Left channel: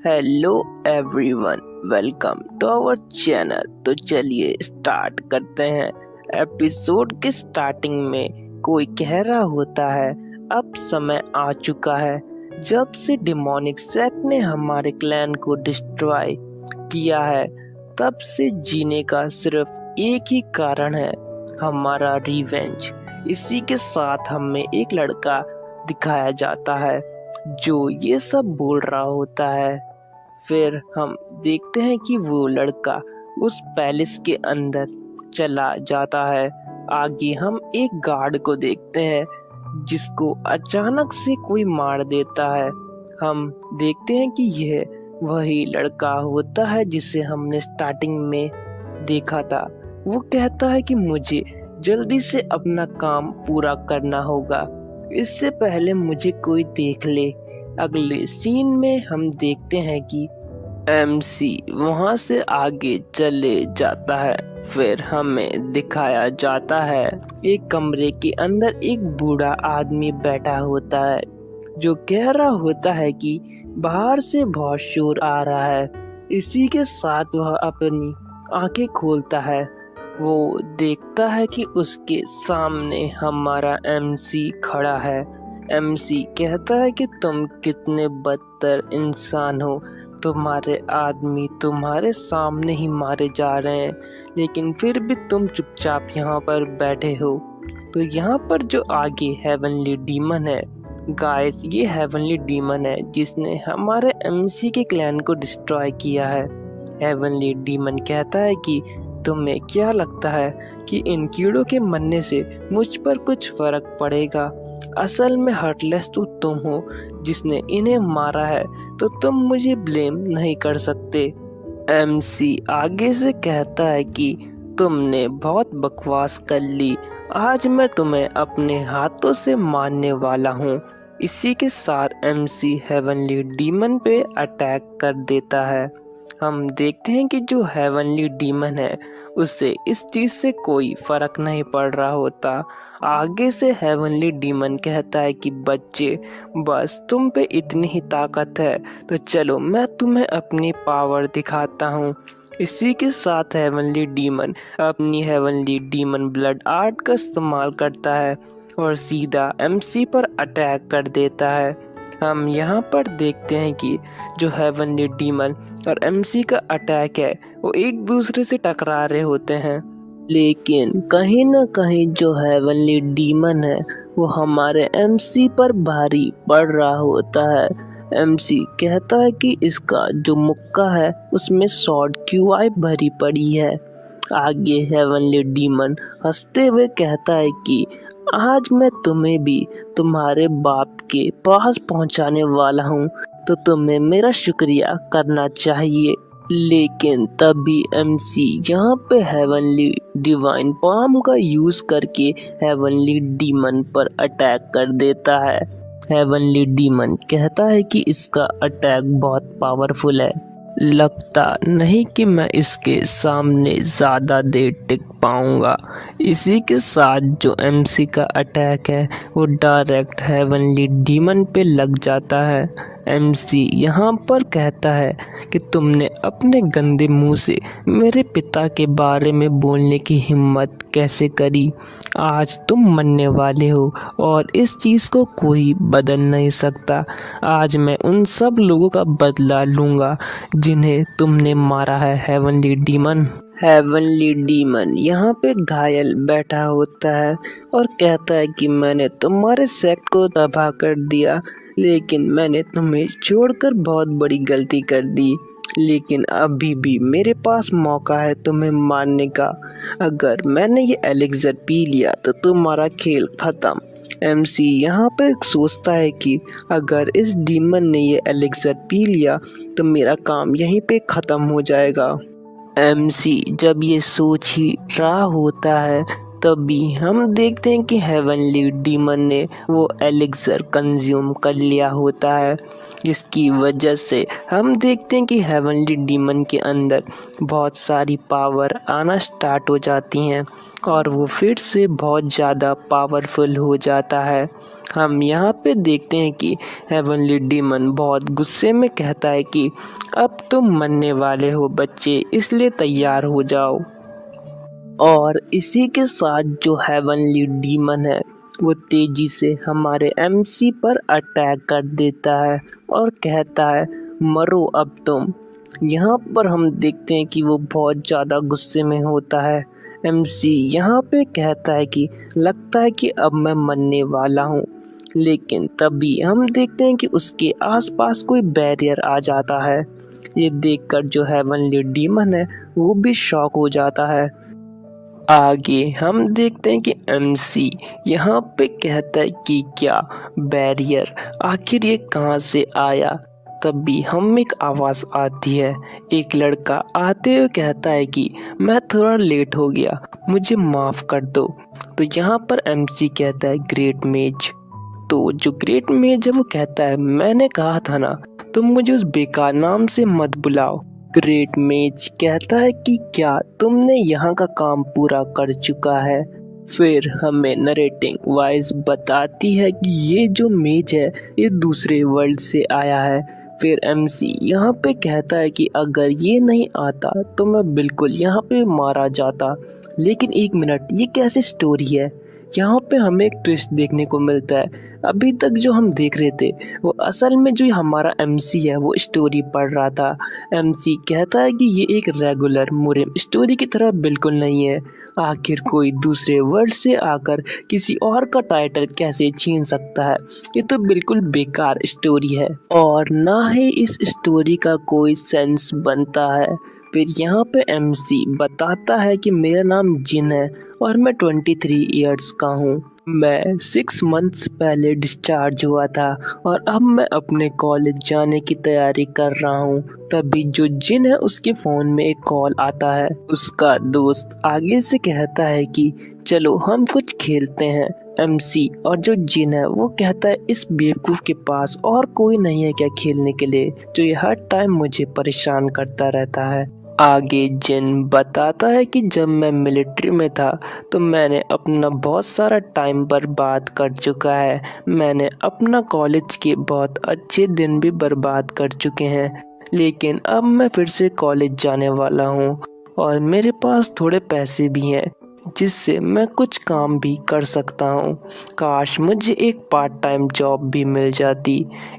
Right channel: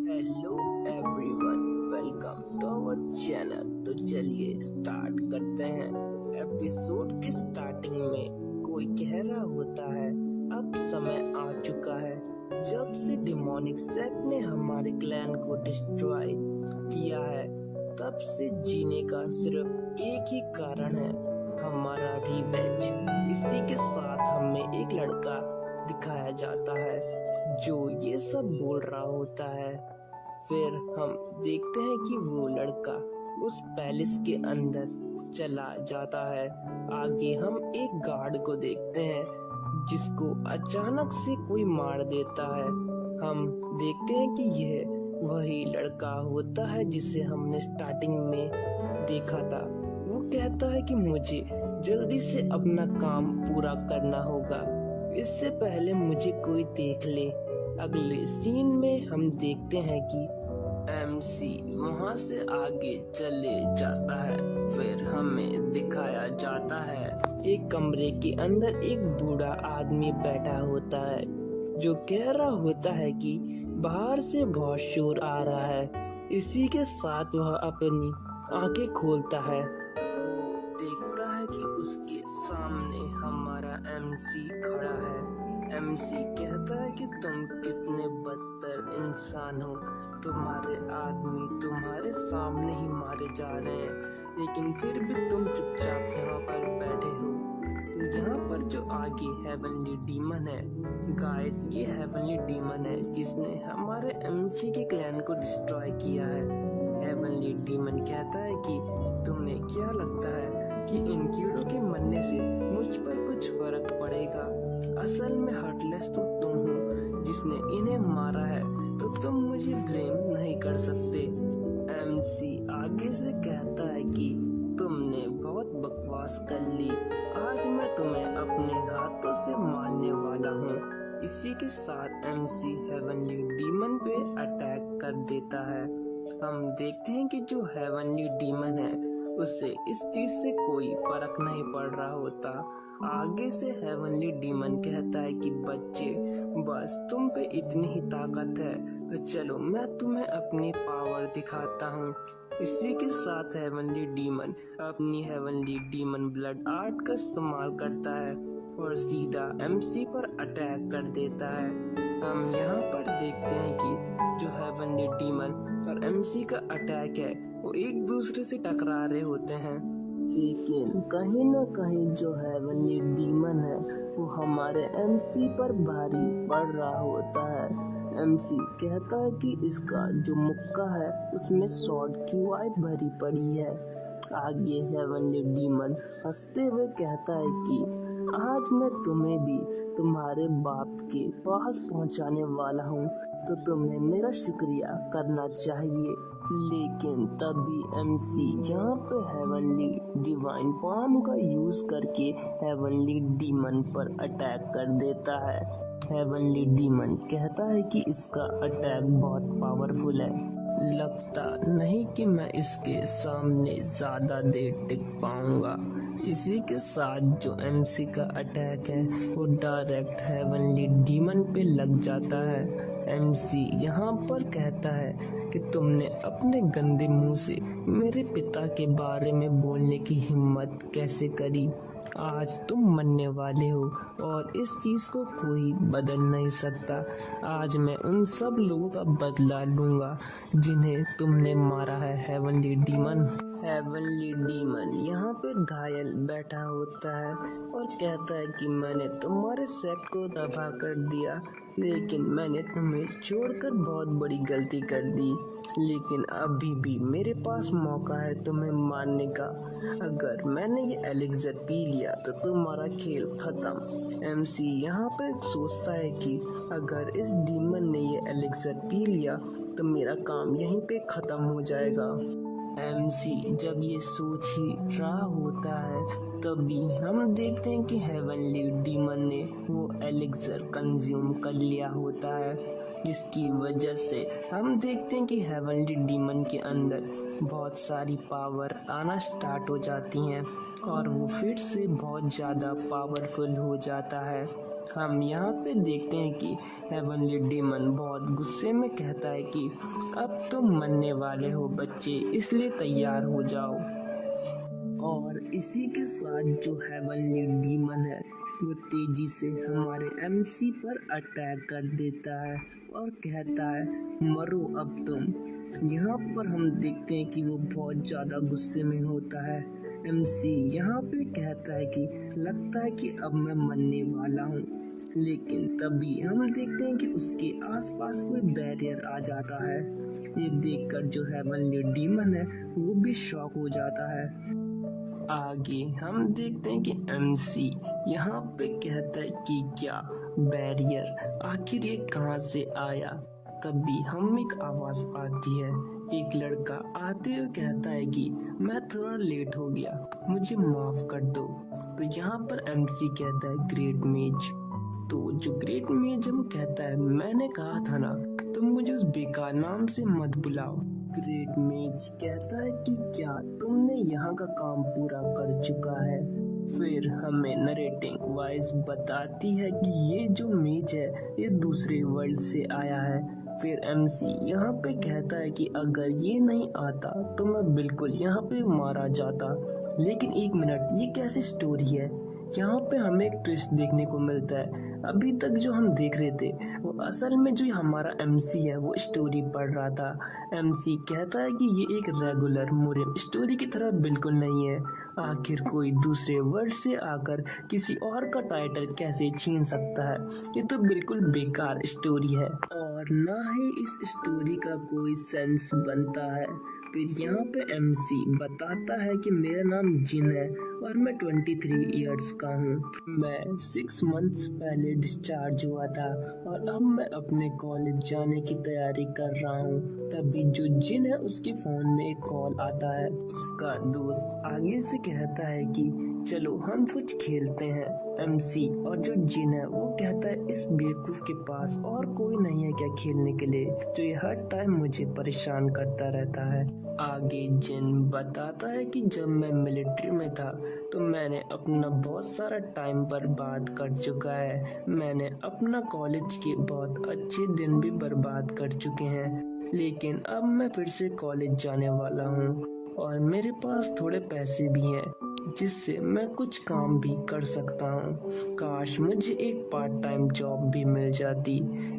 Hello everyone, welcome to our channel. तो चलिए start करते हैं। एपिसोड के स्टार्टिंग में कोई कह रहा होता है, अब समय आ चुका है जब से डिमोनिक सेक्ट ने हमारे क्लैन को डिस्ट्रॉय किया है। तब से जीने का सिर्फ एक ही कारण है, हमारा रिवेंज। इसी के साथ हमें एक लड़का दिखाया जाता है जो ये सब बोल रहा होता है। फिर हम देखते हैं कि वो लड़का उस पैलेस के अंदर चला जाता है। आगे हम एक गार्ड को देखते हैं जिसको अचानक से कोई मार देता है। हम देखते हैं कि यह वही लड़का होता है जिसे हमने स्टार्टिंग में देखा था। वो कहता है कि मुझे जल्दी से अपना काम पूरा करना होगा, इससे पहले मुझे कोई देख ले। अगले सीन में हम देखते हैं कि एमसी वहां से आगे चले जाता है। फिर हमें दिखाया जाता है एक कमरे के अंदर एक बूढ़ा आदमी बैठा होता है जो कह रहा होता है कि बाहर से बहुत शोर आ रहा है। इसी के साथ वह अपनी आंखें खोलता है। वो देखता है कि उसके सामने हमारा एमसी खड़ा है। एमसी कहता है कि तुम कितने बदतर इंसान हो, तुम्हारे आदमी तुम्हारे सामने ही मारे जा रहे हैं, लेकिन फिर भी तुम चुपचाप यहाँ पर बैठे हो। तो यहाँ पर जो आगे हेवनली डीमन है, गाइस, ये हेवनली डीमन है जिसने हमारे एमसी के क्लैन को डिस्ट्रॉय किया है। हेवनली डीमन कहता है कि तुम्हें क्या लगता है कि इन कीड़ों के मरने से मुझ पर कुछ फर्क पड़ेगा? असल में हार्टलेस तो तुम हो जिसने इन्हें मारा है, तो तुम मुझे ब्लेम नहीं कर सकते। एमसी आगे से कहता है कि तुमने बहुत बकवास कर ली, आज मैं तुम्हें अपने हाथों से मारने वाला हूँ। इसी के साथ एमसी हेवनली डीमन पे अटैक कर देता है। हम देखते हैं कि जो हेवनली डीमन है उसे इस चीज से कोई फर्क नहीं पड़ रहा होता। आगे से हेवनली डीमन कहता है कि बच्चे, बस तुम पे इतनी ही ताकत है, तो चलो मैं तुम्हें अपनी पावर दिखाता हूँ। इसी के साथ हेवनली डीमन अपनी हेवनली डीमन ब्लड आर्ट का इस्तेमाल करता है और सीधा एमसी पर अटैक कर देता है। हम यहाँ पर देखते हैं कि जो हेवनली डीमन और एमसी का अटैक है वो एक दूसरे से टकरा रहे होते हैं, लेकिन कहीं ना कहीं जो हेवनली डीमन है वो हमारे एमसी पर भारी पड़ रहा होता है। एमसी कहता है कि इसका जो मुक्का है उसमें शॉर्ट क्यूआई भरी पड़ी है। आगे हेवनली डीमन हंसते हुए कहता है कि आज मैं तुम्हें भी तुम्हारे बाप के पास पहुंचाने वाला हूँ, तो तुम्हें मेरा शुक्रिया करना चाहिए। लेकिन तभी एमसी यहाँ पे हेवनली डिवाइन पाम का यूज करके हेवनली डीमन पर अटैक कर देता है। हेवनली डीमन कहता है कि इसका अटैक बहुत पावरफुल है, लगता नहीं कि मैं इसके सामने ज़्यादा देर टिक पाऊंगा। इसी के साथ जो एमसी का अटैक है वो डायरेक्ट हेवनली डीमन पे लग जाता है। एमसी यहाँ पर कहता है कि तुमने अपने गंदे मुंह से मेरे पिता के बारे में बोलने की हिम्मत कैसे करी? आज तुम मरने वाले हो और इस चीज़ को कोई बदल नहीं सकता। आज मैं उन सब लोगों का बदला लूँगा जिन्हें तुमने मारा है, हेवनली डीमन। हेवनली डीमन यहाँ पे घायल बैठा होता है और कहता है कि मैंने तुम्हारे सेक्ट को तबाह कर दिया, लेकिन मैंने तुम्हें छोड़कर बहुत बड़ी गलती कर दी। लेकिन अभी भी मेरे पास मौका है तुम्हें मारने का। अगर मैंने ये एलिक्सर पी लिया तो तुम्हारा खेल खत्म। एमसी यहाँ पे सोचता है कि अगर इस डीमन ने ये एलिक्सर पी लिया तो मेरा काम यहीं पे ख़त्म हो जाएगा। एमसी जब ये सोच ही रहा होता है तभी हम देखते हैं कि हेवनली डीमन ने वो एलिक्सर कंज्यूम कर लिया होता है, जिसकी वजह से हम देखते हैं कि हेवनली डीमन के अंदर बहुत सारी पावर आना स्टार्ट हो जाती हैं और वो फिर से बहुत ज़्यादा पावरफुल हो जाता है। हम यहाँ पे देखते हैं कि हेवनली डीमन बहुत गुस्से में कहता है कि अब तुम मरने वाले हो बच्चे, इसलिए तैयार हो जाओ। और इसी के साथ जो हेवनली डीमन है वो तेजी से हमारे एमसी पर अटैक कर देता है और कहता है मरो अब तुम। यहाँ पर हम देखते हैं कि वो बहुत ज़्यादा गुस्से में होता है। एमसी यहाँ पे कहता है कि लगता है कि अब मैं मरने वाला हूँ, लेकिन तभी हम देखते हैं कि उसके आसपास कोई बैरियर आ जाता है। ये देखकर जो हेवनली डीमन है वो भी शॉक हो जाता है। आगे हम देखते हैं कि एमसी यहाँ पे कहता है कि क्या बैरियर, आखिर ये कहाँ से आया। तभी हम एक आवाज़ आती है। एक लड़का आते हुए कहता है कि मैं थोड़ा लेट हो गया, मुझे माफ़ कर दो। तो यहाँ पर एमसी कहता है ग्रेट मेज। तो जो ग्रेट मेज है वो कहता है मैंने कहा था ना, तुम मुझे उस बेकार नाम से मत बुलाओ। ग्रेट मेज कहता है कि क्या तुमने यहाँ का काम पूरा कर चुका है। फिर हमें नरेटिंग वॉइस बताती है कि ये जो मेज है ये दूसरे वर्ल्ड से आया है। फिर एमसी यहाँ पे कहता है कि अगर ये नहीं आता तो मैं बिल्कुल यहाँ पे मारा जाता। लेकिन एक मिनट, ये कैसी स्टोरी है। यहाँ पे हमें एक ट्विस्ट देखने को मिलता है। अभी तक जो हम देख रहे थे वो असल में जो हमारा एमसी है वो स्टोरी पढ़ रहा था। एमसी कहता है कि ये एक रेगुलर मुरिम स्टोरी की तरह बिल्कुल नहीं है। आखिर कोई दूसरे वर्ड से आकर किसी और का टाइटल कैसे छीन सकता है। ये तो बिल्कुल बेकार स्टोरी है और ना ही इस स्टोरी का कोई सेंस बनता है। फिर यहाँ पे एमसी बताता है कि मेरा नाम जिन है और मैं 23 इयर्स का हूँ। मैं 6 मंथ्स पहले डिस्चार्ज हुआ था और अब मैं अपने कॉलेज जाने की तैयारी कर रहा हूँ। तभी जो जिन है उसके फ़ोन में एक कॉल आता है। उसका दोस्त आगे से कहता है कि चलो हम कुछ खेलते हैं। एमसी और जो जिन है वो कहता है इस बेवकूफ़ के पास और कोई नहीं है क्या खेलने के लिए, जो ये हर टाइम मुझे परेशान करता रहता है। आगे जिन बताता है कि जब मैं मिलिट्री में था तो मैंने अपना बहुत सारा टाइम बर्बाद कर चुका है। मैंने अपना कॉलेज के बहुत अच्छे दिन भी बर्बाद कर चुके हैं, लेकिन अब मैं फिर से कॉलेज जाने वाला हूँ और मेरे पास थोड़े पैसे भी हैं जिससे मैं कुछ काम भी कर सकता हूँ। काश मुझे एक पार्ट टाइम जॉब भी मिल जाती।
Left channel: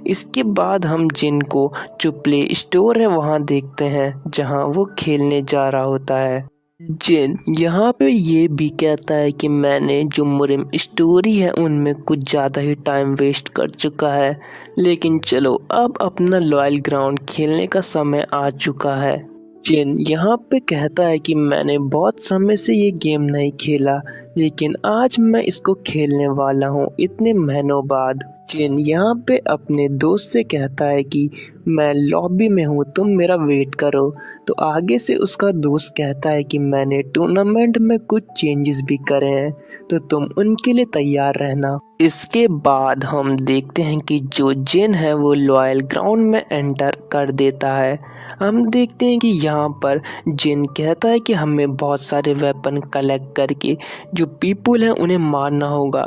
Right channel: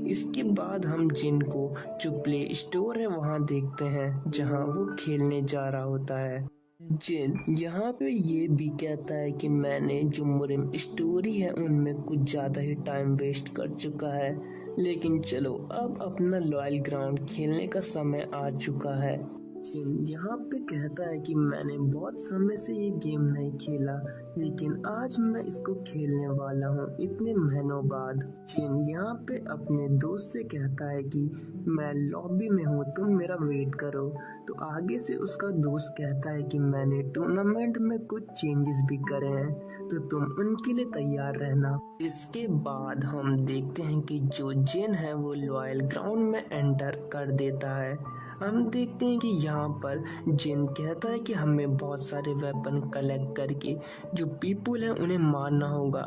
इसके बाद हम जिन को जो प्ले स्टोर है वहाँ देखते हैं जहाँ वो खेलने जा रहा होता है। जिन यहाँ पे ये भी कहता है कि मैंने जो मुरिम स्टोरी है उनमें कुछ ज़्यादा ही टाइम वेस्ट कर चुका है, लेकिन चलो अब अपना लॉयल ग्राउंड खेलने का समय आ चुका है। जिन यहाँ पे कहता है कि मैंने बहुत समय से ये गेम नहीं खेला, लेकिन आज मैं इसको खेलने वाला हूँ इतने महीनों बाद। जिन यहाँ पे अपने दोस्त से कहता है कि मैं लॉबी में हूँ, तुम मेरा वेट करो। तो आगे से उसका दोस्त कहता है कि मैंने टूर्नामेंट में कुछ चेंजेस भी करे हैं, तो तुम उनके लिए तैयार रहना। इसके बाद हम देखते हैं कि जो जिन है वो लॉयल ग्राउंड में एंटर कर देता है। हम देखते हैं कि यहाँ पर जिन कहता है कि हमें बहुत सारे वेपन कलेक्ट करके जो पीपल हैं उन्हें मारना होगा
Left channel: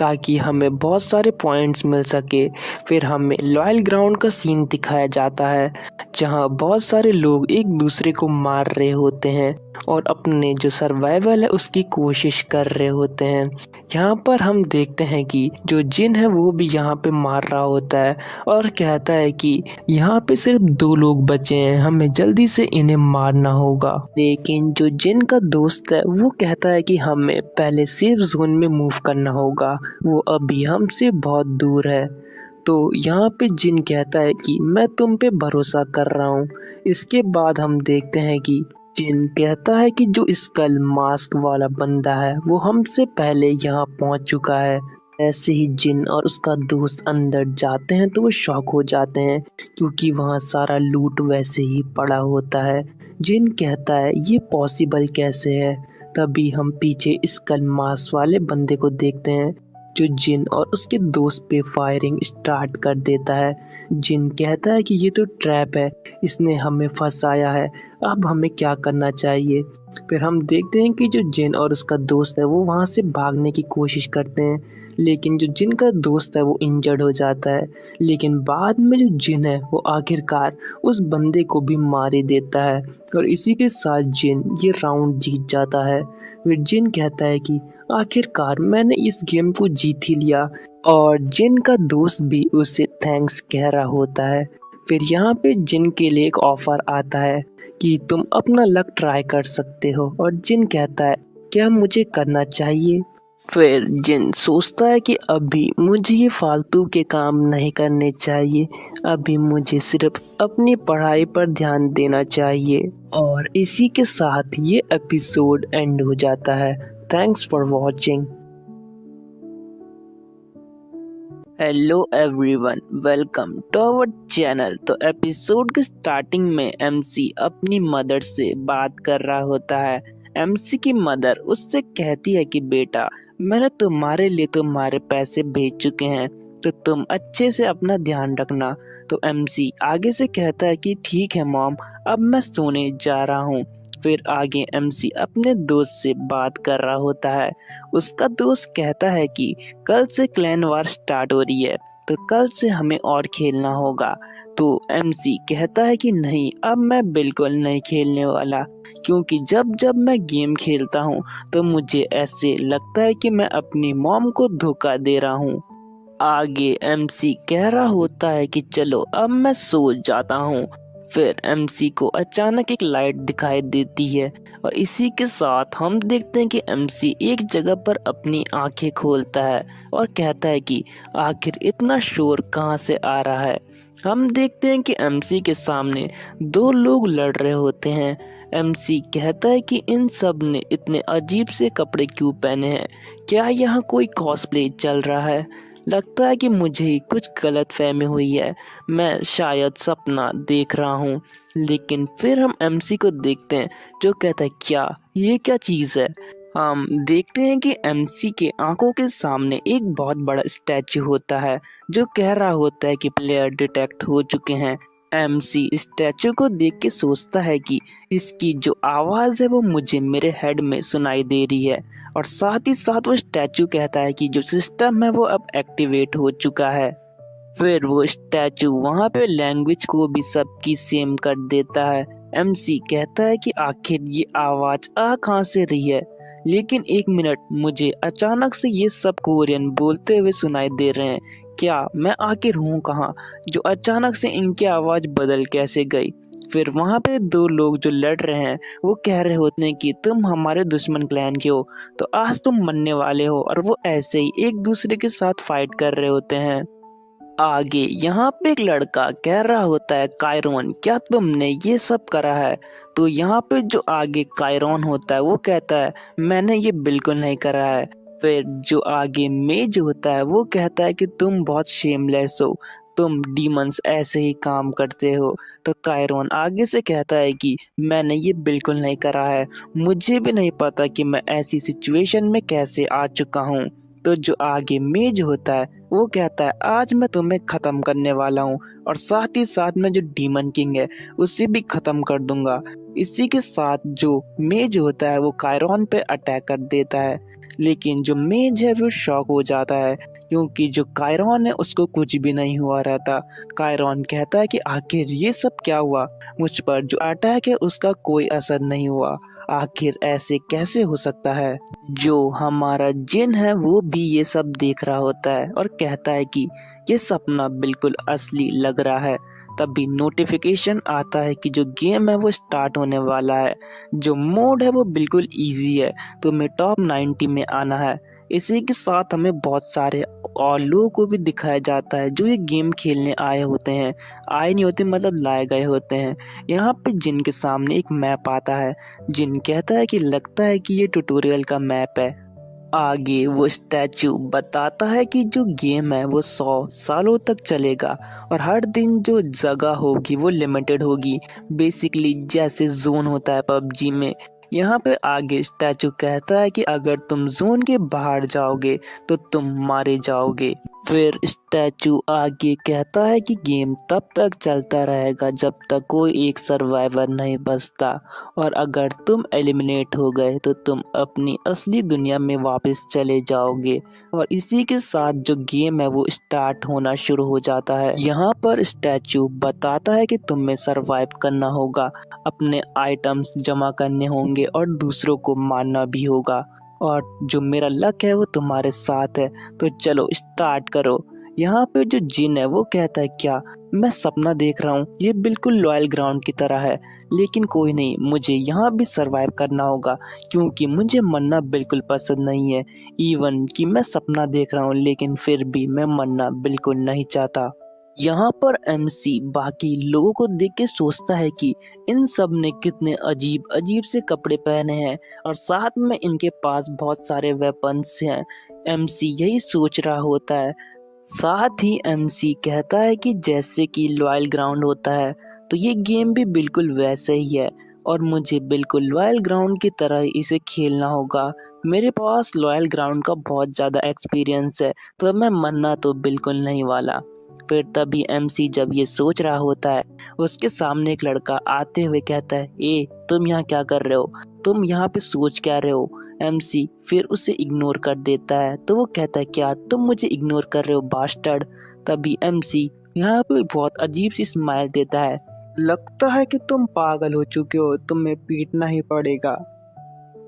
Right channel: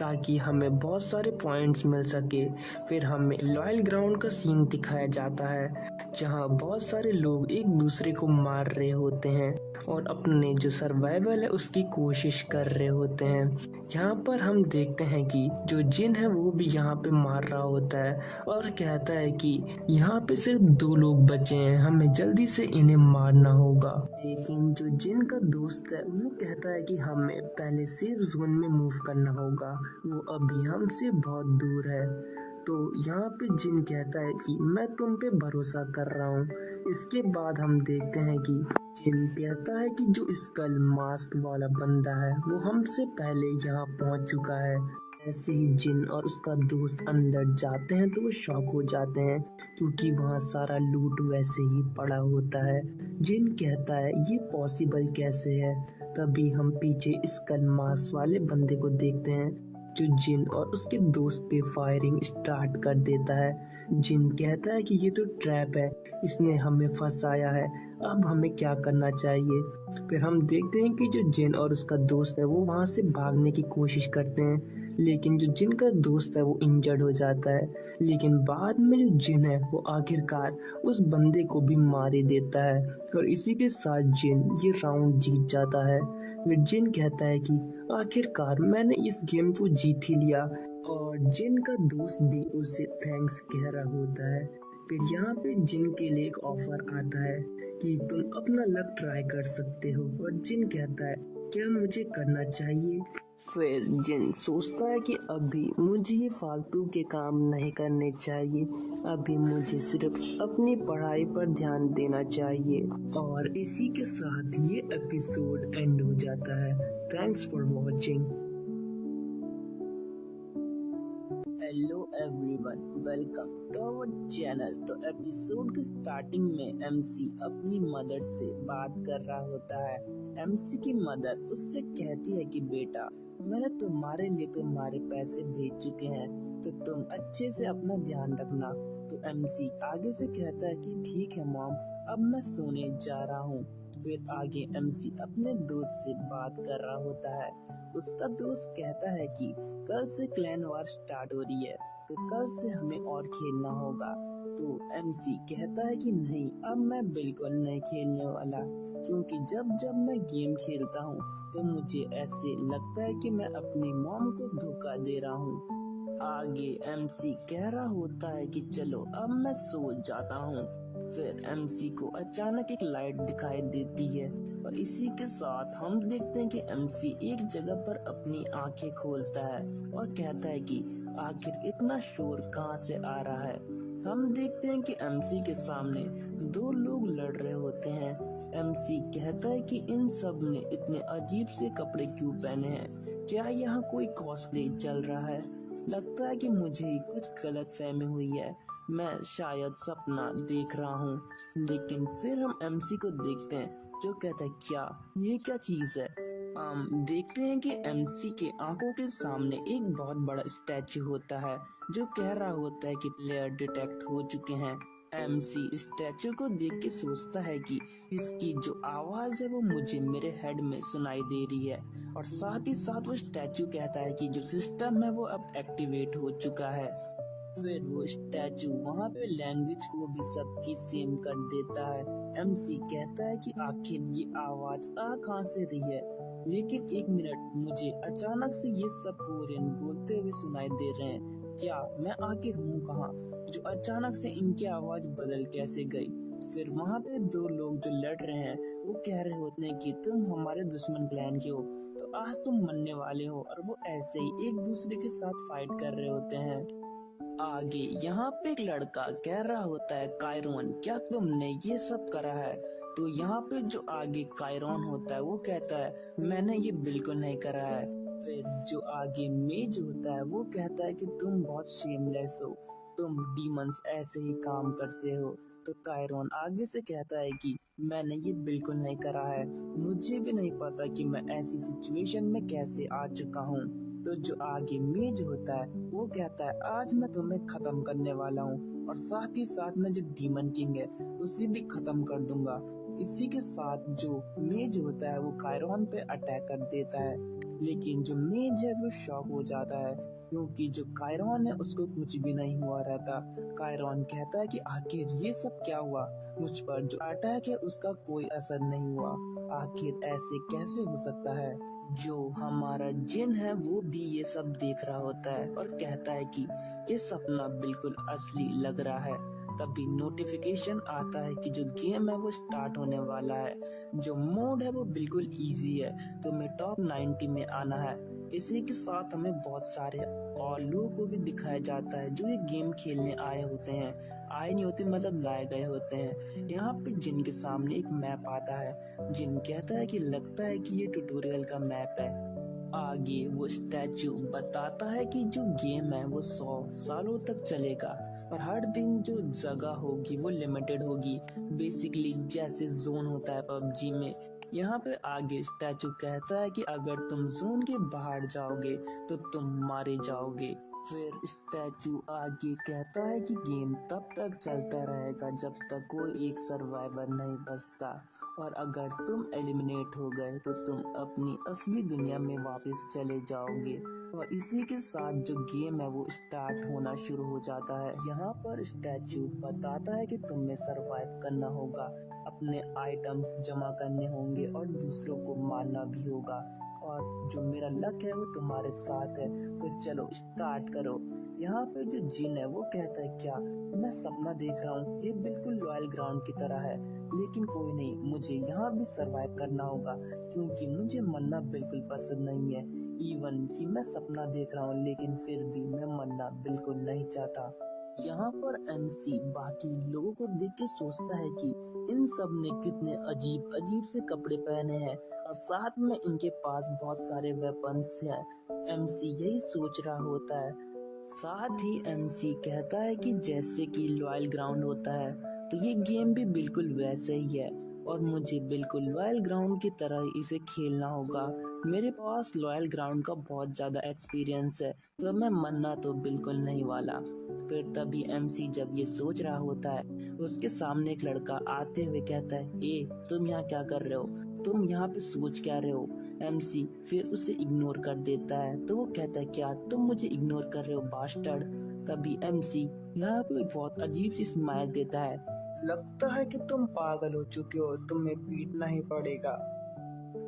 ताकि हमें बहुत सारे पॉइंट्स मिल सके। फिर हमें लॉयल ग्राउंड का सीन दिखाया जाता है जहाँ बहुत सारे लोग एक दूसरे को मार रहे होते हैं और अपने जो सर्वाइवल है उसकी कोशिश कर रहे होते हैं। यहाँ पर हम देखते हैं कि जो जिन है वो भी यहाँ पे मार रहा होता है और कहता है कि यहाँ पे सिर्फ 2 लोग बचे हैं, हमें जल्दी से इन्हें मारना होगा। लेकिन जो जिन का दोस्त है वो कहता है कि हमें पहले सेफ जोन में मूव करना होगा, वो अभी हमसे बहुत दूर है। तो यहाँ पे जिन कहता है कि मैं तुम पे भरोसा कर रहा हूँ। इसके बाद हम देखते हैं कि जिन कहता है कि जो स्कल मास्क वाला बंदा है वो हमसे पहले यहाँ पहुँच चुका है। ऐसे ही जिन और उसका दोस्त अंदर जाते हैं तो वो शॉक हो जाते हैं क्योंकि वहाँ सारा लूट वैसे ही पड़ा होता है। जिन कहता है ये पॉसिबल कैसे है। तभी हम पीछे स्कल मास्क वाले बंदे को देखते हैं जो जिन और उसके दोस्त पे फायरिंग स्टार्ट कर देता है। जिन कहता है कि ये तो ट्रैप है, इसने हमें फंसाया है, अब हमें क्या करना चाहिए। फिर हम देखते हैं कि जो जिन और उसका दोस्त है वो वहाँ से भागने की कोशिश करते हैं, लेकिन जो जिन का दोस्त है वो इंजर्ड हो जाता है। लेकिन बाद में जो जिन है वो आखिरकार उस बंदे को भी मार ही देता है और इसी के साथ जिन ये राउंड जीत जाता है। फिर जिन कहता है कि आखिरकार मैंने इस गेम को जीत ही लिया, और जिन का दोस्त भी उसे थैंक्स कह रहा होता है। फिर यहाँ पे जिन के लिए एक ऑफर आता है कि तुम अपना लक ट्राई कर सकते हो, और जिन कहता है क्या मुझे करना चाहिए। फिर जिन सोचता है कि अभी मुझे ये फालतू के काम नहीं करने चाहिए, अभी मुझे सिर्फ अपनी पढ़ाई पर ध्यान देना चाहिए। और इसी के साथ ये एपिसोड एंड हो जाता है। Thanks for watching. Hello everyone, welcome to our channel. तो एपिसोड के स्टार्टिंग में एमसी अपनी मदर से बात कर रहा होता है। एमसी की मदर उससे कहती है कि बेटा, मैंने तुम्हारे लिए तुम्हारे पैसे भेज चुके हैं, तो तुम अच्छे से अपना ध्यान रखना। तो एमसी आगे से कहता है कि ठीक है मॉम, अब मैं सोने जा रहा हूँ। फिर आगे एमसी अपने दोस्त से बात कर रहा होता है। उसका दोस्त कहता है कि कल से क्लैन वार स्टार्ट हो रही है, तो कल से हमें और खेलना होगा। तो एमसी कहता है कि नहीं, अब मैं बिल्कुल नहीं खेलने वाला, क्योंकि जब जब मैं गेम खेलता हूँ तो मुझे ऐसे लगता है कि मैं अपनी मॉम को धोखा दे रहा हूँ। आगे एमसी कह रहा होता है कि चलो अब मैं सो जाता हूँ। फिर एमसी को अचानक एक लाइट दिखाई देती है, और इसी के साथ हम देखते हैं कि एमसी एक जगह पर अपनी आंखें खोलता है और कहता है कि आखिर इतना शोर कहाँ से आ रहा है। हम देखते हैं कि एमसी के सामने दो लोग लड़ रहे होते हैं। एमसी कहता है कि इन सब ने इतने अजीब से कपड़े क्यों पहने हैं, क्या यहाँ कोई कॉस्प्ले चल रहा है। लगता है कि मुझे ही कुछ गलत फहमी हुई है, मैं शायद सपना देख रहा हूँ। लेकिन फिर हम एमसी को देखते हैं जो कहता है क्या ये क्या चीज़ है। हम देखते हैं कि एमसी के आंखों के सामने एक बहुत बड़ा स्टैचू होता है जो कह रहा होता है कि प्लेयर डिटेक्ट हो चुके हैं। एमसी स्टैचू को देख के सोचता है कि इसकी जो आवाज़ है वो मुझे मेरे हेड में सुनाई दे रही है, और साथ ही साथ वो स्टैचू कहता है कि जो सिस्टम है वो अब एक्टिवेट हो चुका है। फिर वो स्टैचू वहाँ पे लैंग्वेज को भी सबकी सेम कर देता है। एमसी कहता है कि आखिर ये आवाज़ आ कहाँ से रही है, लेकिन एक मिनट, मुझे अचानक से ये सब कोरियन बोलते हुए सुनाई दे रहे हैं, क्या मैं आखिर हूँ कहाँ, जो अचानक से इनकी आवाज़ बदल कैसे गई। फिर वहाँ पे दो लोग जो लड़ रहे हैं वो कह रहे होते हैं कि तुम हमारे दुश्मन क्लैन के हो, तो आज तुम मरने वाले हो, और वो ऐसे ही एक दूसरे के साथ फाइट कर रहे होते हैं। आगे यहाँ पे एक लड़का कह रहा होता है कायरोन, क्या तुमने ये सब करा है। तो यहाँ पे जो आगे कायरोन होता है वो कहता है मैंने ये बिल्कुल नहीं करा है। फिर जो आगे मेज होता है वो कहता है कि तुम बहुत शेमलेस हो, तुम डीमंस ऐसे ही काम करते हो। तो कायरोन आगे से कहता है कि मैंने ये बिल्कुल नहीं करा है, मुझे भी नहीं पता कि मैं ऐसी सिचुएशन में कैसे आ चुका हूँ। तो जो आगे मेज होता है वो कहता है आज मैं तुम्हें खत्म करने वाला हूँ, और साथ ही साथ में जो डीमन किंग है उसे भी खत्म कर दूंगा। इसी के साथ जो मेज होता है वो कायरॉन पे अटैक कर देता है, लेकिन जो मेज है वो शॉक हो जाता है, क्योंकि जो कायरॉन है उसको कुछ भी नहीं हुआ रहता। कायरॉन कहता है कि आखिर ये सब क्या हुआ, मुझ पर जो अटैक है उसका कोई असर नहीं हुआ, आखिर ऐसे कैसे हो सकता है। जो हमारा जिन है वो भी ये सब देख रहा होता है और कहता है कि ये सपना बिल्कुल असली लग रहा है। तभी नोटिफिकेशन आता है कि जो गेम है वो स्टार्ट होने वाला है। जो मोड है वो बिल्कुल इजी है, तुम्हें टॉप 90 में आना है। इसी के साथ हमें बहुत सारे और लोगों को भी दिखाया जाता है जो ये गेम खेलने आए होते हैं, आए नहीं होते मतलब लाए गए होते हैं। यहाँ पे जिन के सामने एक मैप आता है। जिन कहता है कि लगता है कि ये ट्यूटोरियल का मैप है। आगे वो स्टैचू बताता है कि जो गेम है वो 100 सालों तक चलेगा, और हर दिन जो जगह होगी वो लिमिटेड होगी, बेसिकली जैसे जोन होता है पबजी में। यहाँ पे आगे स्टैचू कहता है कि अगर तुम जोन के बाहर जाओगे तो तुम मारे जाओगे। फिर स्टैचू आगे कहता है कि गेम तब तक चलता रहेगा जब तक कोई एक सर्वाइवर नहीं बचता, और अगर तुम एलिमिनेट हो गए तो तुम अपनी असली दुनिया में वापस चले जाओगे। और इसी के साथ जो गेम है वो स्टार्ट होना शुरू हो जाता है। यहाँ पर स्टैचू बताता है कि तुम्हें सरवाइव करना होगा, अपने आइटम्स जमा करने होंगे और दूसरों को मारना भी होगा, और जो मेरा लक है वो तुम्हारे साथ है, तो चलो स्टार्ट करो। यहाँ पे जो जिन है वो कहता है क्या मैं सपना देख रहा हूँ, ये बिल्कुल लॉयल ग्राउंड की तरह है, लेकिन कोई नहीं, मुझे यहाँ भी सरवाइव करना होगा क्योंकि मुझे मरना बिल्कुल पसंद नहीं है। इवन कि मैं सपना देख रहा हूँ लेकिन फिर भी मैं मरना बिल्कुल नहीं चाहता। यहाँ पर एमसी बाकी लोगों को देख के सोचता है कि इन सब ने कितने अजीब अजीब से कपड़े पहने हैं और साथ में इनके पास बहुत सारे वेपन्स हैं। एमसी यही सोच रहा होता है। साथ ही एमसी कहता है कि जैसे कि लॉयल ग्राउंड होता है तो ये गेम भी बिल्कुल वैसे ही है, और मुझे बिल्कुल लॉयल ग्राउंड की तरह इसे खेलना होगा। मेरे पास लॉयल ग्राउंड का बहुत ज़्यादा एक्सपीरियंस है, तो मैं मरना तो बिल्कुल नहीं वाला। फिर तभी एमसी जब ये सोच रहा होता है, उसके सामने एक लड़का आते हुए कहता है, ए तुम यहाँ क्या कर रहे हो, तुम यहाँ पे सोच क्या रहे हो। एमसी फिर उसे इग्नोर कर देता है, तो वो कहता है क्या तुम मुझे इग्नोर कर रहे हो बास्टर्ड। तभी एमसी यहाँ पे बहुत अजीब सी स्माइल देता है, लगता है कि तुम पागल हो चुके हो, तुम्हें पीटना ही पड़ेगा।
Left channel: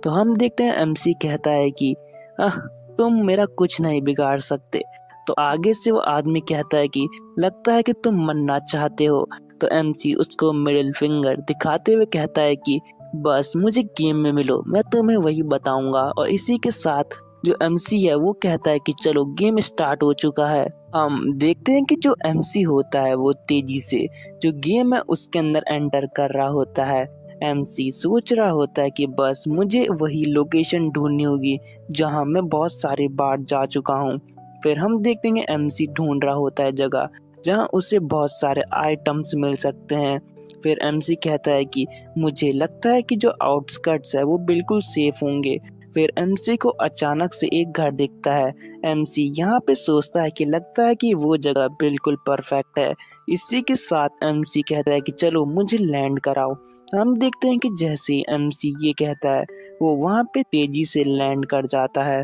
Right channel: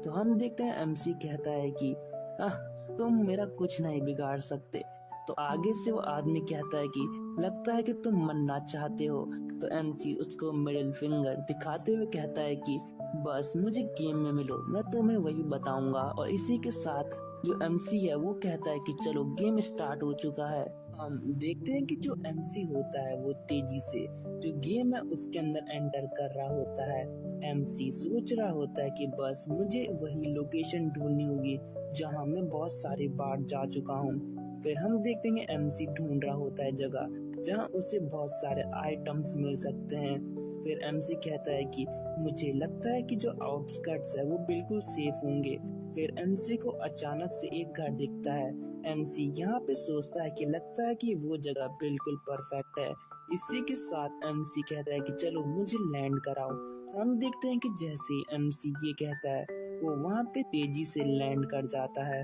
तो हम देखते हैं एमसी कहता है कि आह तुम मेरा कुछ नहीं बिगाड़ सकते। तो आगे से वो आदमी कहता है कि लगता है कि तुम मरना चाहते हो। तो एमसी उसको मिडिल फिंगर दिखाते हुए कहता है कि बस मुझे गेम में मिलो, मैं तुम्हें वही बताऊंगा। और इसी के साथ जो एमसी है वो कहता है कि चलो गेम स्टार्ट हो चुका है। हम देखते हैं कि जो एमसी होता है वो तेजी से जो गेम है उसके अंदर एंटर कर रहा होता है। एमसी सोच रहा होता है कि बस मुझे वही लोकेशन ढूंढनी होगी जहां मैं बहुत सारी बार जा चुका हूं। फिर हम देखते हैं एमसी ढूंढ रहा होता है जगह जहां उसे बहुत सारे आइटम्स मिल सकते हैं। फिर एमसी कहता है कि मुझे लगता है कि जो आउटस्कर्ट्स है वो बिल्कुल सेफ होंगे। फिर एमसी को अचानक से एक घर दिखता है। एमसी यहाँ पे सोचता है कि लगता है कि वो जगह बिल्कुल परफेक्ट है। इसी के साथ एमसी कहता है कि चलो मुझे लैंड कराओ। हम देखते हैं कि जैसे ही एमसी ये कहता है वो वहाँ पे तेजी से लैंड कर जाता है।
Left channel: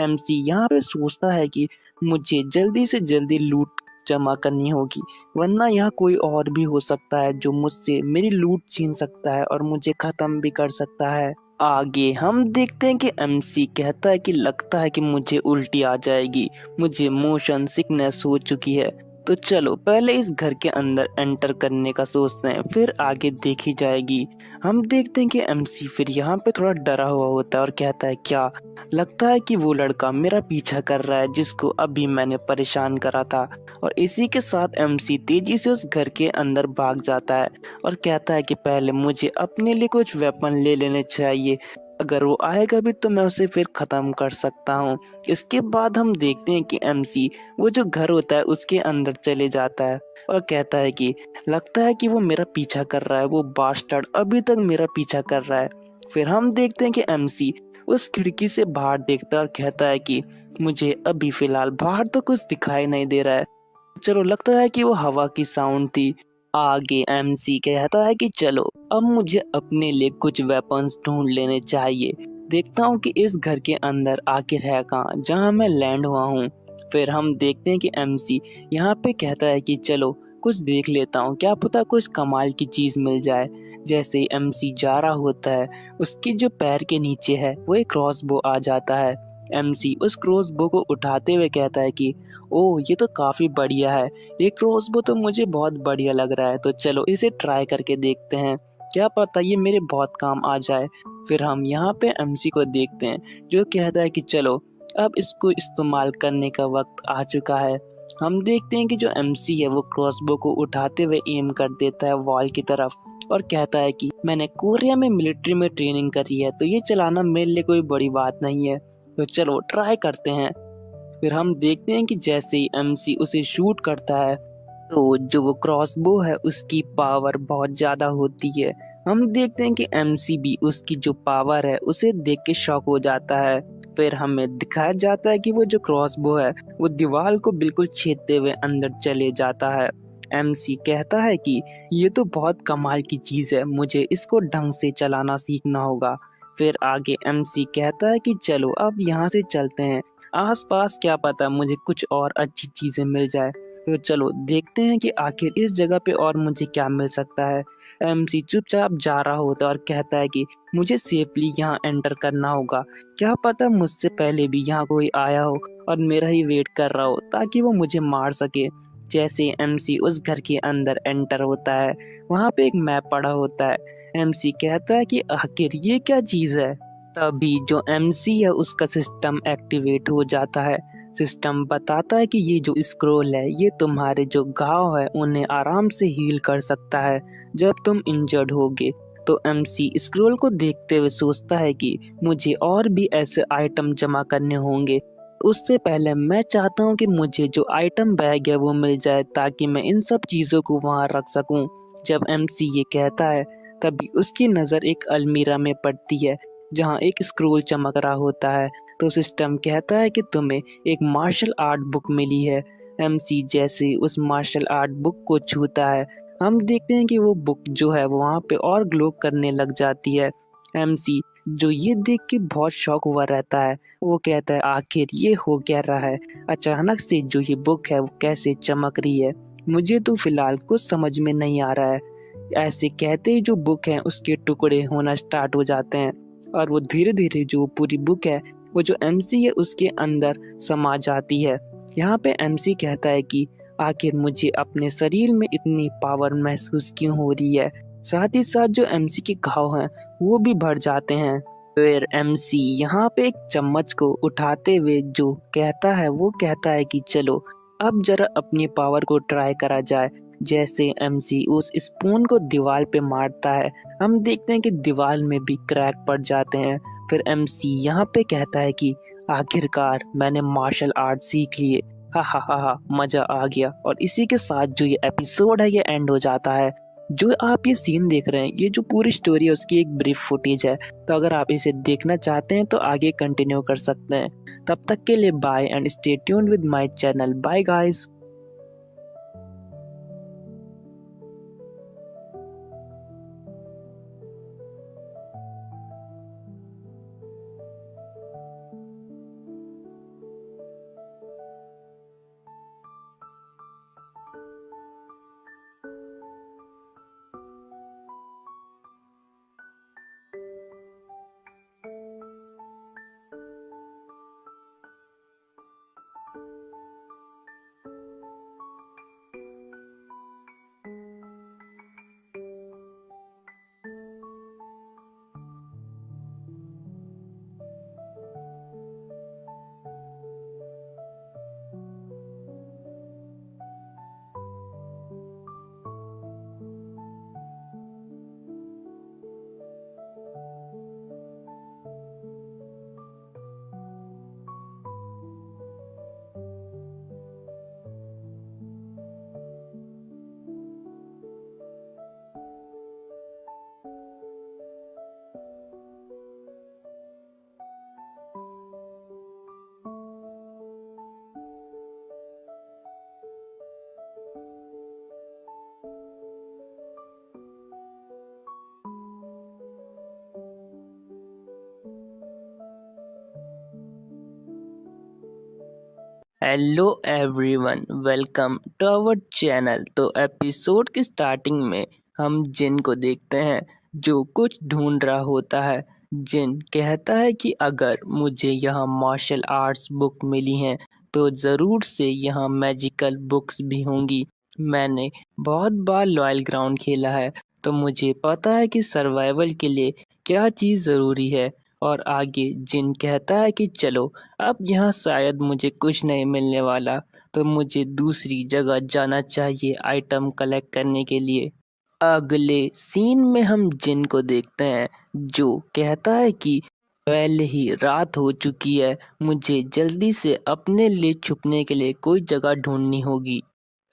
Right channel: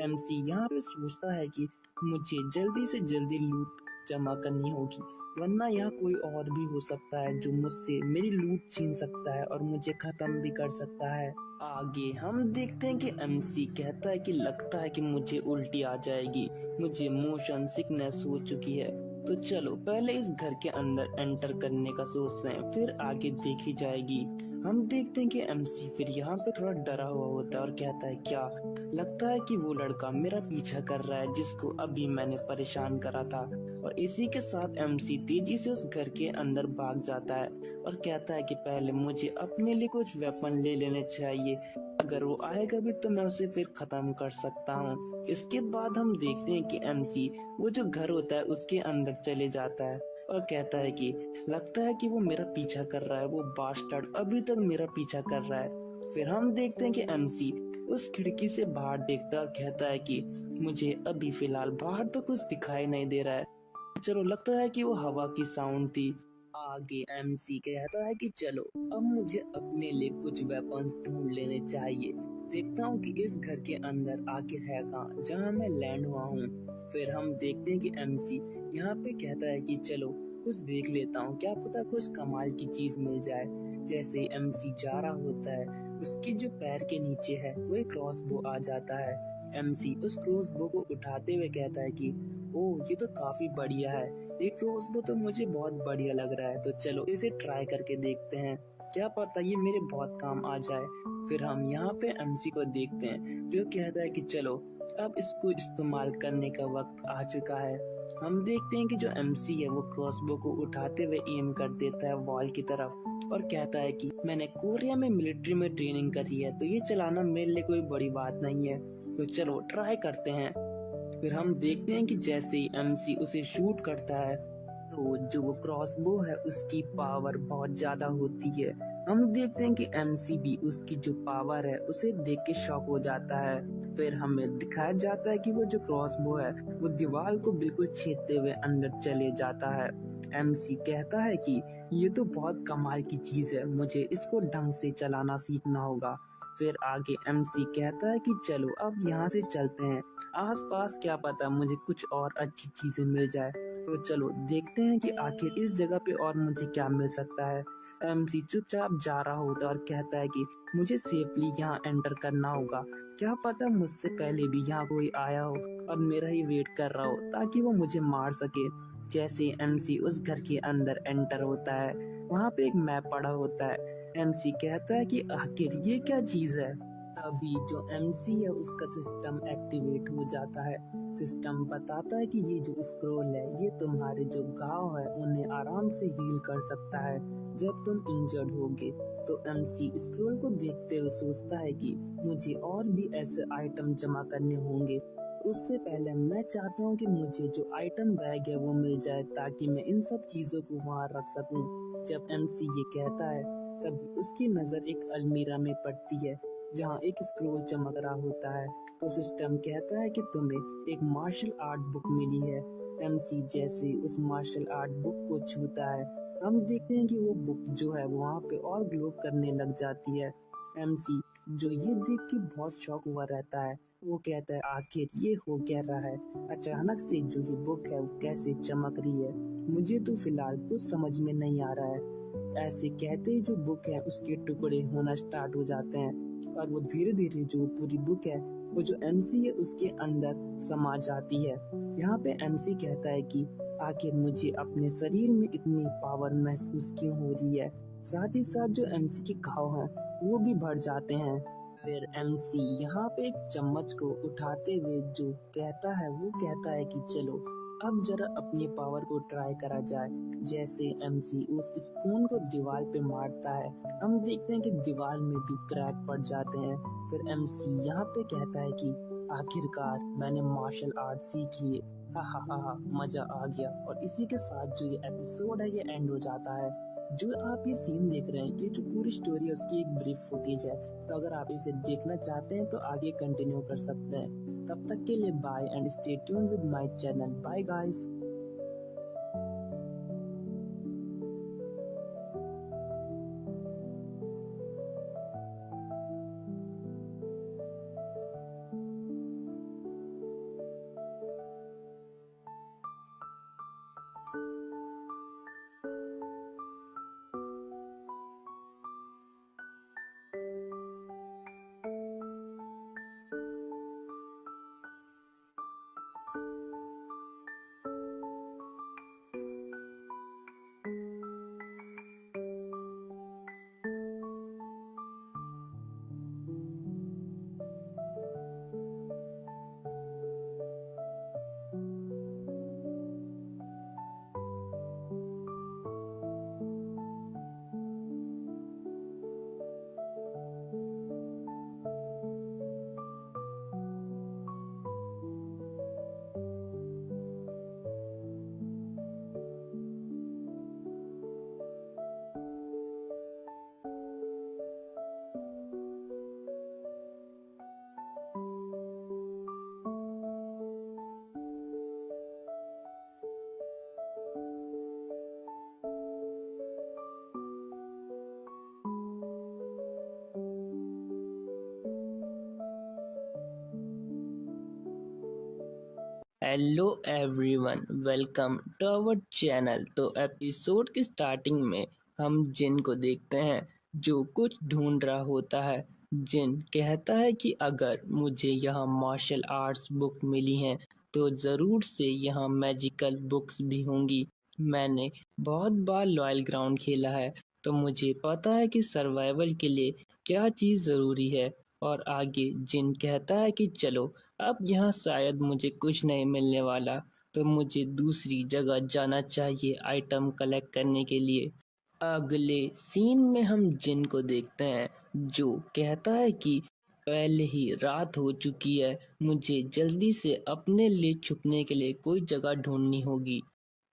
एमसी यहाँ पे सोचता है कि मुझे जल्दी से जल्दी लूट जमा करनी होगी, वरना यहाँ कोई और भी हो सकता है जो मुझसे मेरी लूट छीन सकता है और मुझे खत्म भी कर सकता है। आगे हम देखते हैं कि एमसी कहता है कि लगता है कि मुझे उल्टी आ जाएगी, मुझे मोशन सिकनेस हो चुकी है, तो चलो पहले इस घर के अंदर एंटर करने का सोचते हैं, फिर आगे देखी जाएगी। हम देखते हैं कि एमसी फिर यहाँ पे थोड़ा डरा हुआ होता है और कहता है क्या लगता है कि वो लड़का मेरा पीछा कर रहा है जिसको अभी मैंने परेशान करा था। और इसी के साथ एमसी तेजी से उस घर के अंदर भाग जाता है और कहता है कि पहले मुझे अपने लिए कुछ वेपन ले लेने चाहिए, अगर वो आएगा भी तो मैं उसे फिर खत्म कर सकता हूँ। इसके बाद हम देखते हैं कि एमसी वो जो घर होता है उसके अंदर चले जाता है और कहता है कि लगता है कि वो मेरा पीछा कर रहा है, वो बास्टर्ड अभी तक मेरा पीछा कर रहा है। फिर हम देखते हैं कि एमसी उस खिड़की से बाहर देखता है और कहता है कि मुझे अभी फिलहाल बाहर तो कुछ दिखाई नहीं दे रहा है, चलो लगता है कि वो हवा की साउंड थी। आगे एमसी कहता है कि चलो अब मुझे अपने लिए कुछ वेपन्स ढूंढ लेने चाहिए, देखता हूँ कि इस घर के अंदर आखिर है कहाँ जहाँ मैं लैंड हुआ हूँ। फिर हम देखते हैं कि एमसी यहाँ पे कहता है कि चलो कुछ देख लेता हूँ, क्या पता कुछ कमाल की चीज मिल जाए। जैसे ही एमसी जा रहा होता है उसके जो पैर के नीचे है वो एक क्रॉसबो आ जाता है। एमसी उस क्रॉसबो को उठाते हुए कहता है कि ओह ये तो काफी बढ़िया है, ये क्रॉसबो तो मुझे बहुत बढ़िया लग रहा है, तो चलो इसे ट्राई करके देखते हैं, क्या पता ये मेरे बहुत काम आ जाए। फिर हम यहाँ पे एमसी को देखते हैं जो कहता है कि चलो अब इसको इस्तेमाल करने का वक्त आ चुका है। हम देखते हैं कि जो एमसी है वो क्रॉसबो को उठाते हुए एम कर देता है वॉल की तरफ और कहता है कि मैंने कोरिया में मिलिट्री में ट्रेनिंग करी है, तो ये चलाना मेरे लिए कोई बड़ी बात नहीं है, तो चलो ट्राई करते हैं। फिर हम देखते हैं कि जैसे ही एमसी उसे शूट करता है तो जो वो क्रॉसबो है उसकी पावर बहुत ज़्यादा होती है। हम देखते हैं कि एमसी भी उसकी जो पावर है उसे देख के शॉक हो जाता है। फिर हमें दिखाया जाता है कि वो जो क्रॉसबो है वो दीवार को बिल्कुल छेदते हुए अंदर चले जाता है। एमसी कहता है कि ये तो बहुत कमाल की चीज़ है, मुझे इसको ढंग से चलाना सीखना होगा। फिर आगे एमसी कहता है कि चलो अब यहाँ से चलते हैं, आसपास क्या पता मुझे कुछ और अच्छी चीज़ें मिल जाए। तो चलो देखते हैं कि आखिर इस जगह पे और मुझे क्या मिल सकता है। एमसी चुपचाप जा रहा होता है और कहता है कि मुझे सेफली यहाँ एंटर करना होगा। क्या पता मुझसे पहले भी यहाँ कोई आया हो और मेरा ही वेट कर रहा हो ताकि वो मुझे मार सके। जैसे एमसी उस घर के अंदर एंटर होता है, वहाँ पे एक मैप पड़ा होता है। एमसी कहता है कि आखिर ये क्या चीज़ है। तभी जो एमसी है उसका सिस्टम एक्टिवेट हो जाता है। सिस्टम बताता है कि ये जो स्क्रोल है ये तुम्हारे जो घाव है उन्हें आराम से हील कर सकता है जब तुम इंजर्ड होगे। तो एमसी स्क्रोल को देखते हुए सोचता है कि मुझे और भी ऐसे आइटम जमा करने होंगे। उससे पहले मैं चाहता हूँ कि मुझे जो आइटम बैग है वो मिल जाए ताकि मैं इन सब चीज़ों को वहाँ रख सकूँ। जब एमसी ये कहता है तभी उसकी नज़र एक अलमीरा में पड़ती है जहाँ एक स्क्रोल चमक रहा होता है। तो सिस्टम कहता है कि तुम्हें एक मार्शल आर्ट बुक मिली है। एमसी जैसे उस मार्शल आर्ट बुक को छूता है, हम देखते हैं कि वो बुक जो है वो वहाँ पे और ग्लो करने लग जाती है। एमसी जो ये देख के बहुत शॉक हुआ रहता है, वो कहता है आखिर ये हो क्या रहा है, अचानक से जो ये बुक है वो कैसे चमक रही है, मुझे तो फिलहाल कुछ समझ में नहीं आ रहा है। ऐसे कहते ही जो बुक है उसके टुकड़े होना स्टार्ट हो जाते हैं और वो धीरे धीरे जो पूरी बुक है वो जो एमसी है उसके अंदर समा जाती है। यहाँ पे एमसी कहता है कि आखिर मुझे अपने शरीर में इतनी पावर महसूस क्यों हो रही है। साथ ही साथ जो एमसी के घाव हैं वो भी बढ़ जाते हैं। फिर एमसी यहाँ पे एक चम्मच को उठाते हुए जो कहता है वो कहता है कि चलो अब जरा अपनी पावर को ट्राई करा जाए। जैसे एमसी उस स्पून को दीवार पे मारता है, हम देखते हैं कि दीवार में भी क्रैक पड़ जाते हैं। फिर एमसी यहाँ पे कहता है कि आखिरकार मैंने मार्शल आर्ट सीख लिए, हा हा हा हा, मजा आ गया। और इसी के साथ जो ये एपिसोड है ये एंड हो जाता है। जो आप ये सीन देख रहे हैं ये जो पूरी स्टोरी है उसकी एक ब्रीफ फुटेज है, तो अगर आप इसे देखना चाहते हैं तो आगे कंटिन्यू कर सकते हैं। तब तक के लिए bye and stay tuned with my channel. Bye guys. Hello everyone, welcome to our channel. तो एपिसोड की स्टार्टिंग में हम जिन को देखते हैं जो कुछ ढूंढ रहा होता है। जिन कहता है कि अगर मुझे यहाँ मार्शल आर्ट्स बुक मिली हैं तो ज़रूर से यहाँ मैजिकल बुक्स भी होंगी। मैंने बहुत बार लॉयल ग्राउंड खेला है तो मुझे पता है कि सर्वाइवल के लिए क्या चीज़ ज़रूरी है। और आगे जिन कहता है कि चलो अब यहाँ शायद मुझे कुछ नहीं मिलने वाला, तो मुझे दूसरी जगह जाना चाहिए आइटम कलेक्ट करने के लिए। अगले सीन में हम जिन को देखते हैं जो कहता है कि पहले ही रात हो चुकी है, मुझे जल्दी से अपने लिए छुपने के लिए कोई जगह ढूंढनी होगी।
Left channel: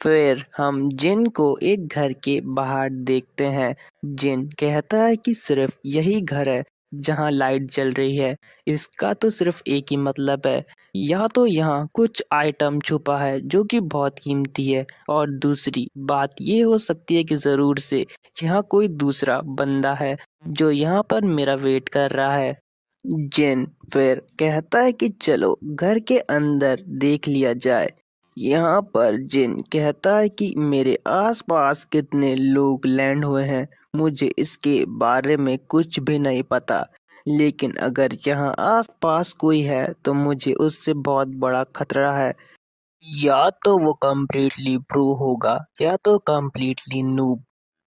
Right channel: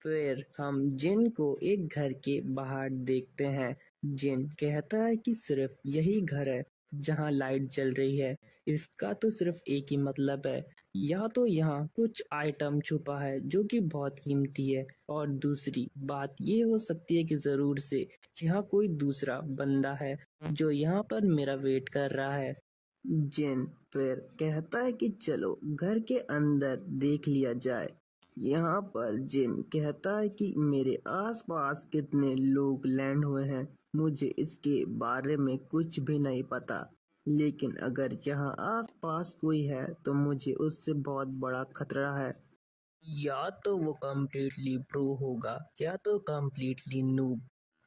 फिर हम जिन को एक घर के बाहर देखते हैं। जिन कहता है कि सिर्फ यही घर है जहाँ लाइट जल रही है। इसका तो सिर्फ एक ही मतलब है, या तो यहाँ कुछ आइटम छुपा है जो कि बहुत कीमती है, और दूसरी बात ये हो सकती है कि जरूर से यहाँ कोई दूसरा बंदा है जो यहाँ पर मेरा वेट कर रहा है। जिन फिर कहता है कि चलो घर के अंदर देख लिया जाए। यहाँ पर जिन कहता है कि मेरे आसपास कितने लोग लैंड हुए हैं, मुझे इसके बारे में कुछ भी नहीं पता। लेकिन अगर यहाँ आसपास कोई है तो मुझे उससे बहुत बड़ा खतरा है। या तो वो कम्प्लीटली प्रो होगा या तो कम्प्लीटली नूब।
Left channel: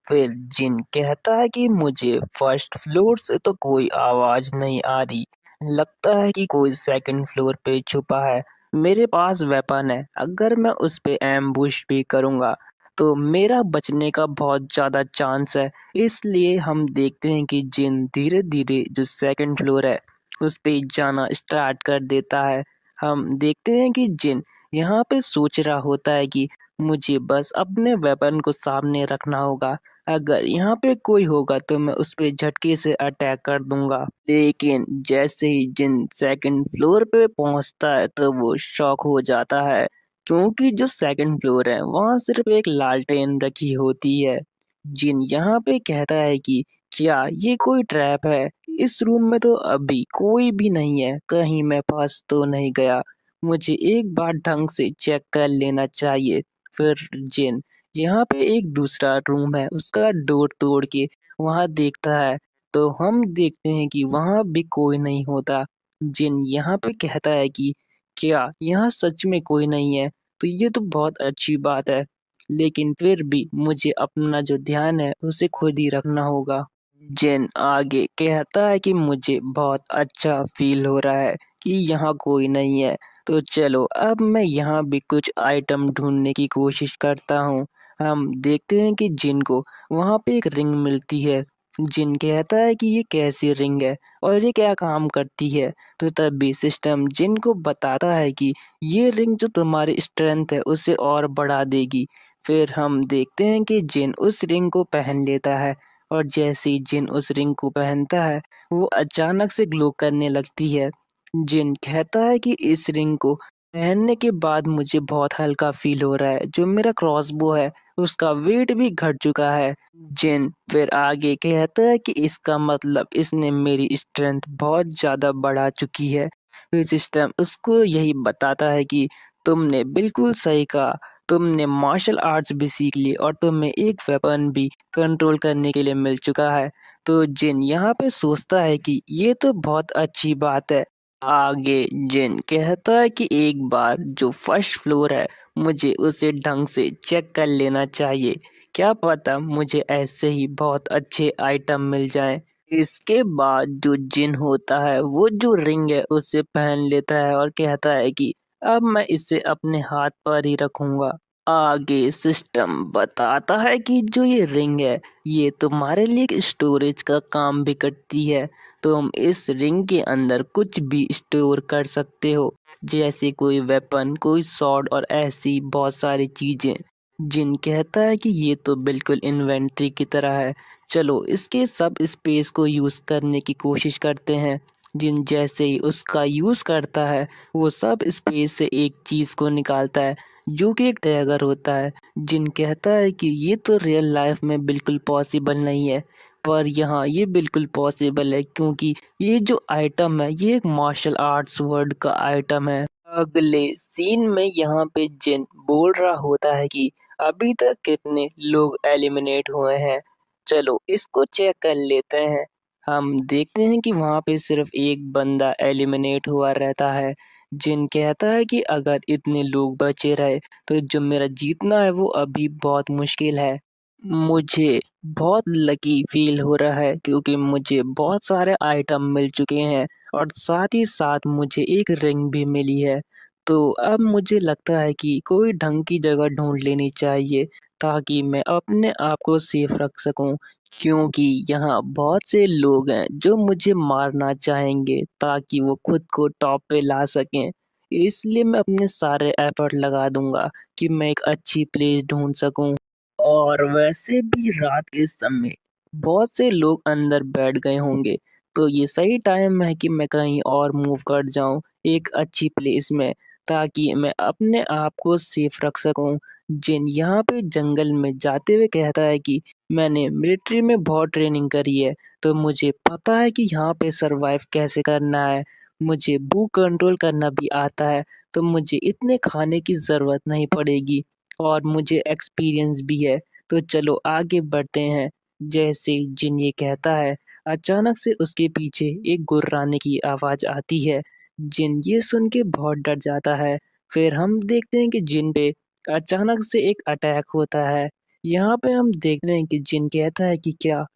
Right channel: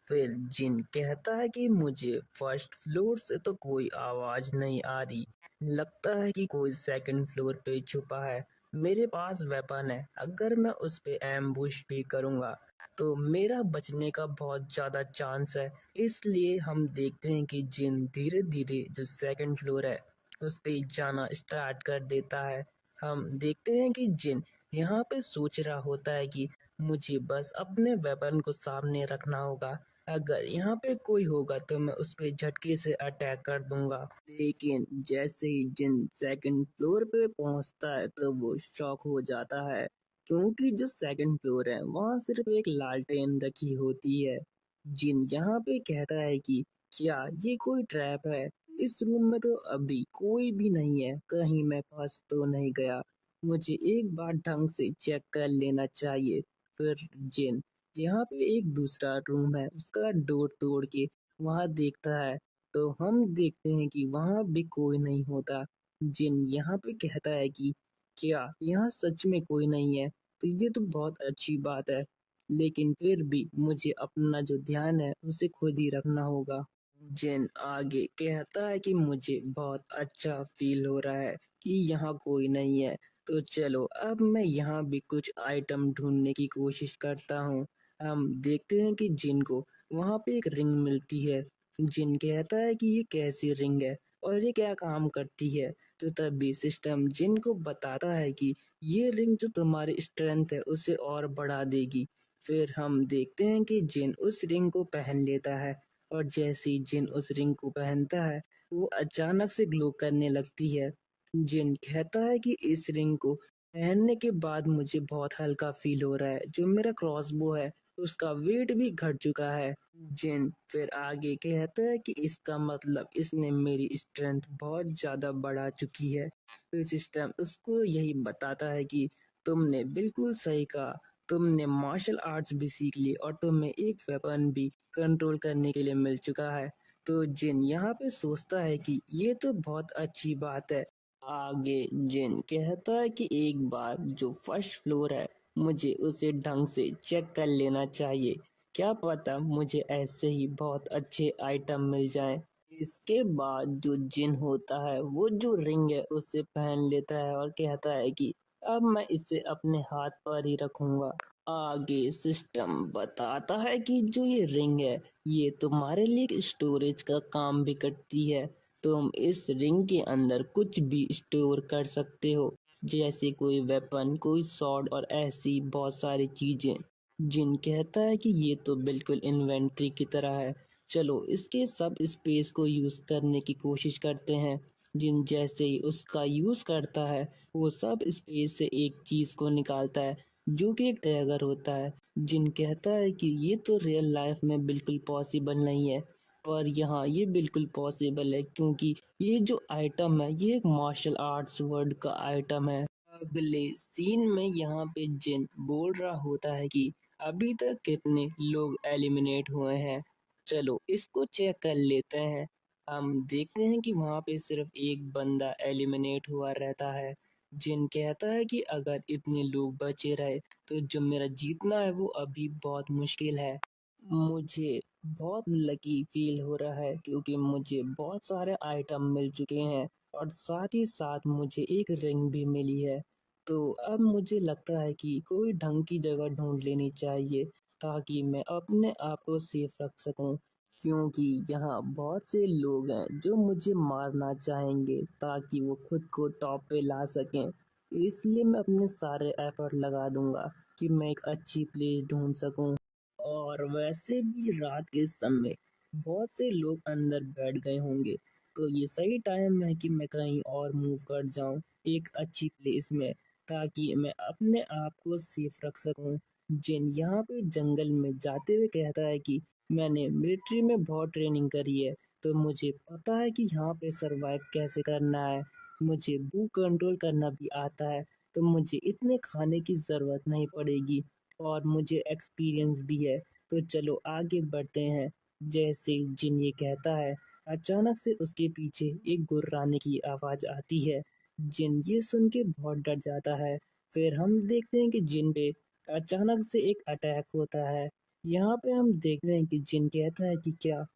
फिर जिन कहता है कि मुझे फर्स्ट फ्लोर से तो कोई आवाज नहीं आ रही, लगता है कि कोई सेकंड फ्लोर पे छुपा है। मेरे पास वेपन है, अगर मैं उस पे एम्बुश भी करूंगा तो मेरा बचने का बहुत ज्यादा चांस है। इसलिए हम देखते हैं कि जिन धीरे धीरे जो सेकंड फ्लोर है उस पे जाना स्टार्ट कर देता है। हम देखते हैं कि जिन यहाँ पे सोच रहा होता है कि मुझे बस अपने वेपन को सामने रखना होगा। अगर यहाँ पे कोई होगा तो मैं उस पे झटके से अटैक कर दूंगा। लेकिन जैसे ही जिन सेकंड फ्लोर पे पहुंचता है तो वो शॉक हो जाता है, क्योंकि जो सेकंड फ्लोर है वहाँ सिर्फ एक लालटेन रखी होती है। जिन यहाँ पे कहता है कि क्या ये कोई ट्रैप है? इस रूम में तो अभी कोई भी नहीं है, कहीं मैं फंस तो नहीं गया। मुझे एक बार ढंग से चेक कर लेना चाहिए। फिर जिन यहाँ पे एक दूसरा रूम है उसका डोर तोड़ के वहाँ देखता है, तो हम देखते हैं कि वहाँ भी कोई नहीं होता। जिन यहाँ पे कहता है कि क्या यहाँ सच में कोई नहीं है, तो ये तो बहुत अच्छी बात है। लेकिन फिर भी मुझे अपना जो ध्यान है उसे खुद ही रखना होगा। जिन आगे कहता है कि मुझे बहुत अच्छा फील हो रहा है कि यहाँ कोई नहीं है, तो चलो अब मैं यहाँ भी कुछ आइटम ढूंढने की कोशिश करता हूँ। हम देखते हैं कि जिन को वहाँ पे एक रिंग मिलती है। जिन कहता है कि ये कैसी रिंग है और ये क्या काम करती है, तो तभी सिस्टम जिन को बताता है कि ये रिंग जो तुम्हारी स्ट्रेंथ है उसे और बढ़ा देगी। फिर हम देखते हैं कि जिन उस रिंग को पहन लेता है, और जैसे ही जिन उस रिंग को पहनता है वो अचानक से ग्लो करने लगती है। जिन कहता है कि इस रिंग को पहनने के बाद मुझे बहुत हल्का फील हो रहा है, जो मेरा क्रॉसबो है उसका वेट भी घट चुका है। जिन फिर आगे कहता है कि इसका मतलब इसने मेरी स्ट्रेंथ बहुत ज्यादा बढ़ा चुकी है। फिर सिस्टम उसको यही बताता है कि तुमने बिल्कुल सही कहा, तुमने मार्शल आर्ट्स भी सीख ली और तुम्हें एक वेपन भी कंट्रोल करने के लिए मिल चुका है। तो जिन यहाँ पे सोचता है कि ये तो बहुत अच्छी बात है। आगे जिन कहता है कि एक बार जो फर्स्ट फ्लोर है मुझे उसे ढंग से चेक कर लेना चाहिए, क्या पता मुझे ऐसे ही बहुत अच्छे आइटम मिल जाएं। इसके बाद जो जिन होता है वो जो रिंग है उसे पहन लेता है और कहता है कि अब मैं इसे अपने हाथ पर ही रखूंगा। आगे सिस्टम बताता है कि जो ये रिंग है ये तुम्हारे लिए एक स्टोरेज का काम भी करती है। तुम इस रिंग के अंदर कुछ भी स्टोर कर सकते हो, जैसे कोई वेपन, कोई सॉर्ड और ऐसी बहुत सारी चीजें। जिन कहता है कि ये तो बिल्कुल इन्वेंट्री की तरह है, चलो इसके सब स्पेस को यूज करने की कोशिश करते हैं। जिन जैसे ही उसका यूज करता है वो सब स्पेस से एक चीज को निकालता है जो कि एक टैगर होता है। जिन कहता है कि ये तो रियल लाइफ में बिल्कुल पॉसिबल नहीं है, पर यहाँ ये बिल्कुल पॉसिबल है क्योंकि ये जो आइटम है ये एक मार्शल आर्ट्स वर्ड का आइटम है। अगले सीन में यहाँ पे जिन बोल रहा होता है कि अभी तक कितने लोग एलिमिनेट हुए हैं, चलो इसको चेक कर लेते हैं। हम देखते हैं कि वहाँ पे सिर्फ एक बंदा एलिमिनेट हुआ रहता है। जिन कहता है कि अगर इतने लोग बचे रहे तो जो मेरा जीतना है वो अभी बहुत मुश्किल है। मुझे बहुत लकी फील हो रहा है क्योंकि मुझे बहुत सारे आइटम मिल चुके हैं और साथ ही साथ मुझे एक रिंग भी मिली है। तो अब मुझे लगता है कि कोई ढंग की जगह ढूंढ लेनी चाहिए ताकि मैं अपने आप को सेफ रख सकूं, क्योंकि यहाँ बहुत से लोग हैं जो मुझे मारना चाहेंगे ताकि वो खुद को टॉप पे ला सकें। इसलिए मैं अपने सारे एफर्ट लगा दूंगा कि मैं एक अच्छी प्लेस ढूंढ सकूं। और वैसे भी रात के समय बहुत से लोग अंदर बैठ गए होंगे, तो ये सही टाइम है कि मैं कहीं और मूव कर जाऊं एक अच्छी प्लेस में, ताकि मैं अपने आप को सेफ रख सकूं। जिन यहाँ पे जंगल में जाते हुए कहता है कि मैंने मिलिट्री में बहुत ट्रेनिंग करी है, तो मुझे पता है कि यहाँ पे सरवाइव कैसे करना है। मुझे भूख कंट्रोल करना भी आता है, तो मुझे इतने खाने की ज़रूरत नहीं पड़ेगी और मुझे एक्सपीरियंस भी है। तो चलो आगे बढ़ते हैं। जैसे जिन ये कहता है, अचानक से उसके पीछे एक गुर्राने की आवाज़ आती है। जिन ये सुन के बहुत डर जाता है। फिर हम देखते हैं कि जिन पे अचानक से एक अटैक होता है। यहाँ पे हम देखते हैं कि जिन कहता है कि क्या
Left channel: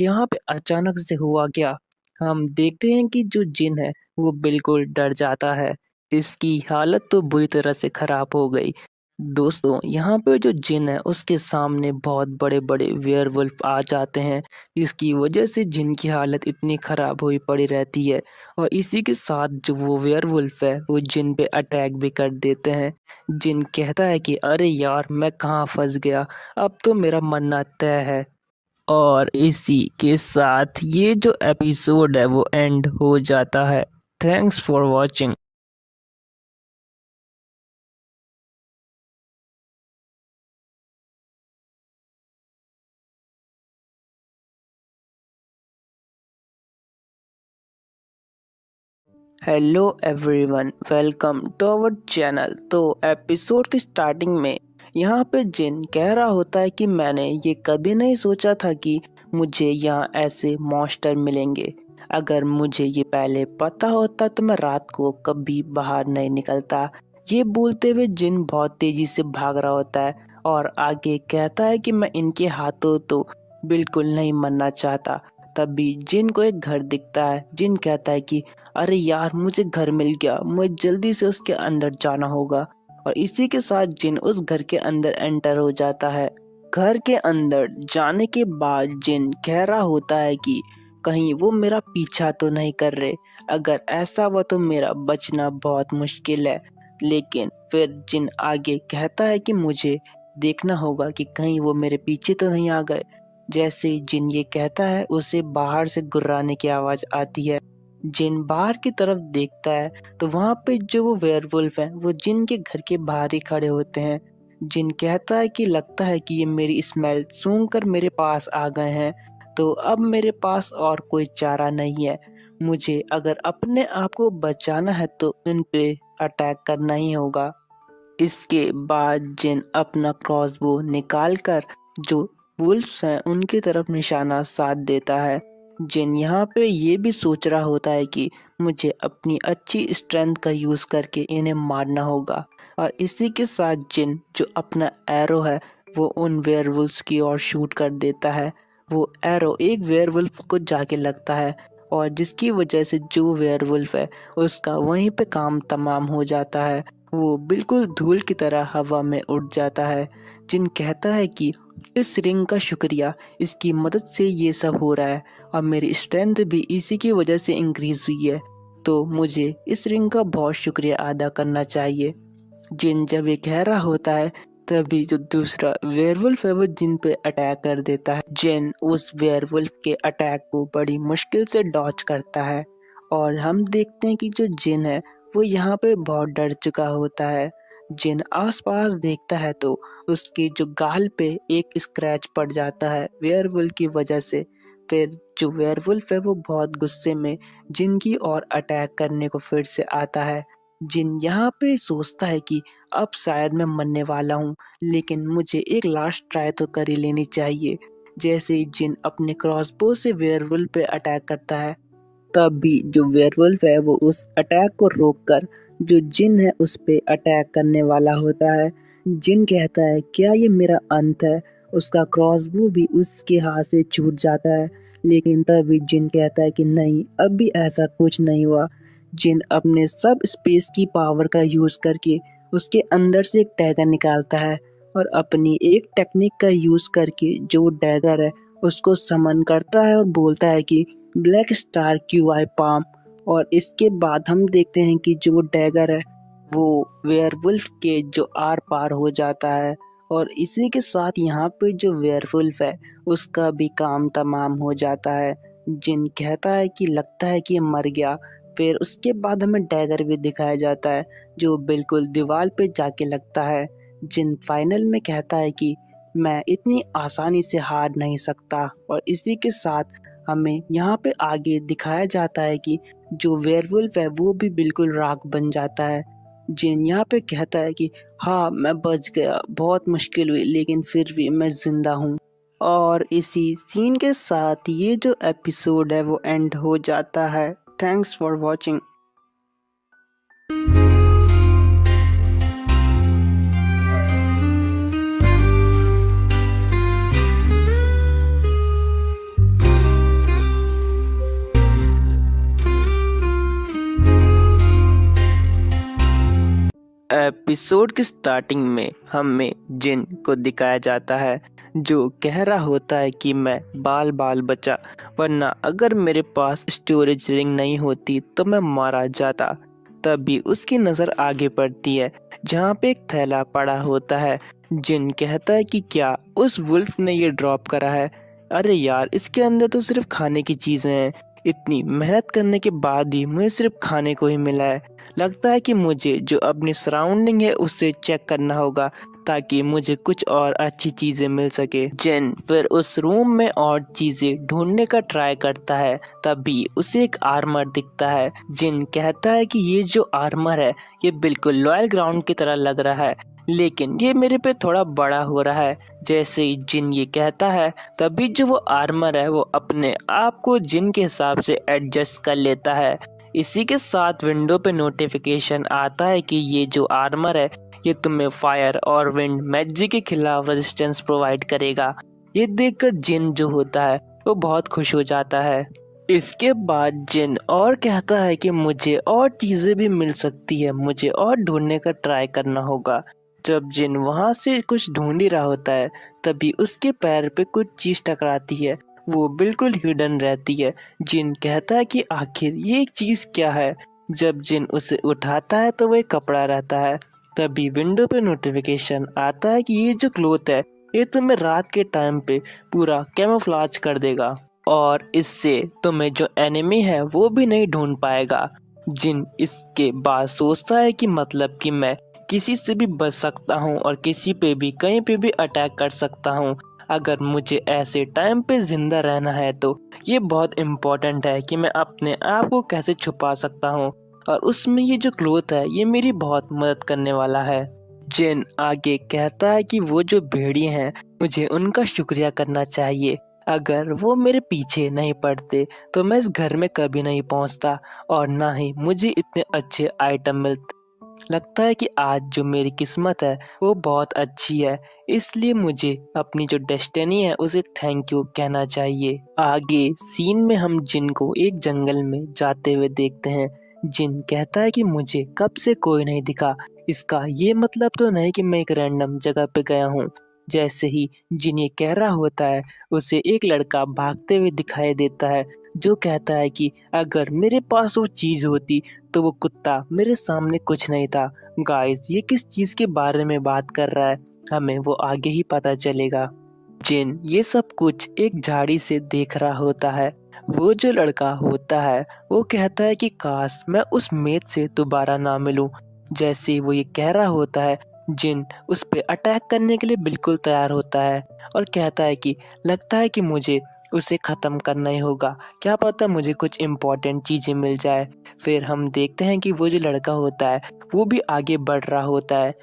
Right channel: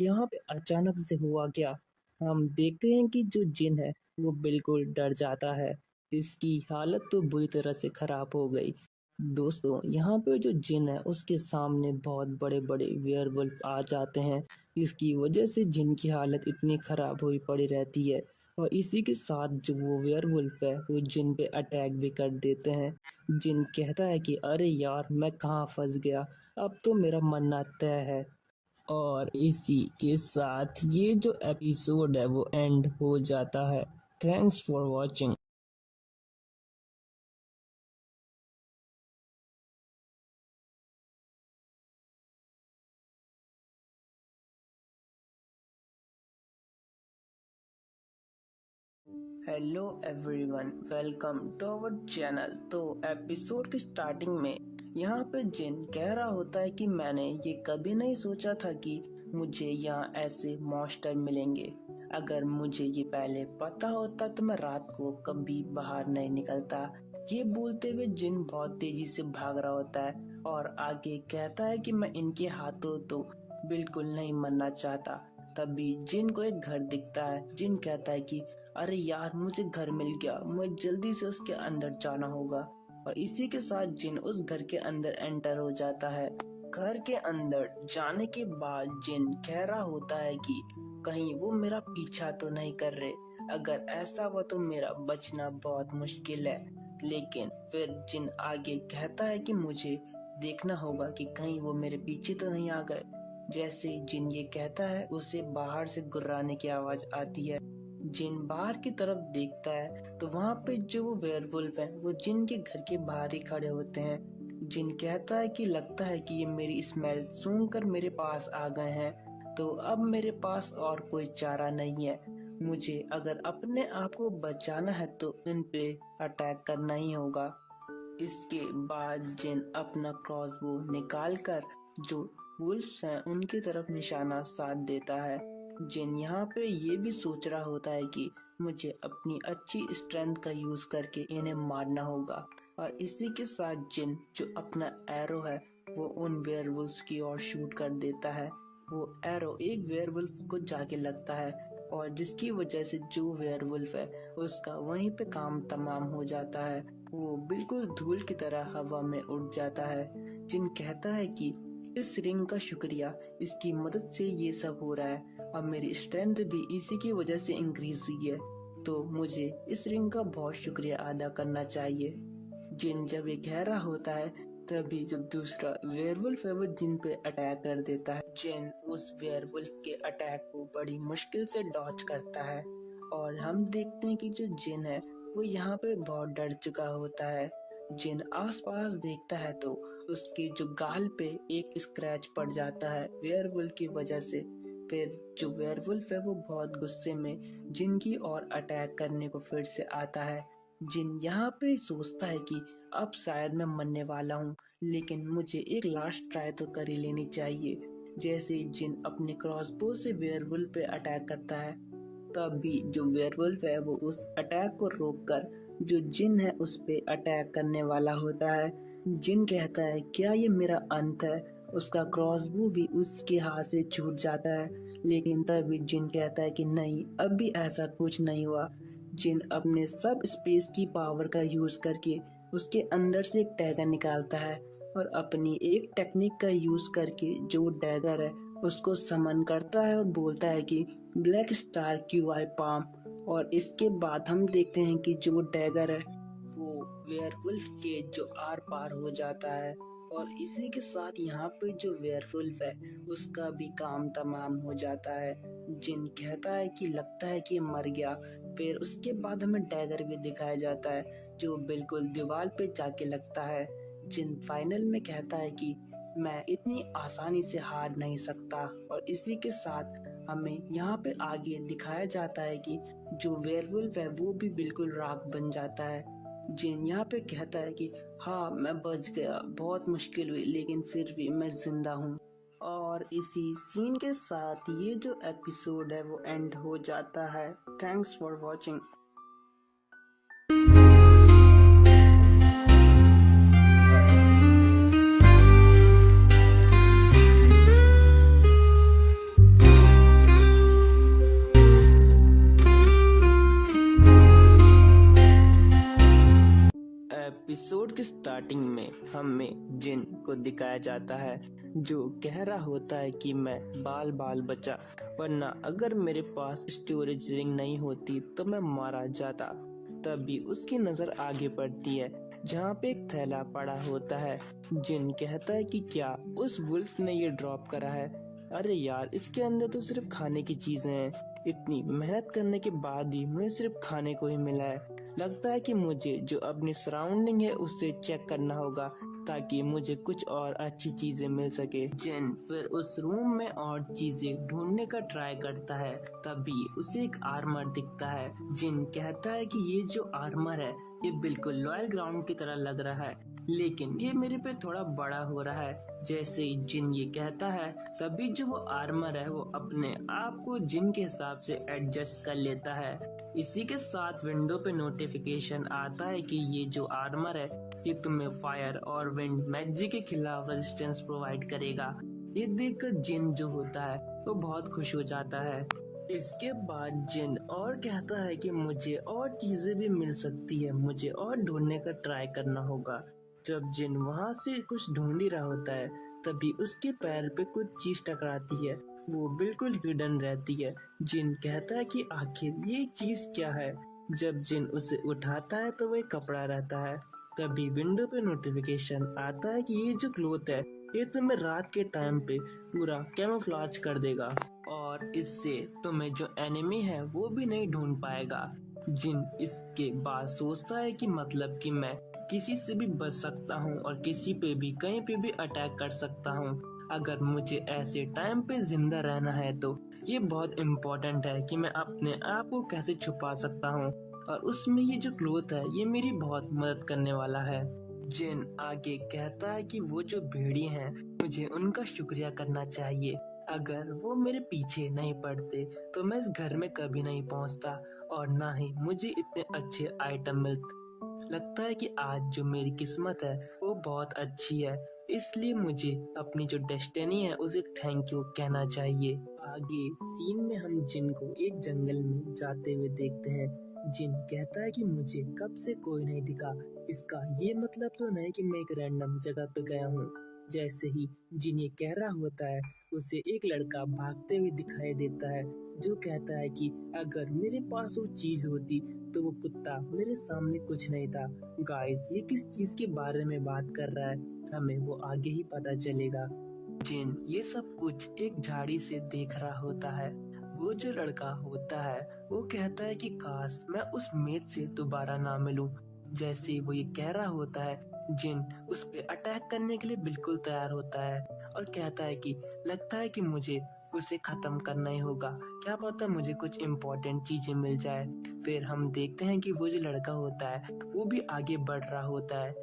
यहाँ पे अचानक से हुआ क्या? हम देखते हैं कि जो जिन है वो बिल्कुल डर जाता है। इसकी हालत तो बुरी तरह से खराब हो गई। दोस्तों, यहाँ पे जो जिन है उसके सामने बहुत बड़े-बड़े वेयरवुल्फ आ जाते हैं। इसकी वजह से जिन की हालत इतनी खराब हुई पड़ी रहती है और इसी के साथ जो वो वेयरवुल्फ है वो जिन पे अटैक भी कर देते हैं। जिन कहता है कि अरे यार, मैं कहाँ फँस गया, अब तो मेरा मरना तय है। और इसी के साथ ये जो एपिसोड है वो एंड हो जाता है। Thanks for watching. Hello everyone, welcome to our channel. तो एपिसोड की स्टार्टिंग में यहाँ पे जिन कह रहा होता है कि मैंने ये कभी नहीं सोचा था कि मुझे यहाँ ऐसे मॉन्स्टर मिलेंगे। अगर मुझे ये पहले पता होता तो मैं रात को कभी बाहर नहीं निकलता। ये बोलते हुए जिन बहुत तेजी से भाग रहा होता है और आगे कहता है कि मैं इनके हाथों तो बिल्कुल नहीं मरना चाहता। तभी जिन को एक घर दिखता है। जिन कहता है कि अरे यार, मुझे घर मिल गया, मुझे जल्दी से उसके अंदर जाना होगा। और इसी के साथ जिन उस घर के अंदर एंटर हो जाता है। घर के अंदर जाने के बाद जिन कह रहा होता है कि कहीं वो मेरा पीछा तो नहीं कर रहे। अगर ऐसा हुआ तो मेरा बचना बहुत मुश्किल है। लेकिन फिर जिन आगे कहता है कि मुझे देखना होगा कि कहीं वो मेरे पीछे तो नहीं आ गए। जैसे ही जिन ये कहता है, उसे बाहर से गुर्राने की आवाज आती है। जिन बाहर की तरफ देखता है तो वहां पे जो वो वेयरवुल्फ है वो जिन के घर के बाहर ही खड़े होते हैं। जिन कहता है कि लगता है कि ये मेरी स्मेल सूंघ कर मेरे पास आ गए हैं, तो अब मेरे पास और कोई चारा नहीं है। मुझे अगर अपने आप को बचाना है तो इन पे अटैक करना ही होगा। इसके बाद जिन अपना क्रॉसबो निकाल कर जो वुल्फ्स हैं उनकी तरफ निशाना साध देता है। जिन यहाँ पे ये भी सोच रहा होता है कि मुझे अपनी अच्छी स्ट्रेंथ का यूज़ करके इन्हें मारना होगा। और इसी के साथ जिन जो अपना एरो है वो उन वेयरवुल्फ्स की ओर शूट कर देता है। वो एरो एक वेयरवुल्फ को जाके लगता है और जिसकी वजह से जो वेयरवुल्फ है उसका वहीं पे काम तमाम हो जाता है। वो बिल्कुल धूल की तरह हवा में उड़ जाता है। जिन कहता है कि इस रिंग का शुक्रिया, इसकी मदद से ये सब हो रहा है और मेरी स्ट्रेंथ भी इसी की वजह से इंक्रीज हुई है, तो मुझे इस रिंग का बहुत शुक्रिया अदा करना चाहिए। जिन जब ये कह रहा होता है तभी जो दूसरा वेयरवुल्फ है वो जिन पे अटैक कर देता है। जिन उस वेयरवुल्फ के अटैक को बड़ी मुश्किल से डॉच करता है और हम देखते हैं कि जो जिन है वो यहाँ पे बहुत डर चुका होता है। जिन आसपास देखता है तो उसके जो गाल पे एक स्क्रैच पड़ जाता है वेयरवुल्फ की वजह से। फिर जो वेयरवुल्फ है वो बहुत गुस्से में जिन की ओर अटैक करने को फिर से आता है। जिन यहाँ पे सोचता है कि अब शायद मैं मरने वाला हूँ, लेकिन मुझे एक लास्ट ट्राई तो कर ही लेनी चाहिए। जैसे ही जिन अपने क्रॉसबो से वेयरवुल्फ पे अटैक करता है, तब भी जो वेयरवुल्फ है वो उस अटैक को रोककर जो जिन है उस पे अटैक करने वाला होता है। जिन कहता है क्या ये मेरा अंत है? उसका क्रॉसबो भी उसके हाथ से छूट जाता है। लेकिन तभी जिन कहता है कि नहीं, अब भी ऐसा कुछ नहीं हुआ। जिन अपने सब स्पेस की पावर का यूज करके उसके अंदर से एक डैगर निकालता है और अपनी एक टेक्निक का यूज करके जो डैगर है उसको समन करता है और बोलता है कि black star Q I palm. और इसके बाद हम देखते हैं कि जो डैगर है वो वेयरवुल्फ के जो आर पार हो जाता है और इसी के साथ यहाँ पे जो वेयरवुल्फ है उसका भी काम तमाम हो जाता है। जिन कहता है कि लगता है कि ये मर गया। फिर उसके बाद हमें डैगर भी दिखाया जाता है जो बिल्कुल दीवार पे जाके लगता है। जिन फाइनल में कहता है कि मैं इतनी आसानी से हार नहीं सकता और इसी के साथ हमें यहाँ पे आगे दिखाया जाता है कि जो वेयरवुल्फ है वो भी बिल्कुल राख बन जाता है। जिन यहाँ पे कहता है कि हाँ मैं बच गया, बहुत मुश्किल हुई लेकिन फिर भी मैं जिंदा हूँ। और इसी सीन के साथ ये जो एपिसोड है वो एंड हो जाता है। Thanks for watching. एपिसोड की स्टार्टिंग में हमें जिन को दिखाया जाता है जो कह रहा होता है कि मैं बाल बाल बचा, वरना अगर मेरे पास स्टोरेज रिंग नहीं होती तो मैं मारा जाता। तभी उसकी नज़र आगे पड़ती है जहाँ पे एक थैला पड़ा होता है। जिन कहता है कि क्या उस वुल्फ ने ये ड्रॉप करा है? अरे यार, इसके अंदर तो सिर्फ खाने की चीज़ें हैं। इतनी मेहनत करने के बाद ही मुझे सिर्फ खाने को ही मिला है। लगता है कि मुझे जो अपनी सराउंडिंग है उससे चेक करना होगा ताकि मुझे कुछ और अच्छी चीजें मिल सके। जेन फिर उस रूम में और चीजें ढूंढने का ट्राई करता है। तभी उसे एक आर्मर दिखता है। जिन कहता है कि ये जो आर्मर है ये बिल्कुल लॉयल ग्राउंड की तरह लग रहा है, लेकिन ये मेरे पे थोड़ा बड़ा हो रहा है। जैसे ही जिन ये कहता है तभी जो वो आर्मर है वो अपने आप को जिन के हिसाब से एडजस्ट कर लेता है। इसी के साथ विंडो पे नोटिफिकेशन आता है कि ये जो आर्मर है ये तुम्हें फायर और विंड मैजिक के खिलाफ रेजिस्टेंस प्रोवाइड करेगा। ये देखकर जिन जो होता है वो बहुत खुश हो जाता है। इसके बाद जिन और कहता है कि मुझे और चीजें भी मिल सकती है, मुझे और ढूंढने का ट्राई करना होगा। जब जिन वहां से कुछ ढूंढ ही रहा होता है तभी उसके पैर पे कुछ चीज टकराती है। वो बिल्कुल हिडन रहती है। जिन कहता है कि आखिर ये चीज क्या है। जब जिन उसे उठाता है तो वो एक कपड़ा रहता है। तभी विंडो पे नोटिफिकेशन आता है कि ये जो क्लोथ है ये तुम्हें रात के टाइम पे पूरा कैमोफ्लेज कर देगा और इससे तुम्हें जो एनिमी है वो भी नहीं ढूंढ पाएगा। जिन इसके बाद सोचता है कि मतलब कि मैं किसी से भी बच सकता हूँ और किसी पे भी कहीं पे भी अटैक कर सकता हूँ। अगर मुझे ऐसे टाइम पे जिंदा रहना है तो ये बहुत इम्पोर्टेंट है कि मैं अपने आप को कैसे छुपा सकता हूँ, और उसमें ये जो क्लोथ है ये मेरी बहुत मदद करने वाला है। जिन आगे कहता है कि वो जो भेड़िए हैं मुझे उनका शुक्रिया करना चाहिए। अगर वो मेरे पीछे नहीं पड़ते तो मैं इस घर में कभी नहीं पहुंचता और ना ही मुझे इतने अच्छे आइटम मिलते। लगता है कि आज जो मेरी किस्मत है वो बहुत अच्छी है, इसलिए मुझे अपनी जो डेस्टिनी है उसे थैंक यू कहना चाहिए। आगे सीन में हम जिन को एक जंगल में जाते हुए देखते हैं। जिन कहता है कि मुझे कब से कोई नहीं दिखा, इसका ये मतलब तो नहीं कि मैं एक रैंडम जगह पे गया हूँ। जैसे ही जिन ये कह रहा होता है उसे एक लड़का भागते हुए दिखाई देता है जो कहता है कि अगर मेरे पास वो चीज होती तो वो कुत्ता मेरे सामने कुछ नहीं था। गाइस, ये किस चीज के बारे में बात कर रहा है हमें वो आगे ही पता चलेगा। जिन ये सब कुछ एक झाड़ी से देख रहा होता है। वो जो लड़का होता है वो कहता है कि काश मैं उस मेट से दोबारा ना मिलूं। जैसे वो ये कह रहा होता है जिन उस पे अटैक करने के लिए बिल्कुल तैयार होता है और कहता है कि लगता है कि मुझे उसे ख़त्म करना ही होगा, क्या पता मुझे कुछ इम्पोर्टेंट चीज़ें मिल जाए। फिर हम देखते हैं कि वो जो लड़का होता है वो भी आगे बढ़ रहा होता है।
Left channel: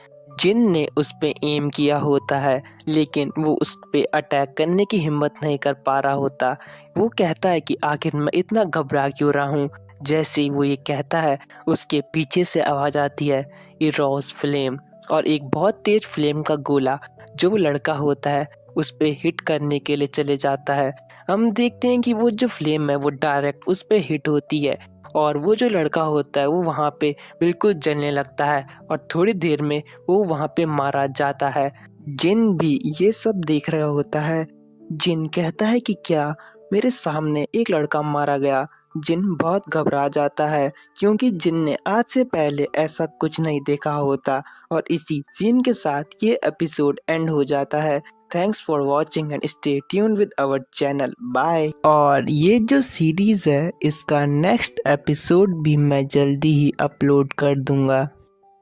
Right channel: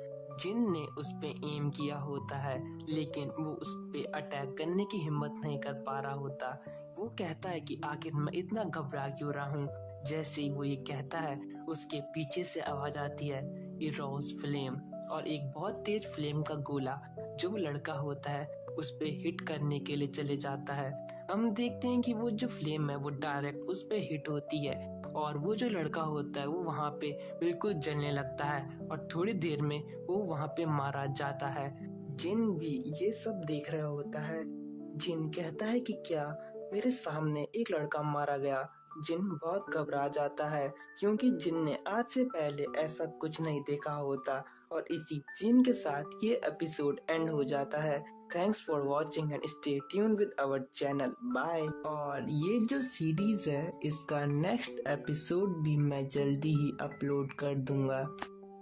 जिन ने उस पे एम किया होता है लेकिन वो उस पे अटैक करने की हिम्मत नहीं कर पा रहा होता। वो कहता है कि आखिर मैं इतना घबरा क्यों रहा हूँ। जैसे ही वो ये कहता है उसके पीछे से आवाज़ आती है इरोस फ्लेम, और एक बहुत तेज फ्लेम का गोला जो वो लड़का होता है उस पे हिट करने के लिए चले जाता है। हम देखते हैं कि वो जो फ्लेम है वो डायरेक्ट उस पे हिट होती है और वो जो लड़का होता है वो वहाँ पे बिल्कुल जलने लगता है और थोड़ी देर में वो वहाँ पे मारा जाता है। जिन भी ये सब देख रहा होता है। जिन कहता है कि क्या मेरे सामने एक लड़का मारा गया जिन बहुत घबरा जाता है क्योंकि जिन ने आज से पहले ऐसा कुछ नहीं देखा होता और इसी सीन के साथ ये एपिसोड एंड हो जाता है। Thanks for watching and stay tuned with our channel. Bye. और ये जो सीरीज है इसका नेक्स्ट एपिसोड भी मैं जल्दी ही अपलोड कर दूंगा।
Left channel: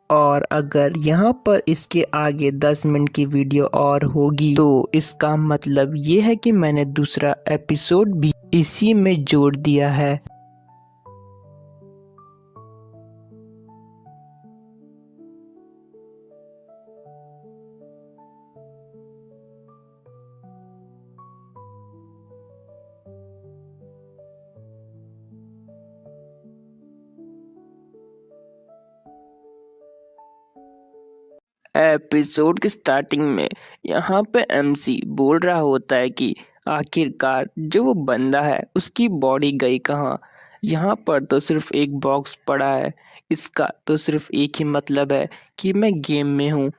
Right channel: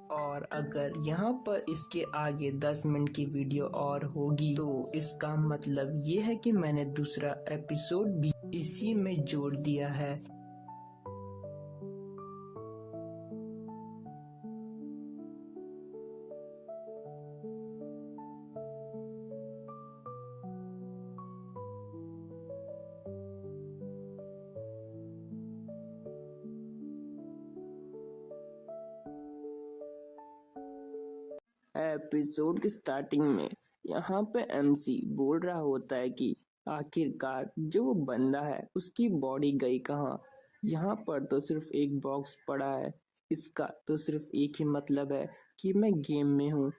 और अगर यहाँ पर इसके आगे 10 मिनट की वीडियो और होगी तो इसका मतलब ये है कि मैंने दूसरा एपिसोड भी इसी में जोड़ दिया है। एपिसोड की स्टार्टिंग में यहाँ पे एमसी बोल रहा होता है कि आखिरकार जो वो बंदा है उसकी बॉडी गई कहाँ। यहाँ पर तो सिर्फ एक बॉक्स पड़ा है। इसका तो सिर्फ एक ही मतलब है कि मैं गेम में हूँ।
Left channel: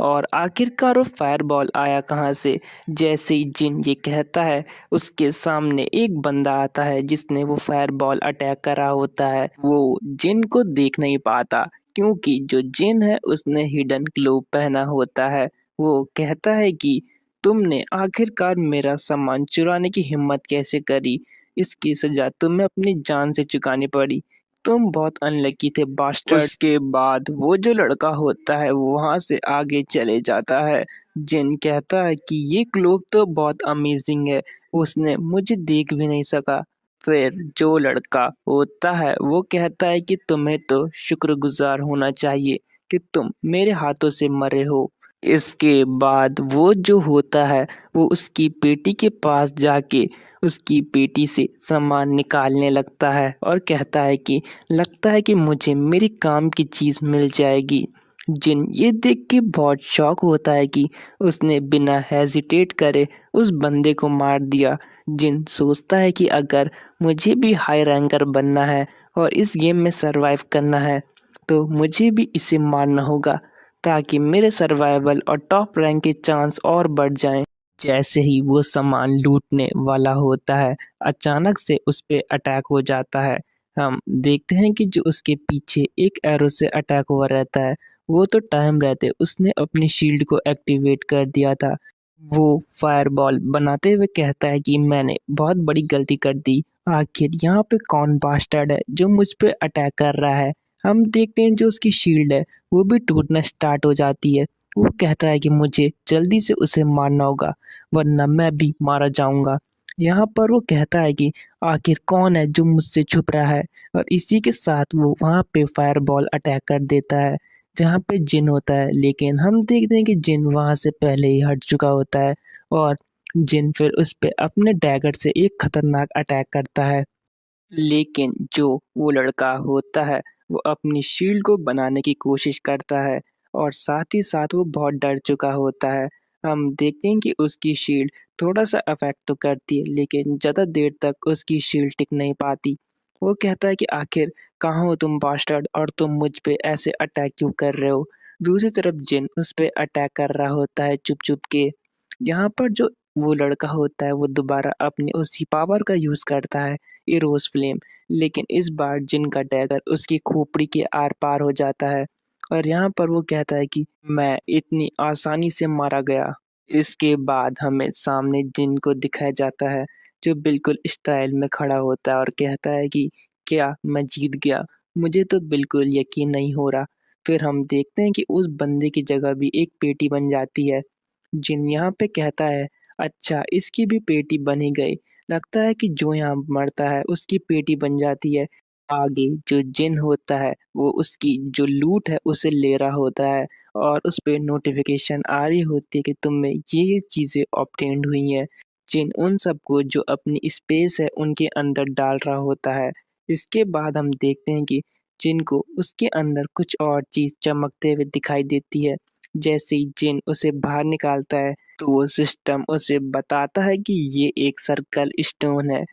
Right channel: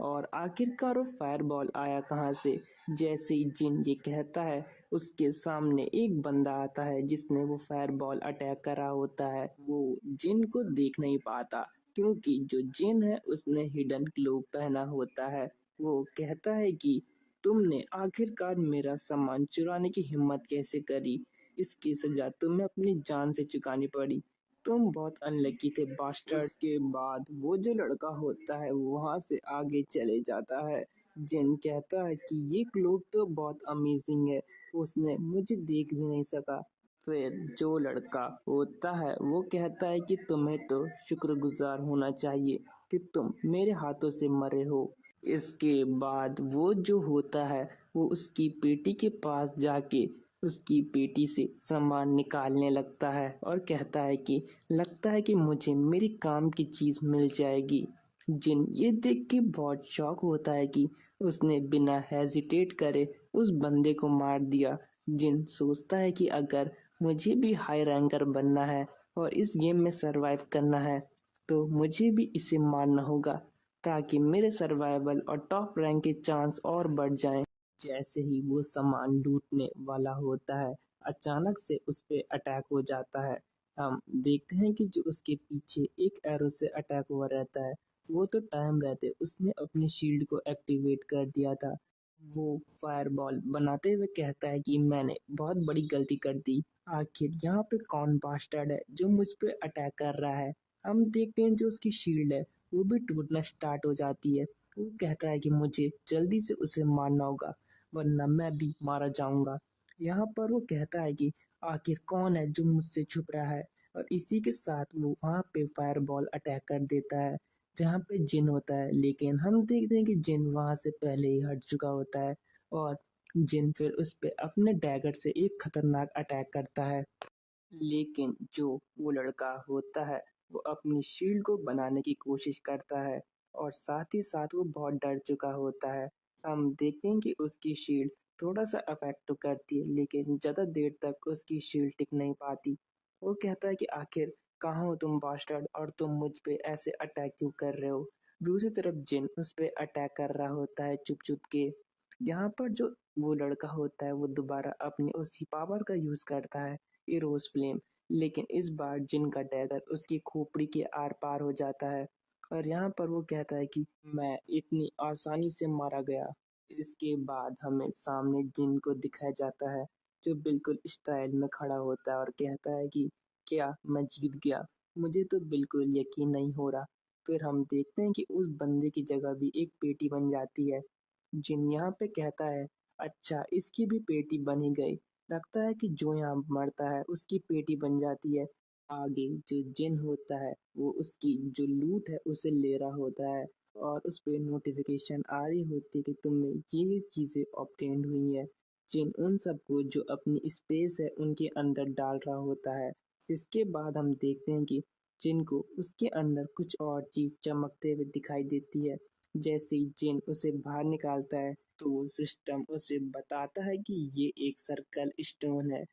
और आखिरकार वो फायरबॉल आया कहाँ से। जैसे ही जिन ये कहता है उसके सामने एक बंदा आता है जिसने वो फायरबॉल अटैक करा होता है। वो जिन को देख नहीं पाता क्योंकि जो जिन है उसने हिडन ग्लोव पहना होता है। वो कहता है कि तुमने आखिरकार मेरा सामान चुराने की हिम्मत कैसे करी। इसकी सजा तुम्हें अपनी जान से चुकानी पड़ी। तुम बहुत अनलकी थे बास्टर्ड। उसके बाद वो जो लड़का होता है वो वहां से आगे चले जाता है। जिन कहता है कि ये ग्लोव तो बहुत अमेजिंग है, उसने मुझे देख भी नहीं सका। फिर जो लड़का होता है वो कहता है कि तुम्हें तो शुक्रगुजार होना चाहिए कि तुम मेरे हाथों से मरे हो। इसके बाद वो जो होता है वो उसकी पेटी के पास जाके उसकी पेटी से सामान निकालने लगता है और कहता है कि लगता है कि मुझे मेरी काम की चीज़ मिल जाएगी। जिन ये देख के बहुत शॉक होता है कि उसने बिना हेजिटेट करे उस बंदे को मार दिया। जिन सोचता है कि अगर मुझे भी हाई रैंकर बनना है और इस गेम में सरवाइव करना है तो मुझे भी इसे मारना होगा ताकि मेरे सर्वाइवल और टॉप रैंक के चांस और बढ़ जाएं। जैसे ही वो सामान लूटने वाला होता है अचानक से उस पे अटैक हो जाता है। हम देखते हैं कि जो उसके पीछे एक एरो से अटैक हुआ रहता है वो तो टाइम रहते उसने अपनी शील्ड को एक्टिवेट कर दिया था। वो फायरबॉल बनाते हुए कहता है कि मैंने बहुत बड़ी गलती कर दी। आखिर यहाँ पे कौन बास्टर्ड है जो मुझ पे अटैक कर रहा है। हम देखते हैं जो उसकी शील्ड है वो भी टूटना स्टार्ट हो जाती है। वो कहता है कि मुझे जल्दी से उसे मारना होगा वरना मैं भी मारा जाऊंगा। यहाँ पर वो कहता है कि आखिर कौन है जो मुझसे छुप रहा है और इसी के साथ वो वहाँ पे फायरबॉल अटैक कर देता है जहाँ पे जिन होता है। लेकिन हम देखते हैं कि जिन वहाँ से पहले ही हट चुका होता है और जिन फिर उस पे अपने डैगर से एक खतरनाक अटैक करता है। लेकिन जो वो लड़का होता है वो अपनी शील्ड को बनाने की कोशिश करता है और साथ ही साथ वो बहुत डर चुका होता है। हम देखते हैं कि उसकी शील्ड थोड़ा सा अफेक्ट तो करती है लेकिन ज़्यादा देर तक उसकी शील्ड टिक नहीं पाती। वो कहता है कि आखिर कहाँ हो तुम बास्टर्ड और तुम मुझ पे ऐसे अटैक क्यों कर रहे हो। दूसरी तरफ जिन उस पे अटैक कर रहा होता है चुप चुप के। यहाँ पर जो वो लड़का होता है वो दोबारा अपनी उसी पावर का यूज़ करता है, इरोस फ्लेम। लेकिन इस बार जिन का डैगर उसकी खोपड़ी के आर पार हो जाता है और यहाँ पर वो कहता है कि मैं इतनी आसानी से मारा गया। इसके बाद हमें सामने जिन को दिखाया जाता है जो बिल्कुल स्टाइल में खड़ा होता है और कहता है कि क्या मैं जीत गया। मुझे तो बिल्कुल यकीन नहीं हो रहा। फिर हम देखते हैं कि उस बंदे की जगह भी एक पेटी बन जाती है। जिन यहाँ पे कहता है अच्छा इसकी भी पेटी बनी गई। लगता है कि जो यहाँ मरता है उसकी पेटी बन जाती है। आगे जो जिन होता है वो उसकी जो लूट है उसे ले रहा होता है और उस पे नोटिफिकेशन आ रही होती है कि तुम में ये चीज़ें ऑब्टेन्ड हुई हैं। जिन उन सबको जो अपनी स्पेस है उनके अंदर डाल रहा होता है। इसके बाद हम देखते हैं कि जिन को उसके अंदर कुछ और चीज़ चमकते हुए दिखाई देती है। जैसे ही जिन उसे बाहर निकालता है तो वो सिस्टम उसे बताता है कि ये एक सर्कल स्टोन है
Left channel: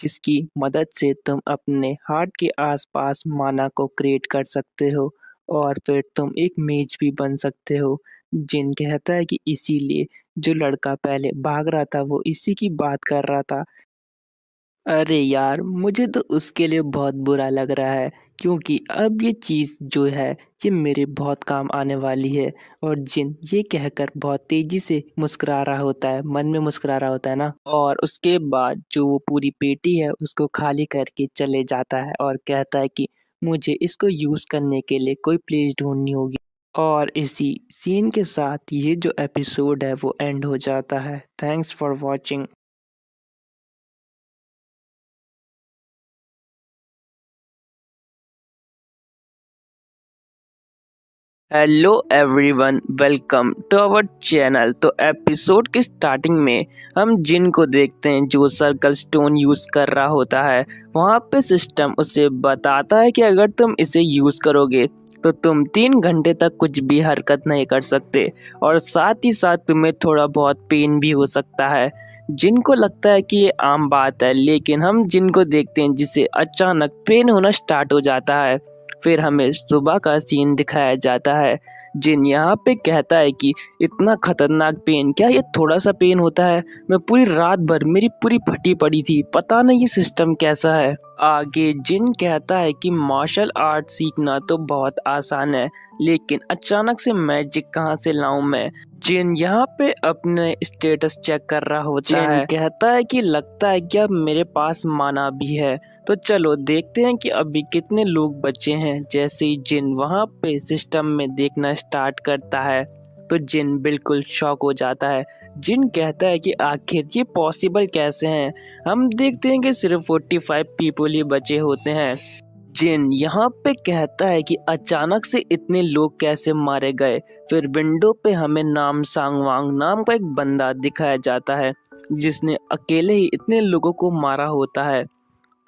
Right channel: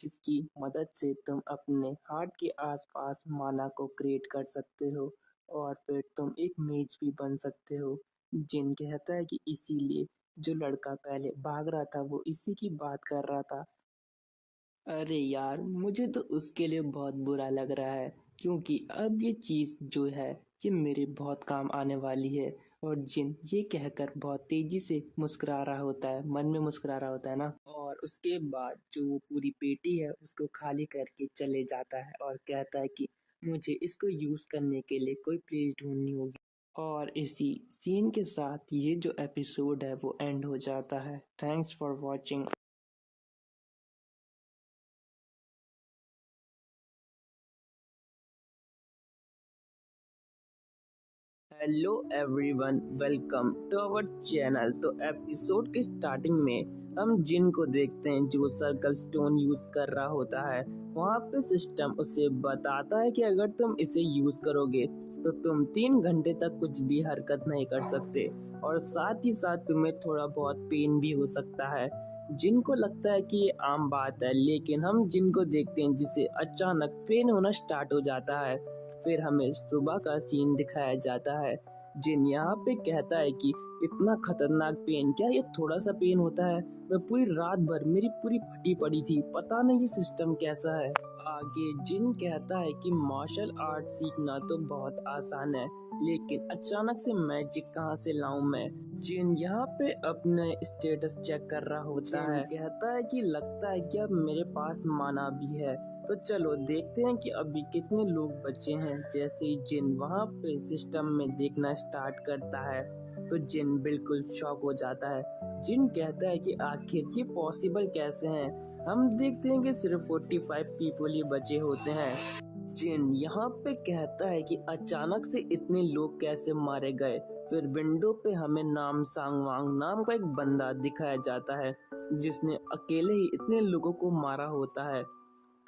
जिसकी मदद से तुम अपने हार्ट के आसपास माना को क्रिएट कर सकते हो और फिर तुम एक मेज भी बन सकते हो। जिन कहता है कि इसीलिए जो लड़का पहले भाग रहा था वो इसी की बात कर रहा था। अरे यार, मुझे तो उसके लिए बहुत बुरा लग रहा है क्योंकि अब ये चीज़ जो है ये मेरे बहुत काम आने वाली है। और जिन ये कहकर बहुत तेजी से मुस्कुरा रहा होता है, मन में मुस्कुरा रहा होता है ना, और उसके बाद जो वो पूरी पेटी है उसको खाली करके चले जाता है और कहता है कि मुझे इसको यूज़ करने के लिए कोई प्लेस ढूंढनी होगी। और इसी सीन के साथ ये जो एपिसोड है वो एंड हो जाता है। Thanks for watching. Hello everyone, welcome to our channel. तो एपिसोड की स्टार्टिंग में हम जिन को देखते हैं जो सर्कल स्टोन यूज़ कर रहा होता है। वहाँ पे सिस्टम उसे बताता है कि अगर तुम इसे यूज़ करोगे तो तुम 3 घंटे तक कुछ भी हरकत नहीं कर सकते और साथ ही साथ तुम्हें थोड़ा बहुत पेन भी हो सकता है। जिन को लगता है कि ये आम बात है, लेकिन हम जिन को देखते हैं जिसे अचानक पेन होना स्टार्ट हो जाता है। फिर हमें सुबह का सीन दिखाया जाता है। जिन यहाँ पे कहता है कि इतना खतरनाक पेन, क्या ये थोड़ा सा पेन होता है? मैं पूरी रात भर मेरी पूरी फटी पड़ी थी, पता नहीं ये सिस्टम कैसा है। आगे जिन कहता है कि मार्शल आर्ट सीखना तो बहुत आसान है, लेकिन अचानक से मैजिक कहाँ से लाऊं मैं। जिन यहाँ पे अपने स्टेटस चेक कर रहा होता है। जिन कहता है कि लगता है कि अब मेरे पास माना भी है। तो चलो देखते हैं कि अभी कितने लोग बचे हैं। जैसे ही जिन वहाँ पे सिस्टम में देखना स्टार्ट करता है तो जिन बिल्कुल शॉक हो जाता है। जिन कहता है कि आखिर ये पॉसिबल कैसे हैं। हम देखते हैं कि सिर्फ 45 पीपल ही बचे होते हैं। जिन यहाँ पे कहता है कि अचानक से इतने लोग कैसे मारे गए। फिर विंडो पे हमें नाम सांगवांग नाम का एक बंदा दिखाया जाता है जिसने अकेले ही इतने लोगों को मारा होता है।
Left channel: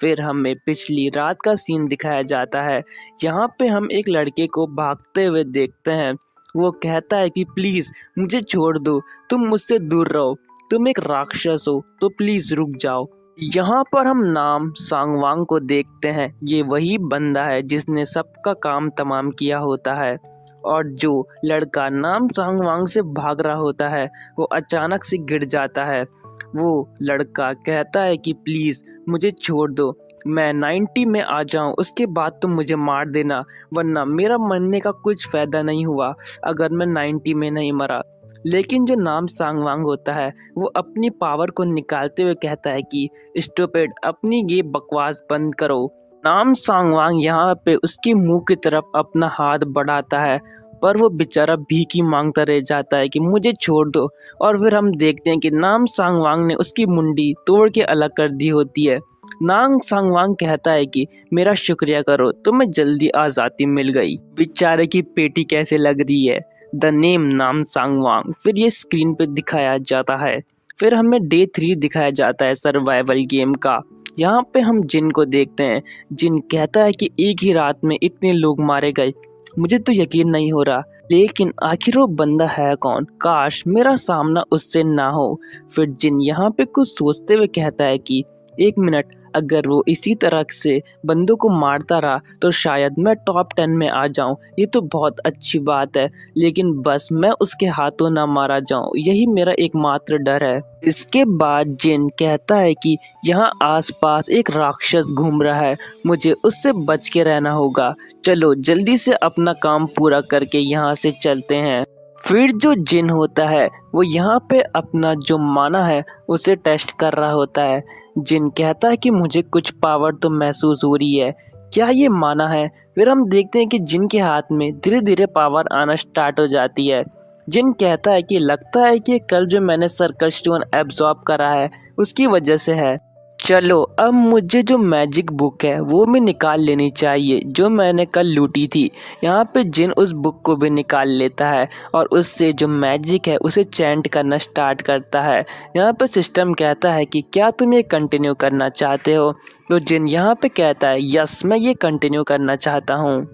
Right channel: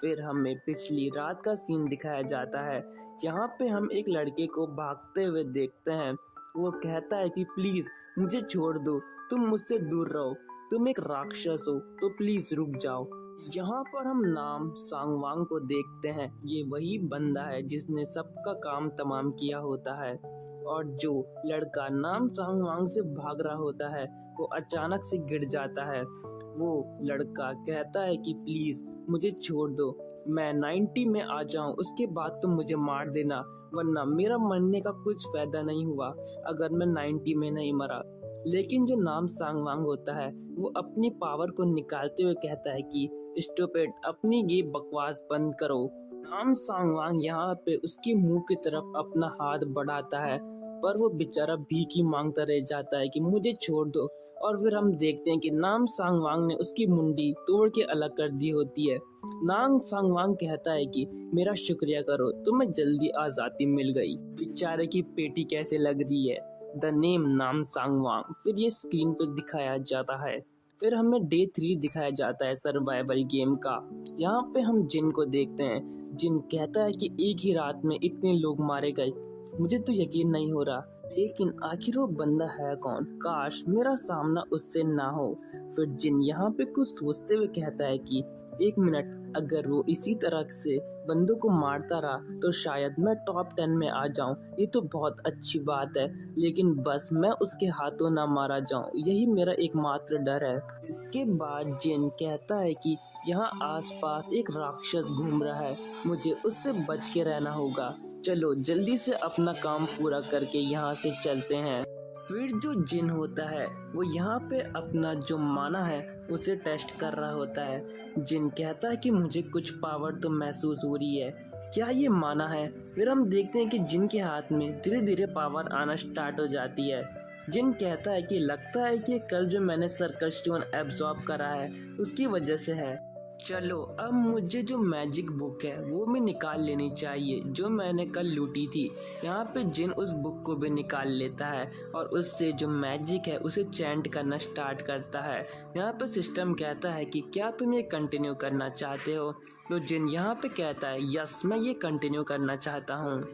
फिर हमें पिछली रात का सीन दिखाया जाता है। यहाँ पे हम एक लड़के को भागते हुए देखते हैं। वो कहता है कि प्लीज़ मुझे छोड़ दो, तुम मुझसे दूर रहो, तुम एक राक्षस हो तो प्लीज़ रुक जाओ। यहाँ पर हम नाम सांगवांग को देखते हैं। ये वही बंदा है जिसने सबका काम तमाम किया होता है। और जो लड़का नाम सांगवांग से भाग रहा होता है वो अचानक से गिर जाता है। वो लड़का कहता है कि प्लीज़ मुझे छोड़ दो, मैं 90 में आ जाऊं उसके बाद तुम मुझे मार देना, वरना मेरा मरने का कुछ फ़ायदा नहीं हुआ अगर मैं 90 में नहीं मरा। लेकिन जो नाम सांगवांग होता है वो अपनी पावर को निकालते हुए कहता है कि स्टूपिड, अपनी ये बकवास बंद करो। नाम सांगवांग यहाँ पे उसके मुंह की तरफ अपना हाथ बढ़ाता है, पर वो बेचारा भीख मांगता रह जाता है कि मुझे छोड़ दो। और फिर हम देखते हैं कि नाम सांगवांग ने उसकी मुंडी तोड़ के अलग कर दी होती है। नाम सांगवांग कहता है कि मेरा शुक्रिया करो, तुम्हें जल्दी आज़ादी मिल गई। बेचारे की पेटी कैसे लग रही है। द नेम नाम सांगवांग फिर ये स्क्रीन पे दिखाया जाता है। फिर हमें डे 3 दिखाया जाता है सर्वाइवल गेम का। यहाँ पे हम जिन को देखते हैं। जिन कहता है कि एक ही रात में इतने लोग मारे गए, मुझे तो यकीन नहीं हो रहा, लेकिन आखिर वो बंदा है कौन? काश मेरा सामना उससे ना हो। फिर जिन यहाँ पे कुछ सोचते हुए कहता है कि 1 मिनट, अगर वो इसी तरह से बंदों को मारता रहा तो शायद मैं टॉप 10 में आ जाऊं। ये तो बहुत अच्छी बात है, लेकिन बस मैं उसके हाथों ना मारा जाऊं, यही मेरा एकमात्र डर है। इसके बाद जिन कहता है कि यहाँ आसपास एक राक्षस घूम रहा है, मुझे उससे बच के रहना होगा। चलो जल्दी से अपना काम पूरा करके यहाँ से चलते हैं। फिर जो जिन होता है वो यहाँ पे अपना जो माना है उसे टेस्ट कर रहा होता है। जिन कहता है कि मुझे कुछ पावर तो महसूस हो रही है, क्या ये माना है? फिर हम देखते हैं कि जिन के हाथ में धीरे धीरे पावर आना स्टार्ट हो जाती है। जिन कहता है कि लगता है कि कल जो मैंने सर्कल स्टोन एब्जॉर्ब करा है उसकी वजह से है। चलो अब मुझे जो मैजिक बुक है वो भी निकाल लेनी चाहिए जो मैंने कल लूटी थी। यहाँ पे जिन उस बुक को भी निकाल लेता है और उससे जो मैजिक है उसे चैंट करना स्टार्ट करता है। यहाँ पे सिस्टम कहता है कि क्या तुम ये कंटिन्यू करना चाहते हो? तो जिन यहाँ पे कहता है यस, मैं ये कंटिन्यू करना चाहता हूँ।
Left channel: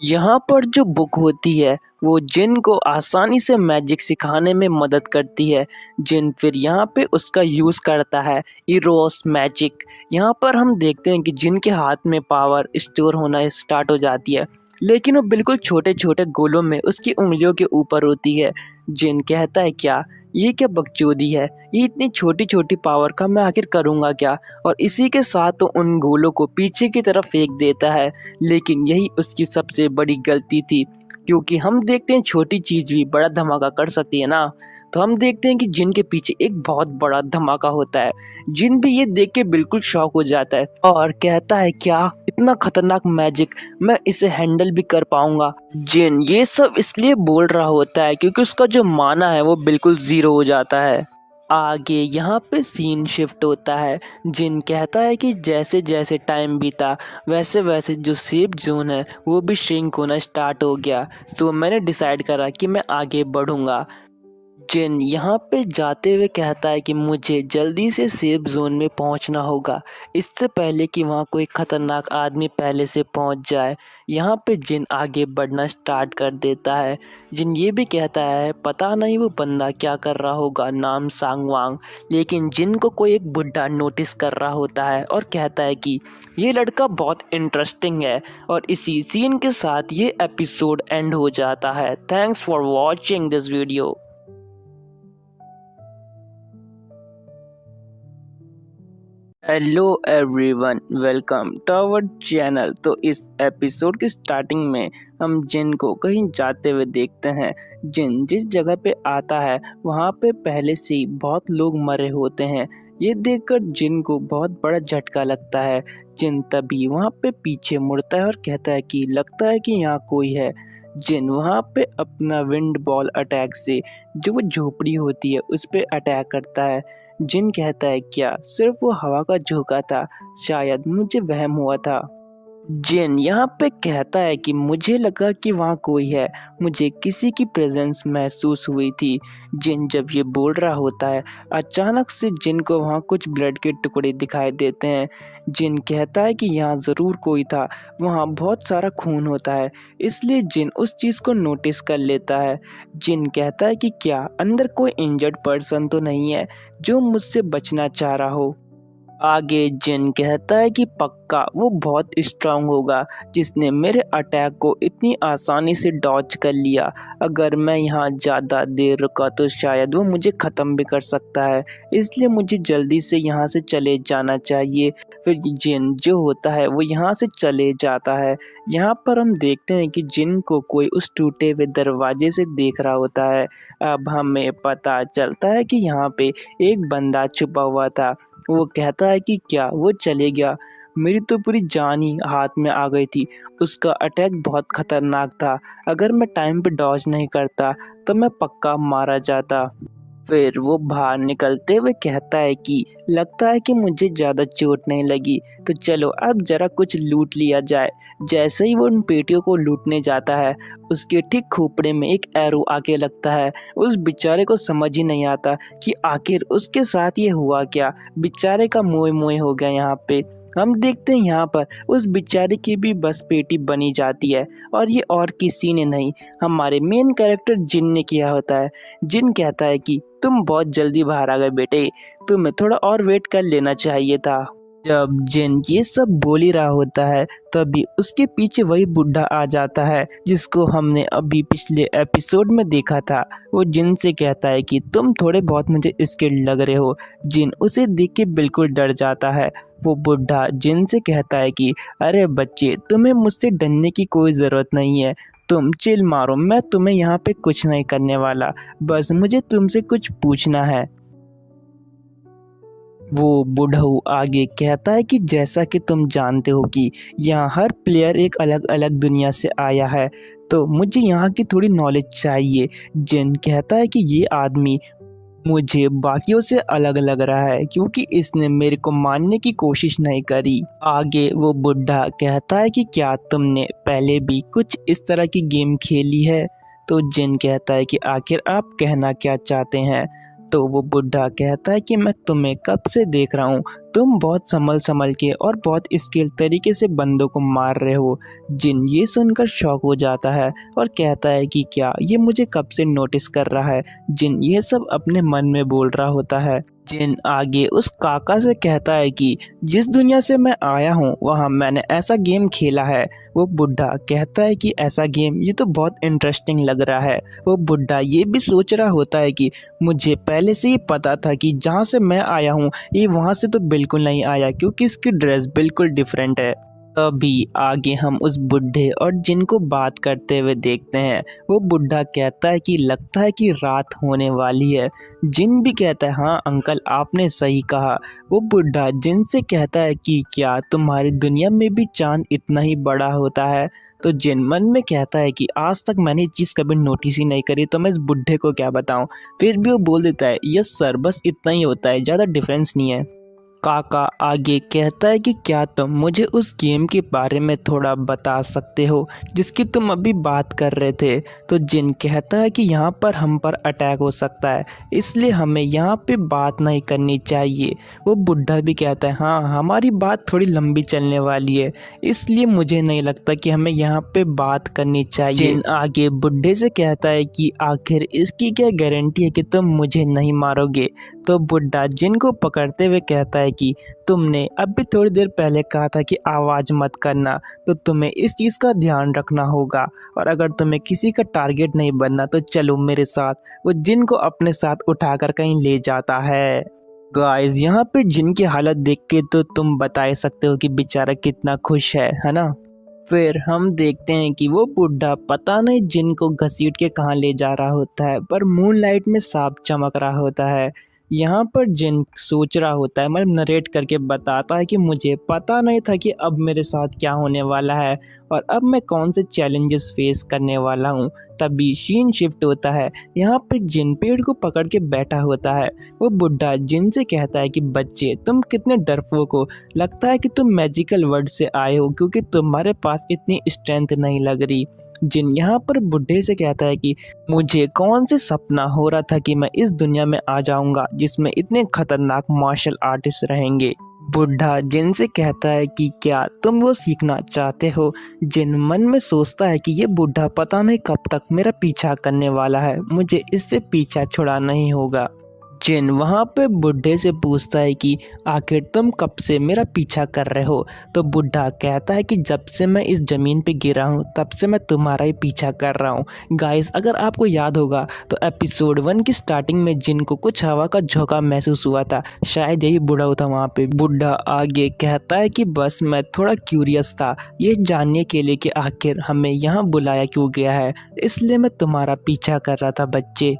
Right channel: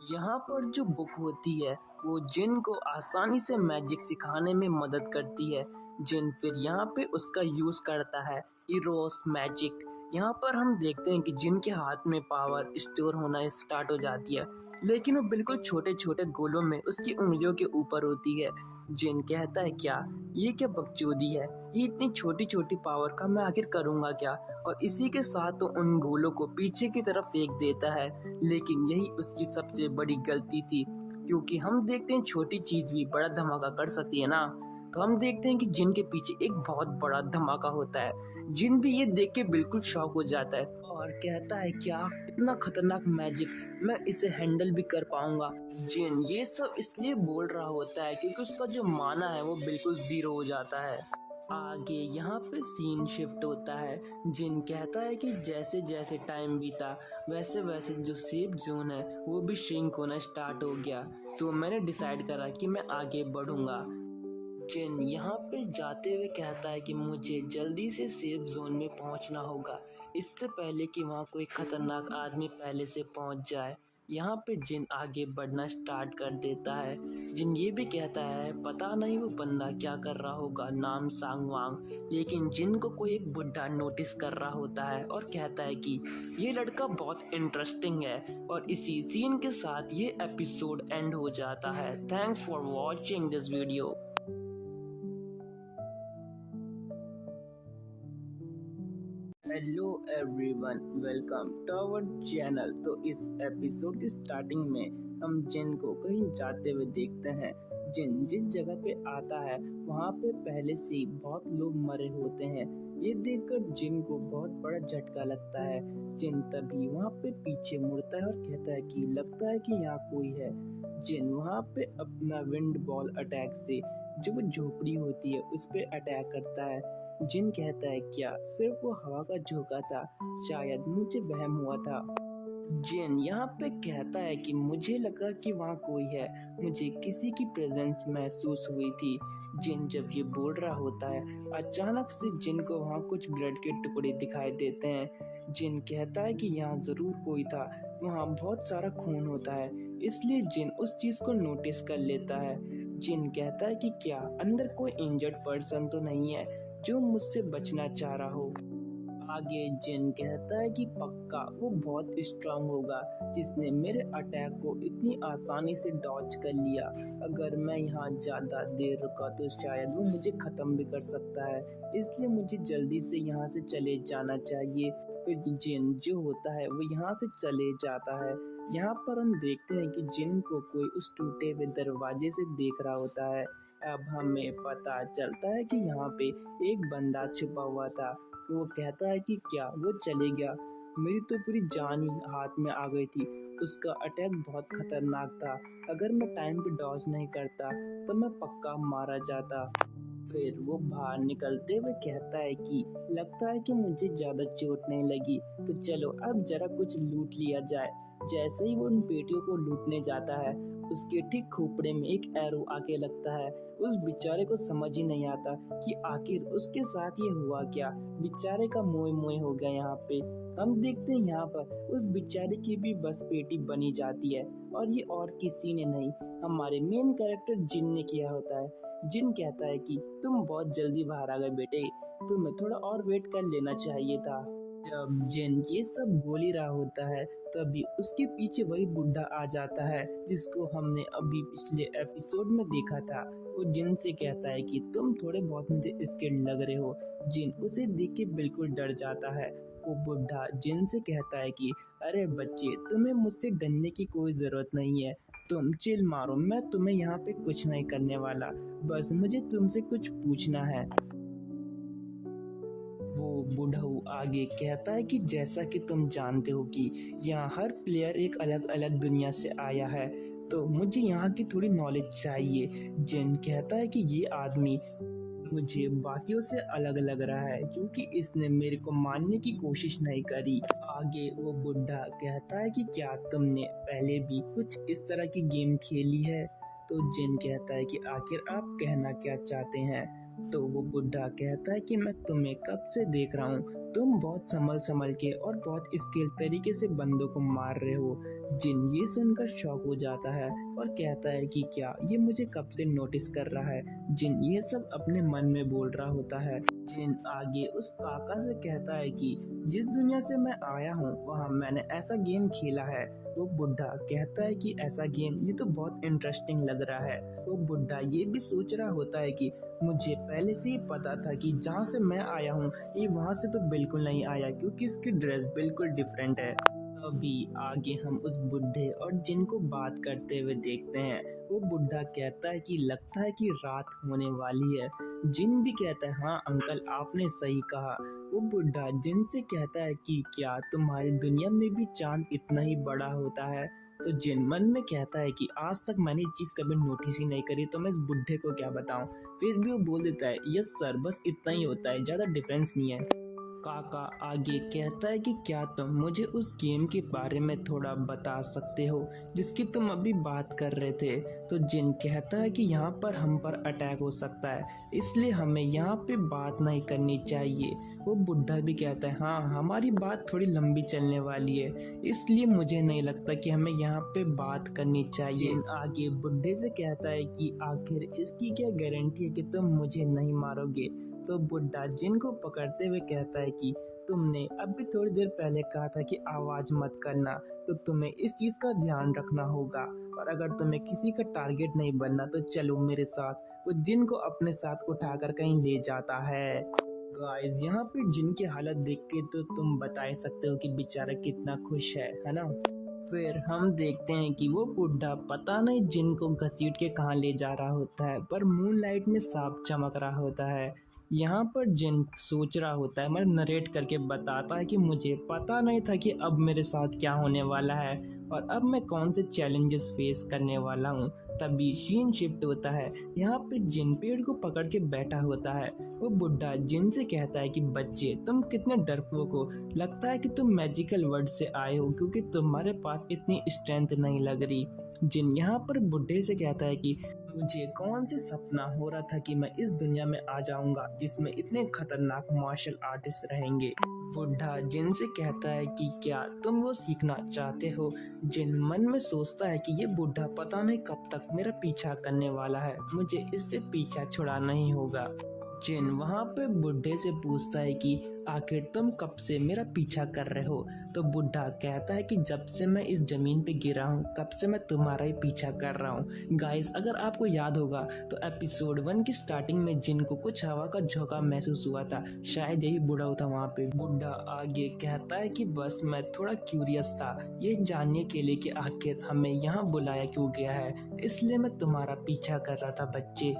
यहाँ पर जो बुक होती है वो जिन को आसानी से मैजिक सिखाने में मदद करती है। जिन फिर यहाँ पे उसका यूज़ करता है, इरोस मैजिक। यहाँ पर हम देखते हैं कि जिन के हाथ में पावर स्टोर होना स्टार्ट हो जाती है, लेकिन वो बिल्कुल छोटे छोटे गोलों में उसकी उंगलियों के ऊपर होती है। जिन कहता है क्या ये क्या बकचोदी है, ये इतनी छोटी छोटी पावर का मैं आखिर करूँगा क्या। और इसी के साथ वो उन गोलों को पीछे की तरफ फेंक देता है। लेकिन यही उसकी सबसे बड़ी गलती थी, क्योंकि हम देखते हैं छोटी चीज़ भी बड़ा धमाका कर सकती है ना। तो हम देखते हैं कि जिन के पीछे एक बहुत बड़ा धमाका होता है। जिन भी ये देख के बिल्कुल शॉक हो जाता है और कहता है क्या इतना खतरनाक मैजिक, मैं इसे हैंडल भी कर पाऊंगा। जिन ये सब इसलिए बोल रहा होता है क्योंकि उसका जो माना है वो बिल्कुल जीरो हो जाता है। आगे यहाँ पे सीन शिफ्ट होता है। जिन कहता है कि जैसे जैसे टाइम बीता वैसे वैसे जो सेफ जोन है वो भी श्रिंक होना स्टार्ट हो गया। तो मैंने डिसाइड करा कि मैं आगे बढ़ूंगा। जिन यहाँ पे जाते हुए कहता है कि मुझे जल्दी से सेफ जोन में पहुँचना होगा, इससे पहले कि वहाँ कोई खतरनाक आदमी पहले से पहुँच जाए। यहाँ पे जिन आगे बढ़ना स्टार्ट कर देता है। जिन ये भी कहता है पता नहीं वो बंदा क्या कर रहा होगा, नाम सांगवांग। लेकिन जिन को कोई एक बुढ़ा नोटिस कर रहा होता है और कहता है कि ये लड़का बहुत इंटरेस्टिंग है। और इसी सीन के साथ ये एपिसोड एंड हो जाता है। Thanks for watching this video. Hello everyone, welcome to our channel. तो इस एपिसोड की स्टार्टिंग में हम जिन को कहीं जाते हुए देखते हैं। जिन जिस जगह पे आता है वहाँ पे पहले से ही बहुत लोग मरे होते हैं। ये देखकर जिन को बहुत बड़ा झटका लगता है। जिन तभी वहाँ पे पीछे मुड़ता है और कहता है कि लगता है कि यहाँ कोई है। जिन वहाँ पे अपना विंड बॉल अटैक से जो वो झोपड़ी होती है उस पे अटैक करता है। जिन कहता है क्या सिर्फ वो हवा का झोंका था, शायद मुझे वहम हुआ था। जिन यहाँ पे कहता है कि मुझे लगा कि वहाँ कोई है, मुझे किसी की प्रेजेंस महसूस हुई थी। जिन जब ये बोल रहा होता है अचानक से जिन को वहाँ कुछ ब्लड के टुकड़े दिखाई देते हैं। जिन कहता है कि यहाँ ज़रूर कोई था, वहाँ बहुत सारा खून होता है। इसलिए जिन उस चीज़ को नोटिस कर लेता है। जिन कहता है कि क्या अंदर कोई इंजर्ड पर्सन तो नहीं है जो मुझसे बचना चाह रहा हो। आगे जिन कहता है कि पक्का वो बहुत स्ट्रांग होगा जिसने मेरे अटैक को इतनी आसानी से डॉज कर लिया। अगर मैं यहाँ ज़्यादा देर रुका तो शायद वो मुझे ख़त्म भी कर सकता है, इसलिए मुझे जल्दी से यहाँ से चले जाना चाहिए। फिर जिन जो होता है वो यहाँ से चले जाता है। यहाँ पर हम देखते हैं कि जिन को कोई उस टूटे हुए दरवाजे से देख रहा होता है। अब हमें पता चलता है कि यहाँ पे एक बंदा छुपा हुआ था। वो कहता है कि क्या वो चले गया, मेरी तो पूरी जान ही हाथ में आ गई थी। उसका अटैक बहुत खतरनाक था, अगर मैं टाइम पे डॉज नहीं करता तो मैं पक्का मारा जाता। फिर वो बाहर निकलते हुए कहता है कि लगता है कि मुझे ज़्यादा चोट नहीं लगी, तो चलो अब ज़रा कुछ लूट लिया जाए। जैसे ही वो उन पेटियों को लूटने जाता है उसके ठीक खोपड़े में एक एरो आके लगता है। उस बेचारे को समझ ही नहीं आता कि आखिर उसके साथ ये हुआ क्या। बेचारे का मोए मोए हो गया। यहाँ पे हम देखते हैं यहाँ पर उस बेचारे की भी बस पेटी बनी जाती है और ये और किसी ने नहीं, हमारे मेन कैरेक्टर जिन ने किया होता है। जिन कहता है कि तुम बहुत जल्दी बाहर आ गए बेटे, तुम्हें थोड़ा और वेट कर लेना चाहिए था। जब जिन ये सब बोल ही रहा होता है तभी उसके पीछे वही बुढ़ा आ जाता है जिसको हमने अभी पिछले एपिसोड में देखा था। वो जिन से कहता है कि तुम थोड़े बहुत मुझे स्किल्ड लग रहे हो। जिन उसे देख के बिल्कुल डर जाता है। वो बुढ़ा जिन से कहता है कि अरे बच्चे, तुम्हें मुझसे डरने की कोई ज़रूरत नहीं है, तुम चिल मारो, मैं तुम्हें यहाँ पे कुछ नहीं करने वाला, बस मुझे तुमसे कुछ पूछना है। वो बुढ़ऊ आगे कहता है कि जैसा कि तुम जानते हो कि यहाँ हर प्लेयर एक अलग अलग दुनिया से आया है, तो मुझे यहाँ की थोड़ी नॉलेज चाहिए। जिन कहता है कि ये आदमी मुझे बाकियों से अलग लग रहा है क्योंकि इसने मेरे को मारने की कोशिश नहीं करी। आगे वो बुढ़ा कहता है कि क्या तुमने पहले भी कुछ इस तरह की गेम खेली है। तो जिन कहता है कि आखिर आप कहना क्या चाहते हैं। तो वो बुढ़ा कहता है कि मैं तुम्हें कब से देख रहा हूँ, तुम बहुत संभल संभल के और बहुत स्किल तरीके से बंदों को मार रहे हो। जिन ये सुनकर शॉक हो जाता है और कहता है कि क्या ये मुझे कब से नोटिस कर रहा है। जिन ये सब अपने मन में बोल रहा होता है। जिन आगे उस काका से कहता है कि जिस दुनिया से मैं आया हूँ वहाँ मैंने ऐसा गेम खेला है, वो बुढ़ा कहता है कि ऐसा गेम ये तो बहुत इंटरेस्टिंग लग रहा है। वो बुढ़ा ये भी सोच रहा होता है कि मुझे पहले से ही पता था कि जहाँ से मैं आया हूँ ये वहाँ से तो बिल्कुल नहीं आया, क्योंकि इसकी ड्रेस बिल्कुल डिफरेंट है। अभी आगे हम उस बुढ़े और जिन को बात करते हुए देखते हैं। वो बुढ़ा कहता है कि लगता है कि रात होने वाली है। जिन भी कहता है हाँ अंकल आपने सही कहा। वो बुढ़ा जिन से कहता है कि क्या तुम्हारी दुनिया में भी चांद इतना ही बड़ा होता है। तो जिन मन में कहता है कि आज तक मैंने ये चीज़ कभी नोटिस ही नहीं करी, तो मैं इस बुढ़े को क्या बताऊं। फिर भी वो बोल देता है यस सर, बस इतना ही होता है, ज़्यादा डिफरेंस नहीं है। काका आगे कहता है कि क्या तुम मुझे उस गेम के बारे में थोड़ा बता सकते हो जिसकी तुम अभी बात कर रहे थे। तो जिन कहता है कि यहाँ पर हम पर अटैक हो सकता है, इसलिए हमें यहाँ पे बात नहीं करनी चाहिए। वो बुढ़ा भी कहता है हाँ हमारी बात थोड़ी लंबी चलने वाली है, इसलिए मुझे नहीं लगता कि हमें यहाँ पे बात करनी चाहिए। जिन आगे बुढ़े से कहता है कि आखिर इसकी क्या गारंटी है कि तुम मुझे नहीं मारोगे। तो बुढ़ा जिन को पकड़ते हुए कहता है कि तुमने अभी थोड़ी देर पहले कहा था कि आवाज़ मत करना, तो तुम्हें इस चीज़ का ध्यान रखना होगा, और अगर तुम्हें किसी का टारगेट नहीं बनना तो चलो मेरे साथ। वो जिन को अपने साथ उठाकर कहीं ले जाता है। गाइस यहाँ पे जिन की हालत देख के तो तुम बता ही सकते हो कि बेचारा कितना खुश है ना। फिर हम देखते हैं कि वो बुढ़ा पता नहीं जिन को घसीट के कहाँ ले जा रहा होता है, पर मूनलाइट में सांप चमक रहा होता है। यहाँ पर जिन सोच रहा होता है, मतलब नरेट करके बताता है कि मुझे पता नहीं था कि अब मेरे साथ क्या होने वाला है और अब मैं कौन से चैलेंजेस फेस करने वाला हूँ। तभी सीन शिफ्ट होता है। यहाँ पे जिन पेड़ को पकड़ के बैठा होता है। वो बुढ़ा जिन से कहता है कि बच्चे तुम कितने डरपोक हो, लगता है कि तुम मैजिकल वर्ड से आए हो क्योंकि तुम्हारे पास इतनी स्ट्रेंथ नहीं लग रही। जिन यहाँ पर बुढ़े से कहता है कि मुझे कौन से सपना हो रहा था कि मैं इस दुनिया में आ जाऊंगा जिसमें इतने खतरनाक मार्शल आर्टिस्ट रहेंगे। बुढ़ा जिन से कहता है कि क्या तुम वो सीखना चाहते हो। जिन मन में सोचता है कि ये बुढ़ा पता नहीं कब तक मेरा पीछा करने वाला है, मुझे इससे पीछा छुड़ाना ही होगा। जिन वहाँ पे बुढ़े से पूछता है कि आखिर तुम कब से मेरा पीछा कर रहे हो। तो बुढ़ा कहता है कि जब से मैं इस ज़मीन पे गिरा हूँ तब से मैं तुम्हारा ही पीछा कर रहा हूँ। गाइस अगर आपको याद होगा तो एपिसोड 1 की स्टार्टिंग में जिन को कुछ हवा का झोंका महसूस हुआ था, शायद यही बुढ़ा था वहाँ पे। बुढ़ा आगे कहता है कि बस मैं थोड़ा क्यूरियस था ये जानने के लिए कि आखिर हमें यहाँ बुलाया क्यों गया है, इसलिए मैं तुम्हारा पीछा कर रहा था बच्चे।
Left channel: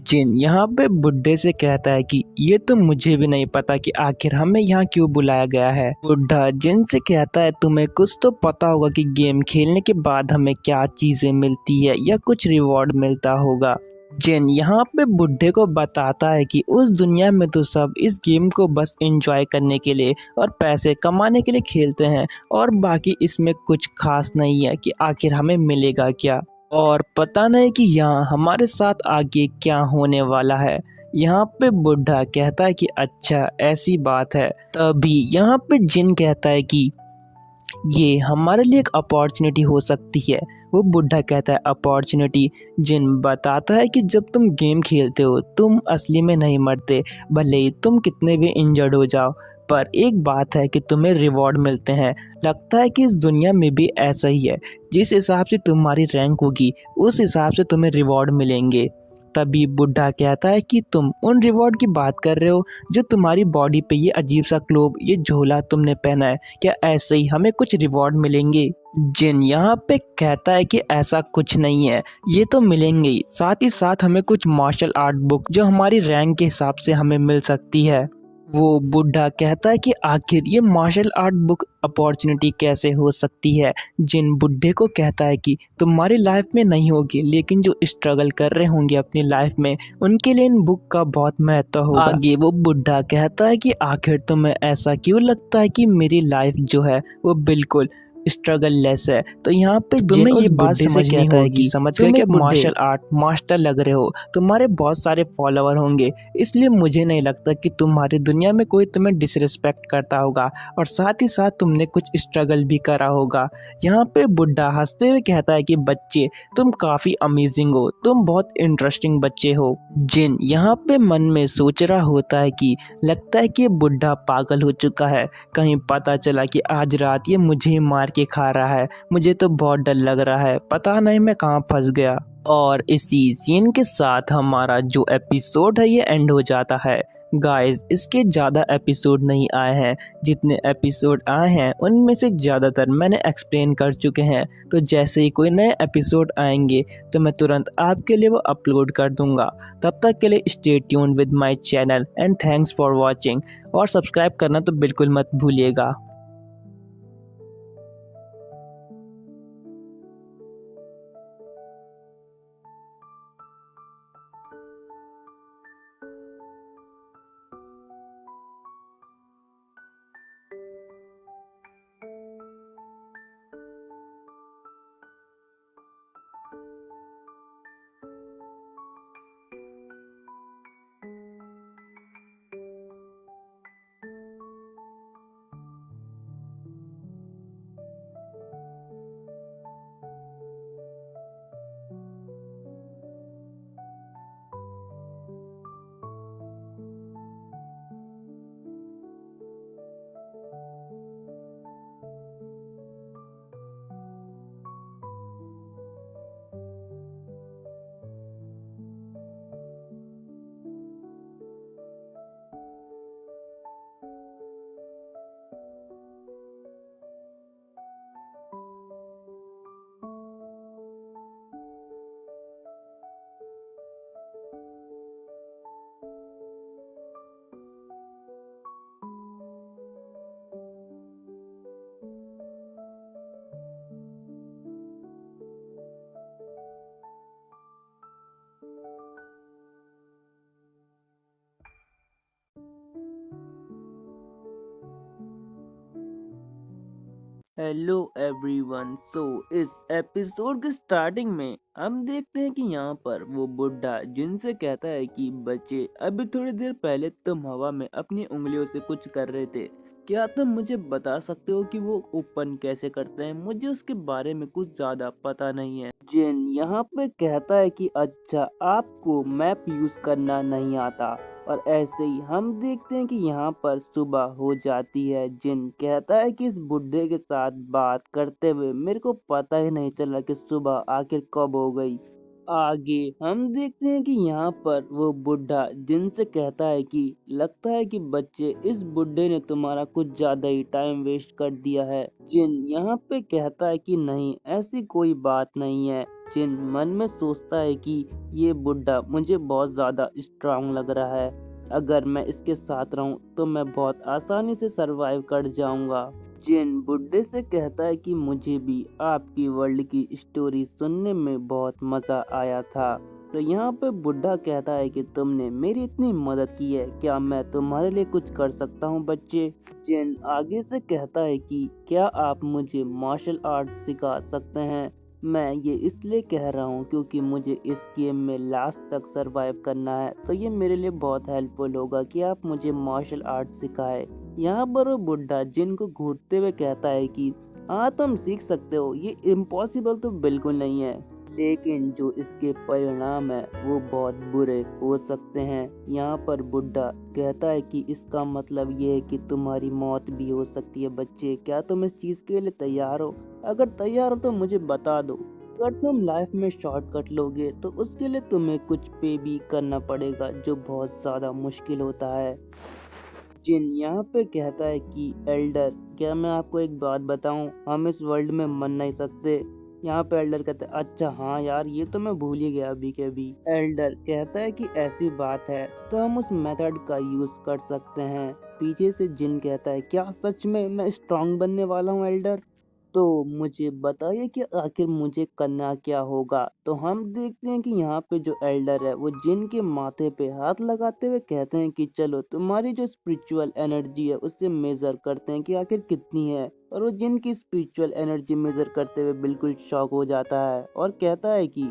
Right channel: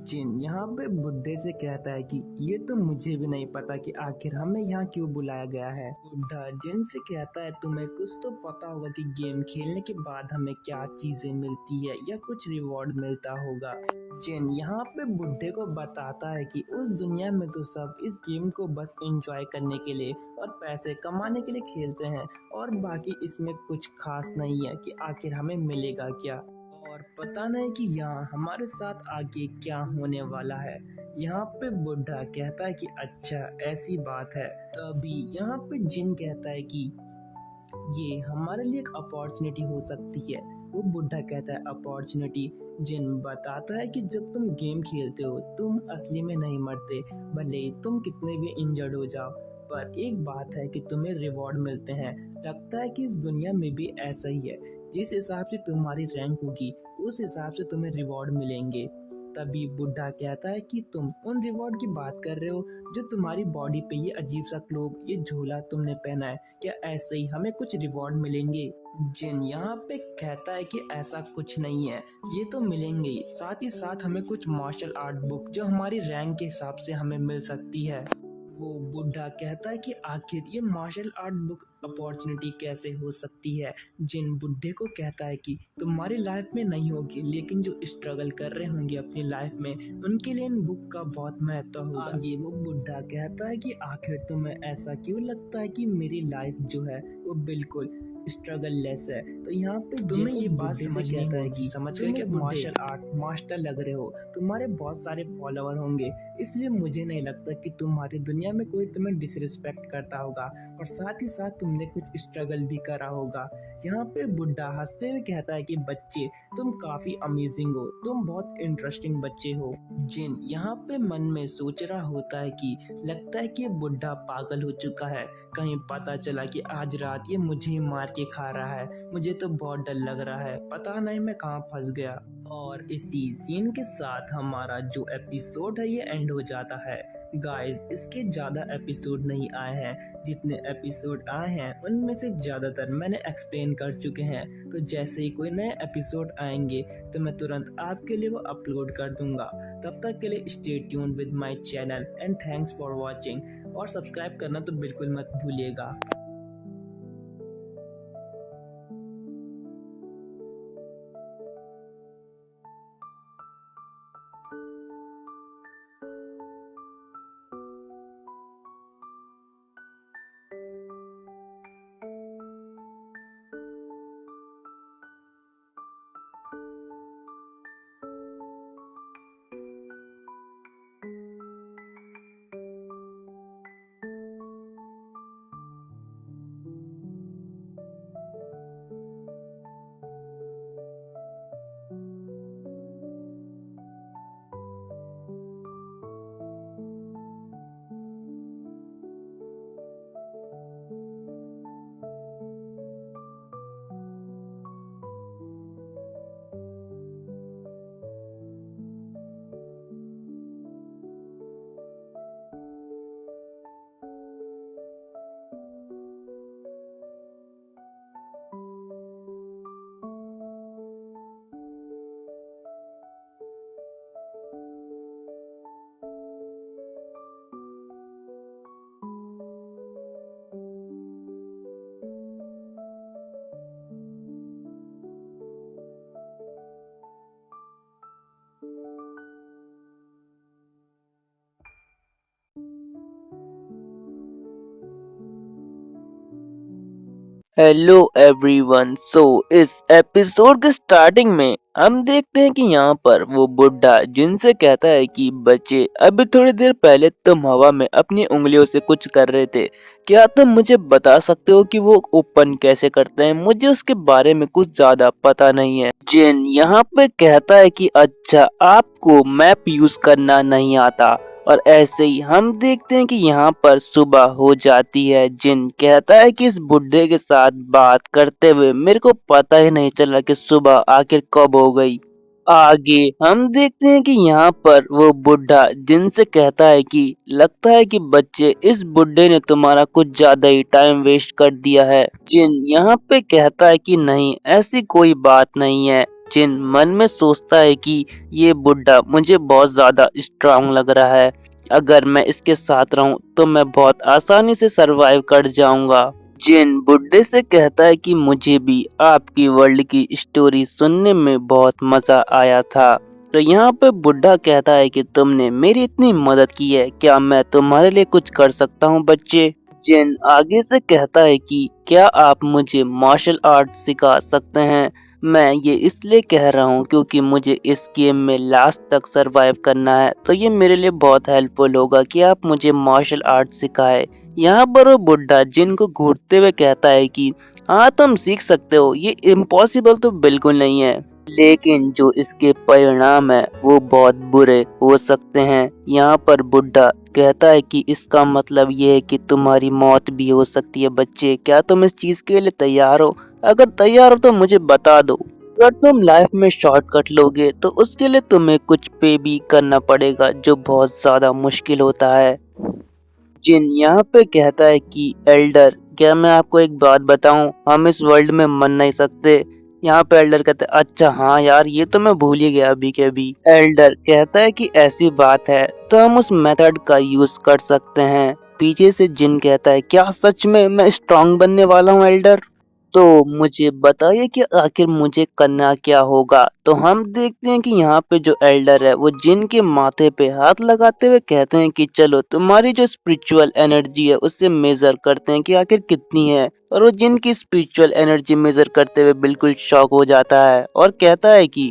जिन यहाँ पे बुढ़े से कहता है कि ये तो मुझे भी नहीं पता कि आखिर हमें यहाँ क्यों बुलाया गया है। बुढ़ा जिन से कहता है तुम्हें कुछ तो पता होगा कि गेम खेलने के बाद हमें क्या चीजें मिलती है या कुछ रिवॉर्ड मिलता होगा। जिन यहाँ पे बुढ़े को बताता है कि उस दुनिया में तो सब इस गेम को बस एंजॉय करने के लिए और पैसे कमाने के लिए खेलते हैं, और बाकी इसमें कुछ खास नहीं है कि आखिर हमें मिलेगा क्या, और पता नहीं कि यहाँ हमारे साथ आगे क्या होने वाला है। यहाँ पे बुढ़ा कहता है कि अच्छा ऐसी बात है। तभी यहाँ पे जिन कहता है कि ये हमारे लिए एक अपॉर्चुनिटी हो सकती है। वो बुढ़ा कहता है अपॉर्चुनिटी। जिन बताता है कि जब तुम गेम खेलते हो तुम असली में नहीं मरते, भले ही तुम कितने भी इंजर्ड हो जाओ, पर एक बात है कि तुम्हें रिवॉर्ड मिलते हैं। लगता है कि इस दुनिया में भी ऐसा ही है, जिस हिसाब से तुम्हारी रैंक होगी उस हिसाब से तुम्हें रिवॉर्ड मिलेंगे। तभी बुढ़ा कहता है कि तुम उन रिवॉर्ड की बात कर रहे हो जो तुम्हारी बॉडी पे ये अजीब सा क्लोब, ये झोला तुमने पहना है, क्या ऐसे ही हमें कुछ रिवॉर्ड मिलेंगे। जिन यहाँ पे कहता है कि ऐसा कुछ नहीं है, ये तो मिलेंगे ही, साथ ही साथ हमें कुछ मार्शल आर्ट बुक जो हमारी रैंक के हिसाब से हमें मिल सकती है। वो बुढ़ा कहता है कि आखिर ये मार्शल आर्ट बुक अपॉर्चुनिटी कैसे हो सकती है। जिन बुढ़े को कहता है कि तुम्हारी लाइफ में नहीं होगी, लेकिन जो स्ट्रगल कर रहे होंगे अपनी लाइफ में उनके लिए इन बुक का बहुत महत्व होगा। आगे वो बुढ़ा कहता है कि आखिर तुम्हें ऐसा क्यों लगता है कि मेरी लाइफ जो है वो बिल्कुल स्ट्रगल लेस है। तो यहाँ पे तुम्हें ये बात समझनी होगी, समझ गए कि मार्शल आर्ट मास्टर लग रहे हो, तुम्हारे बहुत सारे फॉलोअर होंगे, इसलिए मुझे नहीं लगता कि तुम्हारी दुनिया में कोई तुम्हें डिसरिस्पेक्ट करता होगा, और साथ ही साथ तुमने कुछ स्ट्रगल भी करा होगा। यहाँ पे बुढ़ा हंसते हुए कहता है कि बच्चे तुम काफ़ी अमेजिंग हो, तुम बहुत इंटरेस्टिंग बच्चे हो। जिन यहाँ पे मन में सोच रहा होता है कि लगता है कि ये बुढ़ा पागल हो चुका है, कहीं पता चला कि आज रात ये मुझे मार के खा रहा है। मुझे तो बहुत डर लग रहा है, पता नहीं मैं कहाँ फंस गया। और इसी सीन के साथ हमारा जो एपिसोड है ये एंड हो जाता है। गाइस, इसके ज़्यादा एपिसोड नहीं आए हैं। जितने एपिसोड आए हैं उनमें से ज़्यादातर मैंने एक्सप्लेन कर चुके हैं। तो जैसे ही कोई नए एपिसोड आएंगे तो मैं तुरंत आपके लिए वो अपलोड कर दूंगा। तब तक के लिए stay tune with my channel and thanks for watching. और सब्सक्राइब करना तो बिल्कुल मत भूलिएगा। Hello everyone. इस एपिसोड के स्टार्टिंग में हम देखते हैं कि यहाँ पर वो बुढ़ा जिनसे कहता है कि बच्चे, अभी थोड़ी देर पहले तुम हवा में अपनी उंगलियों से कुछ कर रहे थे। क्या तुम मुझे बता सकते हो कि वो ओपन कैसे करते हैं? मुझे उसके बारे में कुछ ज्यादा पता नहीं है। जिन यहाँ पे कहता है कि अच्छा, आपको मैप यूज करना नहीं आता। और ऐसे ही हम देखते हैं कि यहाँ पर सुबह हो जाती है। जिन कहता है कि इस बुड्ढे के साथ बात करते हुए मेरे को पता ही नहीं चला कि सुबह आखिर कब हो गई। आगे हम देखते हैं कि यहाँ पर वो बुढ़ा जिनसे कहता है कि लगता है कि बच्चे, इस बुढ़े ने तुम्हारा कुछ ज्यादा ही टाइम वेस्ट कर दिया है। जिन यहाँ पे कहता है कि नहीं, ऐसी कोई बात नहीं है। जिन मन में सोचता है कि ये बुढ़ा मुझे बहुत ज्यादा स्ट्रांग लग रहा है। अगर मैं इसके साथ रहूं तो मैं बहुत आसानी से सरवाइव कर जाऊंगा। जिन बुड्ढे से कहता है कि मुझे भी आपकी वर्ल्ड की स्टोरी सुनने में बहुत मजा आया था। तो यहाँ पे बुढ़ा कहता है कि तुमने मेरी इतनी मदद की है, क्या मैं तुम्हारे लिए कुछ कर सकता हूँ बच्चे? जिन आगे से कहता है कि क्या आप मुझे मार्शल आर्ट सिखा सकते हैं? मैं ये इसलिए कह रहा हूँ क्योंकि मुझे इस गेम में लास्ट तक सरवाइव करना है, तो ये मेरे लिए बहुत हेल्पफुल होगा कि आप मुझे मार्शल आर्ट सिखाए। यहाँ पर वो बुढ़ा जिनको घूरते हुए कहता है कि हाँ, तुम सीख सकते हो, ये इम्पॉसिबल तो बिल्कुल नहीं है, लेकिन जो इसके परिणाम है वो बहुत बुरे हो सकते हैं। यहाँ पर बुढ़ा कहता है कि इसका मतलब ये है कि तुम्हारी मौत भी हो सकती है बच्चे। क्या तुम इस चीज के लिए तैयार हो? अगर तैयार हो तो मुझे बता दो। अगर तुम लाइफ में शॉर्टकट लोगे तो उसके लिए तुम्हें कुछ पे भी करना पड़ेगा, जो बहुत ज्यादा मुश्किल होता है। जिन यहाँ पे कहता है कि एल्डर, क्या मैं आपको एक बात बताऊं, हम इस वर्ल्ड में मर नहीं सकते। यहाँ पे एल्डर कहता है अच्छा हाँ यार, ये तो मैं भूल ही गया अभी के अभी। एल्डर कहता है कि ऐसी बात है तो हम उस मेथड का यूज कर सकते हैं। पीछे से जिन कहता है क्या सच में मैं स्ट्रांग बनने वाला हूँ एल्डर? तो मुझे बताइए कि आखिर मुझे करना क्या होगा। तो हम देखते हैं कि यहाँ पे जो एल्डर है वो जिन के माथे पे हाथ लगाते हुए कहते हैं कि चलो तुम्हारी जो स्पिरिचुअल एनर्जी है उससे मेजर करते हैं कि आखिर कितनी है। और वो जिन की स्पिरिचुअल एनर्जी मेजर करते हुए बिल्कुल शॉक हो जाता है और कहता है कि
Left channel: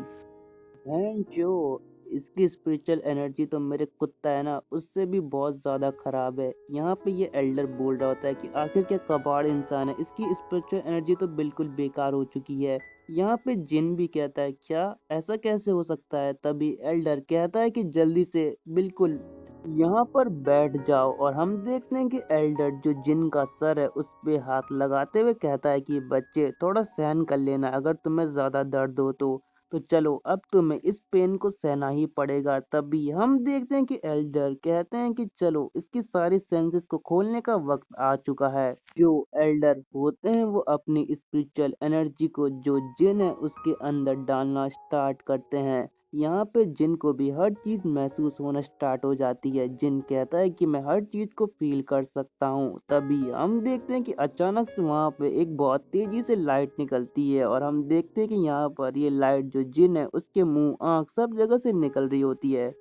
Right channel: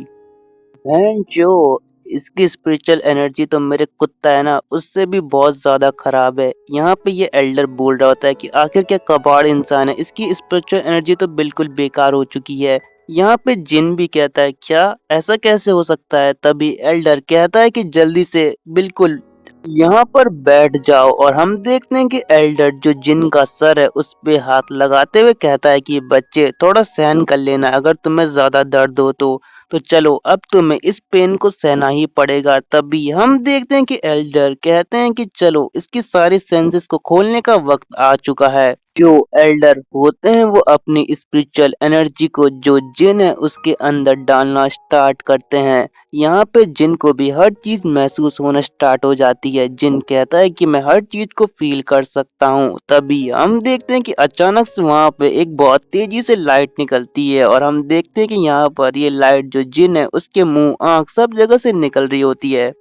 बहन जो, इसकी स्पिरिचुअल एनर्जी तो मेरे कुत्ता है ना उससे भी बहुत ज्यादा खराब है। यहाँ पे ये एल्डर बोल रहा होता है कि आखिर क्या कबाड़ इंसान है, इसकी स्पिरिचुअल एनर्जी तो बिल्कुल बेकार हो चुकी है। यहाँ पे जिन भी कहता है क्या ऐसा कैसे हो सकता है? तभी एल्डर कहता है कि जल्दी से बिल्कुल यहाँ पर बैठ जाओ। और हम देखते हैं कि एल्डर जो जिन का सर है उस पे हाथ लगाते हुए कहता है कि बच्चे थोड़ा सहन कर लेना, अगर तुम्हें ज्यादा दर्द हो तो चलो अब तुम्हें इस पेन को सहना ही पड़ेगा। तभी हम देखते हैं कि एल्डर कहते हैं कि चलो इसकी सारी सेंसेस को खोलने का वक्त आ चुका है। जो एल्डर होते हैं वो अपनी स्पिरिचुअल एनर्जी को जो जिन है उसके अंदर डालना स्टार्ट करते हैं। यहाँ पे जिन को भी हर चीज महसूस होना स्टार्ट हो जाती है। जिन कहता है कि मैं हर चीज को फील कर सकता हूँ। तभी हम देखते हैं कि अचानक से वहाँ पे एक बहुत तेजी से लाइट निकलती है और हम देखते हैं कि यहाँ पर ये लाइट जो जिन है उसके मुंह आंख सब जगह से निकल रही होती है।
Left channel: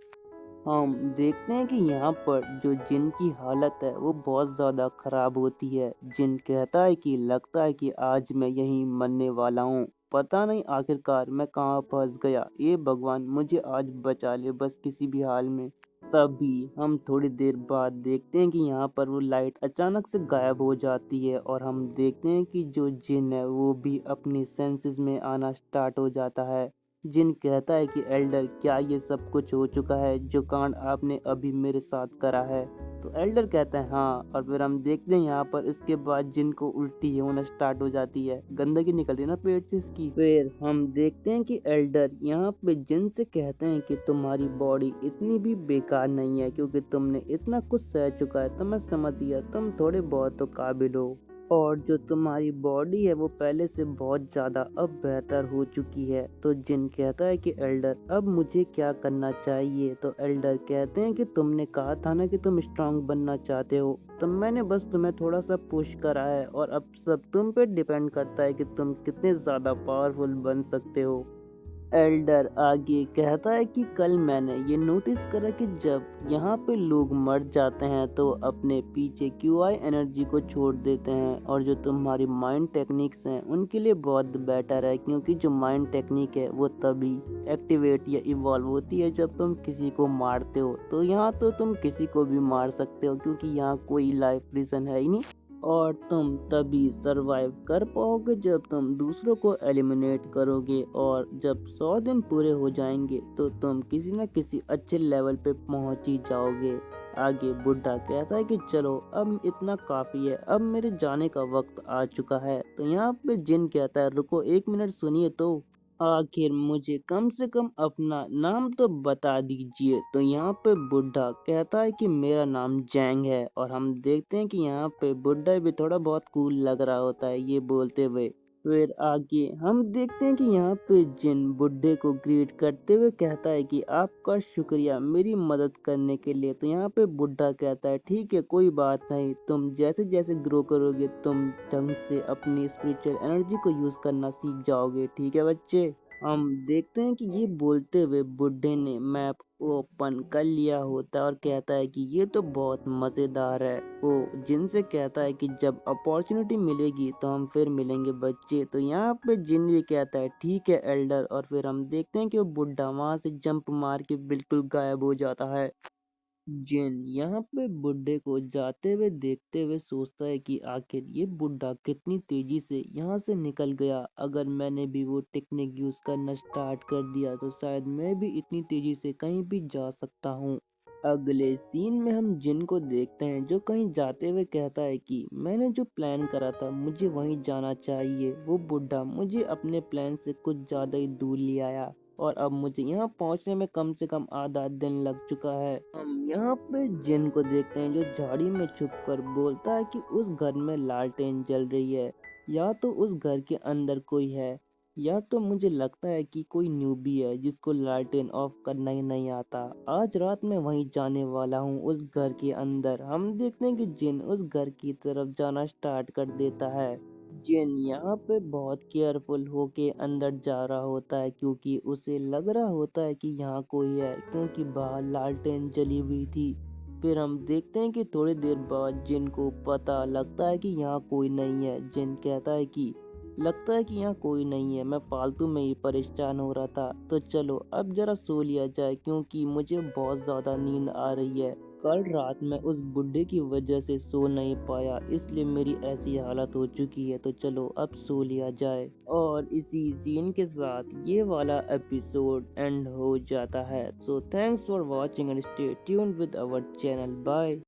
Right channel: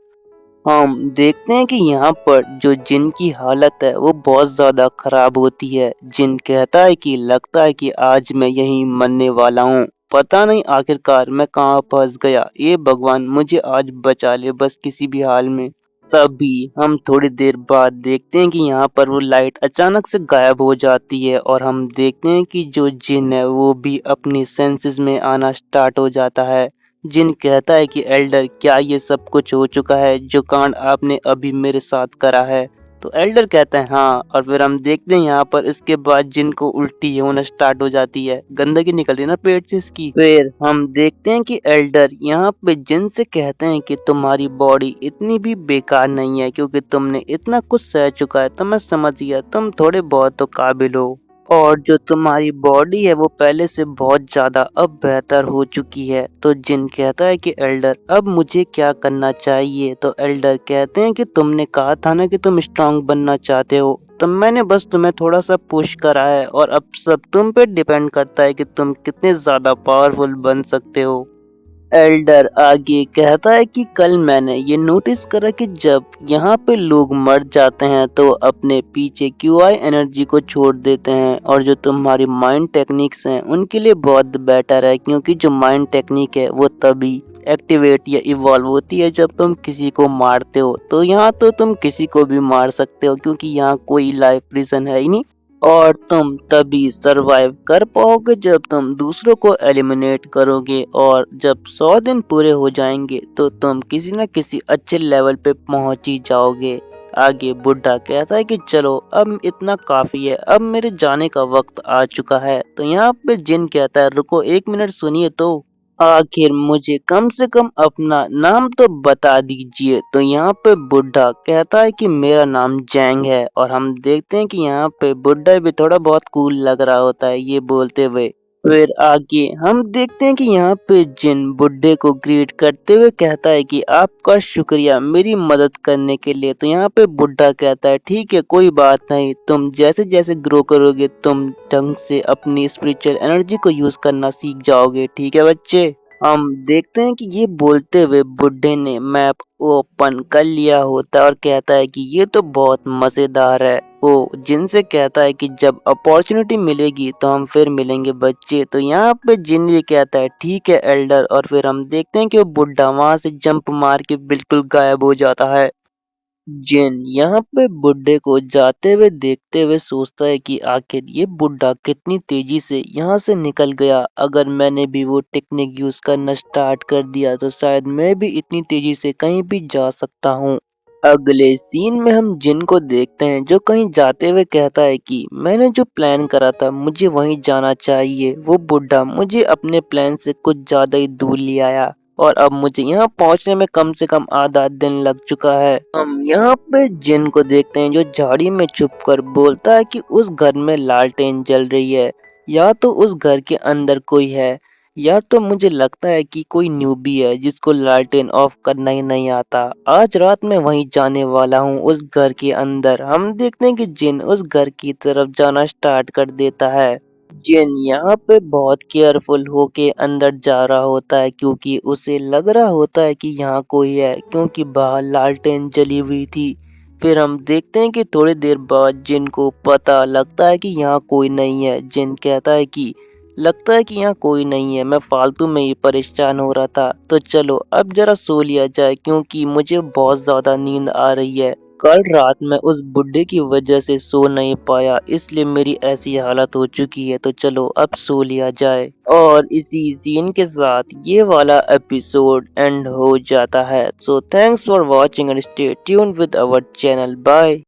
हम देखते हैं कि यहाँ पर जो जिन की हालत है वो बहुत ज़्यादा खराब होती है। जिन कहता है कि लगता है कि आज मैं यहीं मरने वाला हूँ। पता नहीं आखिरकार मैं कहाँ फंस गया। ये भगवान मुझे आज बचा ले बस किसी भी हाल में। तभी हम थोड़ी देर बाद देखते हैं कि यहाँ पर वो लाइट अचानक से गायब हो जाती है और हम देखते हैं कि जो जिन है वो भी अपनी सेंसेस में आना स्टार्ट हो जाता है। जिन कहता है कि एल्डर क्या ये सब कुछ हो चुका है जो कांड आपने अभी मेरे साथ करा है। तो एल्डर कहता है हाँ। और फिर हम देखते हैं यहाँ पर इसके बाद जिन को उल्टी होना स्टार्ट हो जाती है, गंदगी निकल रही है ना पेट से इसकी। फिर हम देखते हैं कि एल्डर यहाँ पे जिन से कहते हैं कि तुम्हारी बॉडी इतनी भी बेकार नहीं है, क्योंकि तुमने इतना कुछ सह चुका है तो मैं समझ गया तुम थोड़े बहुत तो काबिल हो। और जो तुम्हारी बॉडी है वो पहले से बहुत ज्यादा अब बेहतर हो चुकी है। तो जिन कहता है कि एल्डर अब मुझे क्या करना चाहिए। तो एल्डर कहते हैं कि तुमने कहा था ना कि तुम स्ट्रांग बनना चाहते हो, तो मैंने बस तुम्हें थोड़ा सा पुश करा है और अब सब तुम पे डिपेंड करता है कि तुम कितने ज्यादा पावरफुल बन सकते हो। एल्डर आगे कहता है कि कल मैंने ये नोटिस करा कि जब यहाँ पे लोग मर जाते हैं तो अपने पीछे क्यूआई एनर्जी को छोड़ देते हैं, और जो तुम्हारी माइंड टेक्निक्स हैं उनके लिए बहुत बेटर है, क्योंकि जो माइंड टेक्निक है वो तभी एक्टिवेट या इवॉल्व होती है जब तुम किसी को मारते हो। तो यहाँ तो तुम किसी को भी मार सकते हो क्योंकि यहाँ कोई लाइफ रीजन है ही नहीं। और तुम तभी सरवाइव कर पाओगे जब तुम दूसरों को एलिमिनेट करोगे, और जब 100 दिन पूरे हो जाएंगे तो तुम किसी न किसी अच्छे लेवल पे पहुंच ही जाओगे। आगे बुड्ढा कहता है कि चलो अब इतना काफी है, अब मेरे जाने का वक्त आ चुका है। तो यहाँ पे जिन कहता है रुको 1 मिनट सुनिए, तो आखिर मुझे कम से कम अपना नाम तो बता दीजिए। तो यहाँ पे बुड्ढा कहता है कि मेरा नाम जैंग है। और हम देखते हैं कि यहाँ पे बुड्ढा भी थोड़ा बहुत कूल लग रहा होता है ये बोलते हुए। फिर आगे हम देखते हैं कि यहाँ पे जिन बुड्ढे को ग्रीट करते हुए कहता है कि आपका शुक्रिया मेरी मदद करने के लिए। तो यहाँ पे बुड्ढा कहता है ठीक है कोई बात नहीं, तुम जैसे जैसे ग्रो करोगे तुम ढंग से अपनी स्पिरिचुअल एनर्जी को यूज करना सीख जाओगे, ठीक है बच्चे। हम देखते हैं कि ये बोलते हुए बुड्ढे ने मैप ओपन कर लिया होता है और कहता है कि ये तो बहुत मजेदार है। वो जिनसे कहता है कि जब अपॉर्चुनिटी मिलेगी तो हम फिर मिलेंगे बच्चे। तो यहाँ पे जिन भी कहता है ठीक है एल्डर, और फिर हम देखते हैं कि वो बुड्ढा वहां से जंप मार के बिल्कुल गायब हो जाता है। जिन यहाँ पे बुड्ढे को जाते हुए देखते हुए सोचता है कि आखिर ये बुड्ढा कितनी तेजी से यहाँ से निकल गया। अगर मैंने भी वो टेक्निक यूज करना स्टार्ट कर दिया तो शायद मैं भी इतनी तेजी से कहीं भी जा सकता हूँ। अगले सीन में हम जिन को देखते हैं जो कहीं जाते हुए कहता है कि मैंने जो प्लान करा था मुझे वहीं जाना चाहिए। वो बुड्ढा मुझे अपने प्लान से कुछ ज्यादा ही दूर ले आया और अब मुझे यहाँ पहुँचने में कम से कम आधा दिन लग चुका है। हम यहाँ पे जिन को देखते हैं जो झाड़ी में छुपकर बोलता है कि उस घर में लालटेन जल रही है, या तो उस घर के अंदर कोई है, या तो मुझे लगता है कि कोई न्यूबी है जिसको लालटेन ऑफ करना ही नहीं आता। आज रात मैं वहीं जाने वाला हूँ उस घर के अंदर। हम देखते हैं कि जिन उस घर की तरफ जाना स्टार्ट कर देता है। जिन यहाँ पे बहुत केयरफुल होके अंदर जा रहा होता है क्योंकि उसे लग रहा होता है कि यहाँ कोई है, क्योंकि बाहर लालटेन जली हुई थी। फिर हम देखते हैं कि थोड़ी देर बाद जिन को पता लगता है कि यहाँ कोई नहीं है। जिन कहता है कि लगता है कि यहाँ कोई नहीं है, मैं फालतू में ही परेशान हो रहा था, तो चलो अब जरा सो लिया जाए क्योंकि मुझे बहुत ज़्यादा नींद आ रही है। कल रात मैं उस बुड्ढे की वजह से सो नहीं पाया, इसलिए मेरी ऐसी हालत हो चुकी है। तो चलो अब सो लिया जाए। और इसी सीन के साथ ये वाला एपिसोड एंड हो जाता है। So thanks for watching and stay tuned with our channel. Bye.